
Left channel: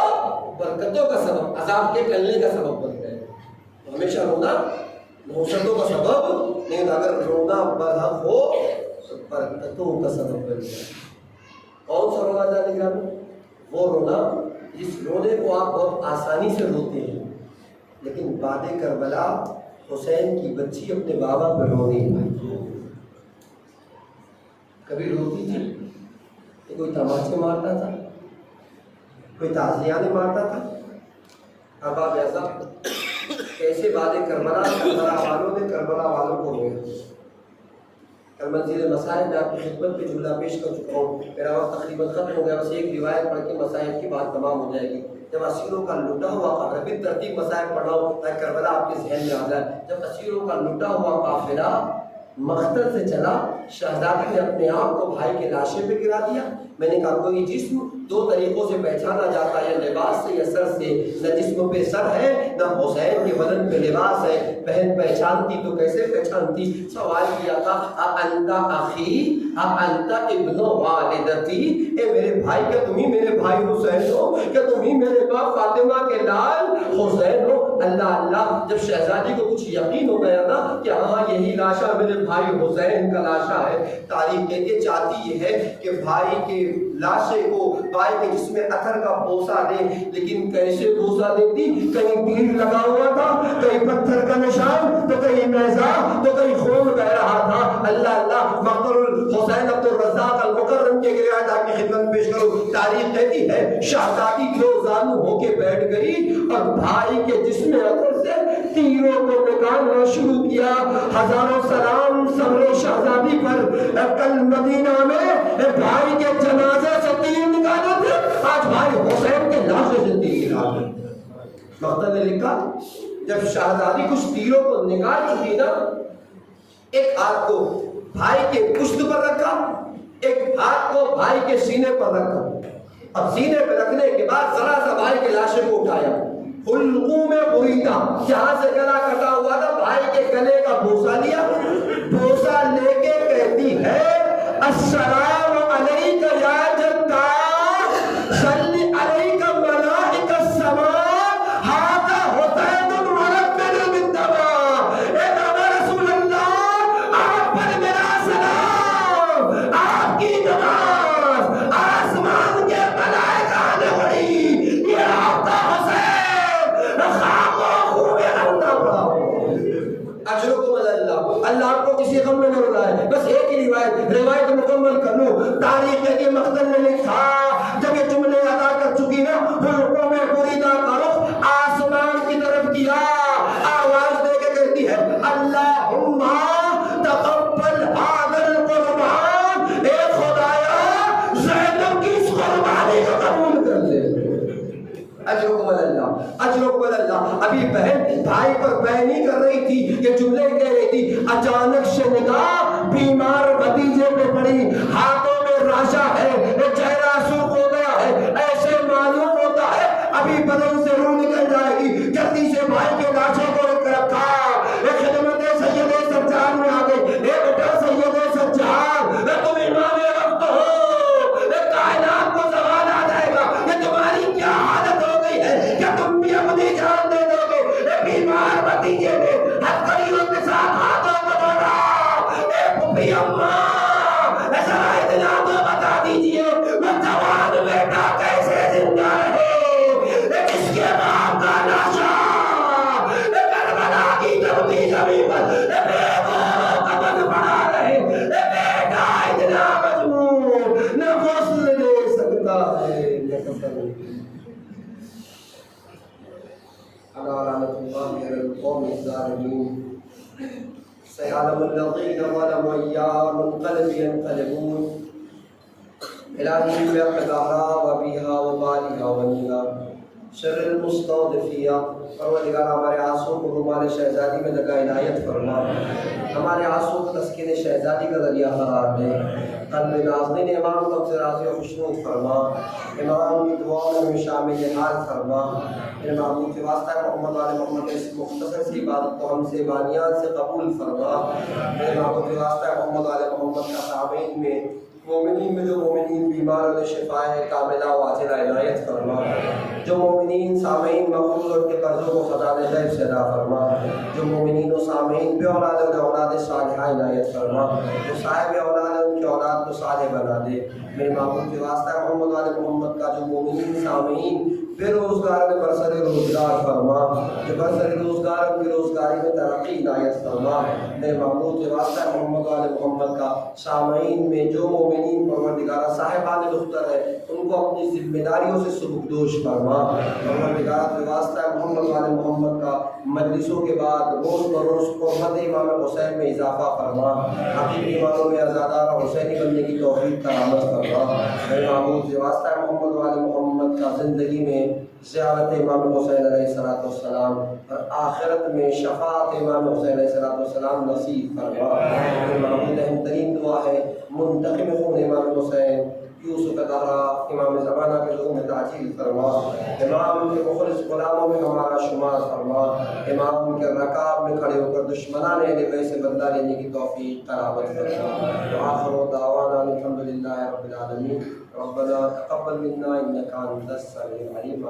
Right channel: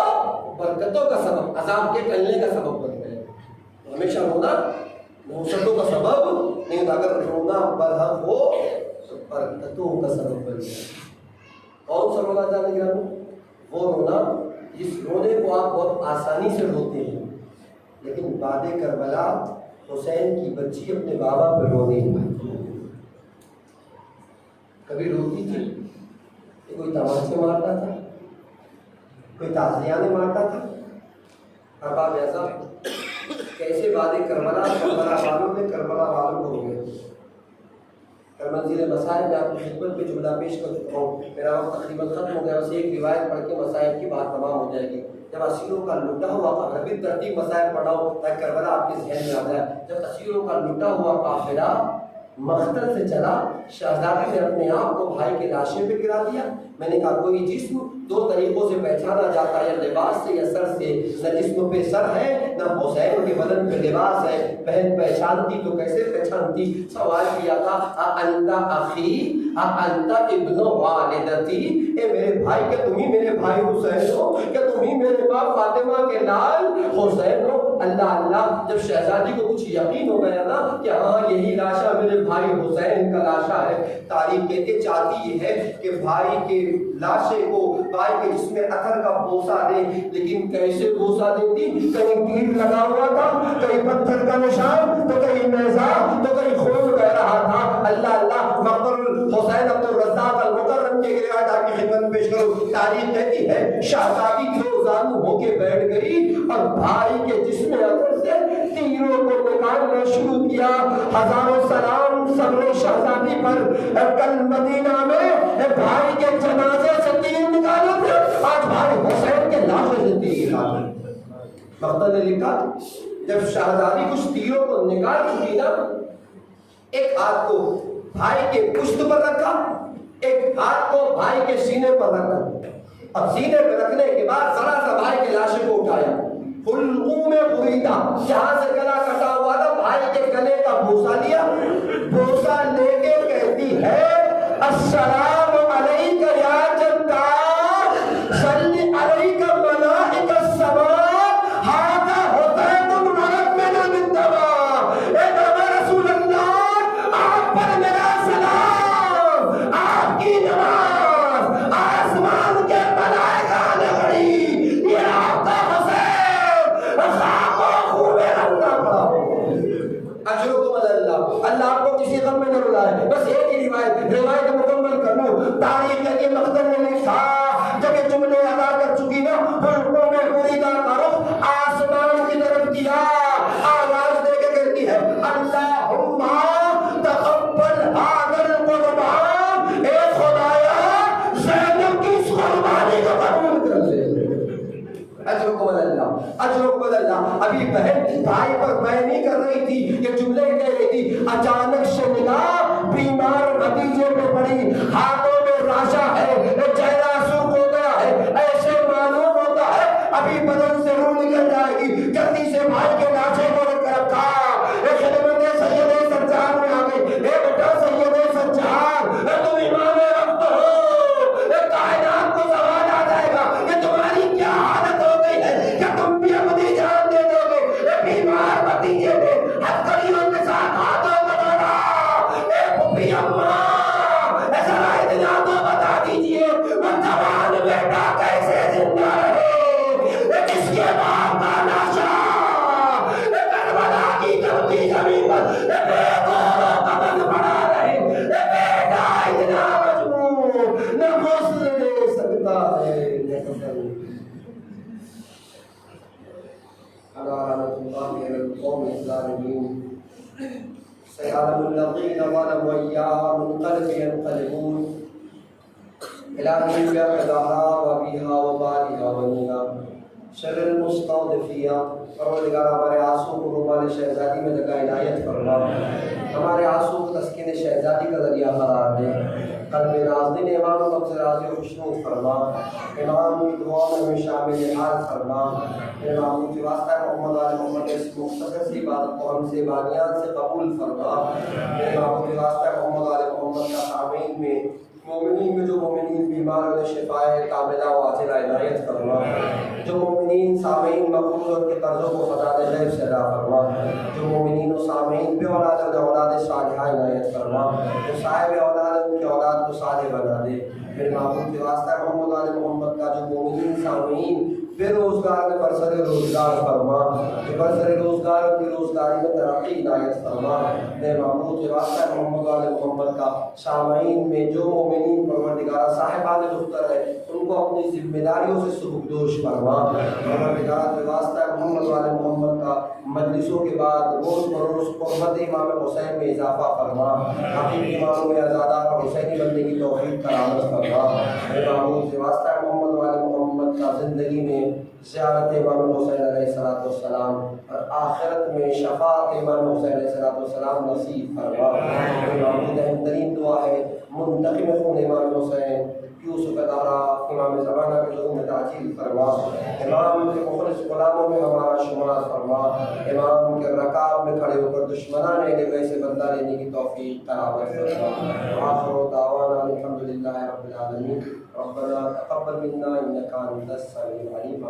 برکتوں کا سبب, عذاب کے ٹلنے کا سبب بنتا ہے. ہمیشہ رونا نحوستوں کا سبب نہیں ہوتا, اگر رونا برحق ہو تو برکتوں کا سبب بن جائے. کون سا رونا جانے گا, وہ رونا جس رونے کو آپ بہت آسانی سے روتے ہیں لیکن بعد کربلا حسین کی بچی اپنے بابا پر رو نہیں پائی. کبھی روتی تھی تو کوئی تماچے مارتا تھا, کوئی تعزیانے مارتا تھا. اب ایسا کیسے بعد کربلا والوں نے کربلا والوں کو رویا. کل منزل مسائل میں آپ کی خدمت پہ جملہ پیش کر چکا ہوں, میرا وقت تقریباً ختم ہو گیا. بس ایک روایت پڑھ کے مسائل کی بات تمام ہو جائے گی. جب اسیروں کا لٹا ہوا قافلہ، ترتیب مسائل پڑھاؤ تاکہ کربلا آپ کے ذہن میں آ جائے، جب اسیروں کا لٹا ہوا قافلہ مقتل سے چلا، شہزادی نے اپنے آپ کو بھائی کے لاشے پہ گرا دیا۔ میں نے کہا کوئی جسم دو طریقوں سے پہچانا جاتا ہے، یا لباس سے یا سر سے، نہ جسم پہ سر ہے نہ حسین کے بدن پہ لباس ہے، بہن پہچانتی تو کیسے پہچانتی؟ سوال کیا تھا اَأَنْتَ أَخِي أَأَنْتَ ابْنُ وَالِدَتِي، اے میرے بھائی، کیا تم ہی میرے بھائی حسین ہو؟ کیا تم ہی میرے باپ فاطمہ کے لال حسین ہو؟ اللہ اللہ، جب شہزادی کو کچھ یقین ہو گیا نا کہ ہاں یہی لاشا میرے بھائی حسین کا لاشا ہے، تاریخ کہتے چاہتی یہ ہے کہ بھائی کے لاشے کو بھائی کے جسم میں اثر کا بوسہ دے، لیکن کیسے بوسہ دیتی؟ کہیں تیر لگا ہوا تھا، کہیں پتھر کا نشان، تو کہیں نیزہ، تو کہیں خون بہ رہا تھا۔ اللہ اللہ، مقتل حسین عبد الرزاق المکرم کے روایت آپ کی خدمت پیش کروں۔ تاریخ کہتی ہے شہزادی دو زانو ہو کے بیٹھ گئی اور بھائی کے جسم اثر سے تیروں کو نکالنا شروع کیا۔ ہزاروں سلام سمرے شہزادی پر، کل مدینہ میں بھائی کے جنازے سے تیر نکالے تھے، آج بھائی حسین کے لاشے سے تیر نکالے۔ مقتل نے لکھا جب شہزادی کچھ تیروں کو نکال چکی نا، ایک ہاتھ کو بھائی کے پشت پر رکھا، ایک ہاتھ کو بھائی کے سینے پر رکھا۔ اب سینے پہ رکھنے کے بعد ذرا سا بھائی کے لاشے کو اٹھایا، حلقوں میں بریدہ، جہاں سے گلا کٹا ہوا تھا بھائی کے گلے کا بوسہ لیا، بوسہ لے کے کہتی ہے السلام علیک یا جدار، صلی علیک ملائکۃ السماء، ھذا حسین مرمل بالدماء۔ اے نبی رسول اللہ، آپ پر میرا سلام، آپ کی نماز، آسمان کے ملائکہ نے پڑھی، یہ آپ کا حسین خاک و خون میں رنگا پڑا ہو۔ اجرکم اللہ، اللہ آپ کو کسی غم میں نہ رلائے۔ بس ایک ہی روایت مکمل کروں۔ تاریخ کے مقتل نے لکھا جب یہ جملے ادا کر چکی نا، حلقوں میں بریدہ کا رخ آسمان کی طرف کیا، آواز دے کے کہتی ہے اللہم تقبل ھذا القربان، اے خدایا زینب کی اس قربانی کو قبول کر لے۔ اجرکم اللہ، اجرکم اللہ۔ ابھی بہن بھائی پر بہن نہیں کر رہی تھی، یہ جملے کہہ رہی تھی، اچانک سے نگاہ بیمار بھتیجے پہ پڑی، ہاتھوں میں راشا ہے، چہرہ سرخ ہو گیا ہے، ایسے معلوم ہوتا ہے ابھی بدن سے روح نکل جائے گی۔ جلدی سے بھائی کے لاشے کو رکھا، خدمت سید سجاد میں آ گئی، اے بیٹا سید سجاد، تم امام وقت ہو، کائنات کو زوال آ جائے گا، یہ تمہاری کیا حالت ہو گئی ہے، کیا تم بھی اپنی جان دے دو گے؟ بیمار بھتیجے نے ہتھکڑیوں کے ساتھ ہاتھوں کو جوڑا، اے پھپھی اماں، ایسا اتنا تو بتا دیجئے وہ جوان بیٹا کیسے زندہ ہے، کس کے باپ کا لاشا کربلا کی دھرتی زمین پر بے غور و قبر پڑا رہے، بیٹا اتنا مجبور نہ غسل لے سکتا ہے نہ کفن۔ لعنة الله على القوم الظالمين، سيعلم الذين ظلموا أيّ منقلب ينقلبون، إلهي بأقدارها وبها وبالها ونيها شر المستضعفين۔ پروردگار ہمارے آنسوں کو رومال شہزادی میں لگا عنایت فرما، ہمارے آنسوں کو تسکین شہزادی کا ذریعہ قرار دے، قلب نازنین امام کو سے راضی و خوشنود فرما، امام کی دعاؤں میں شامل حال فرما۔ امام کے واسطہ محمد آل محمد اس مختصر سی بات کو ہم سے بانیات سے قبول فرما۔ امام کے واسطہ محمد آل محمد کا سامعین میں مومنین میں جو مومنین بیمار انہیں شفاء کاملہ و عاجلہ عنایت فرما، جو مومنین سامعین مقبول اور کے قرضوں کو خزانہ غیب سے ادا فرما، جو مومنین و سامعین بے اولاد انہیں اولاد صالحہ عنایت فرما، جو صاحب اولاد ان کی اولاد کو صالح بنا دے۔ میرے معبود کے واسطہ محمد آل محمد کا جو مومنین سامعین بے روزگار میں برسر روزگار فرما، جو برسر روزگار اپنی روزگاری میں ترقی عنایت فرما۔ میرے معبود کے واسطہ محمد آل محمد کا سامعین میں جو مومنین پروردگار صاحبان دختر ہے ان کو اپنی ذمہ داریوں سے سبکدوش فرما۔ پروردگار کے واسطہ محمد آل محمد کا مجلسوں کے بعد روز بروز قربت امام حسین میں اضافہ فرما، حقیقی ایمانوں میں ازادار حسینی بننے کی توفیق کرامت فرما۔ میرے معبود کے واسطہ محمد آل محمد تا زندگی میں زیارت امام حسین علیہ السلام اور آخرت میں شفاعت امام حسین علیہ السلام نصیب فرما۔ امام اہم ترین دعا ہے منتقم خون امام حسین یوسف ادارہ امام زمانہ کے لوگوں میں تعجیل فرما، امام کے مخلص غلاموں میں ہمارا شمار فرما، امام کے رکاب میں کھڑے ہو کر دشمنان اہل بیت سے بدلہ لینے کی توفیق قرابت فرما۔ آخر دعوانا الحمدللہ رب العالمین، ربنا تقبل منا انک انت السمیع العلیم۔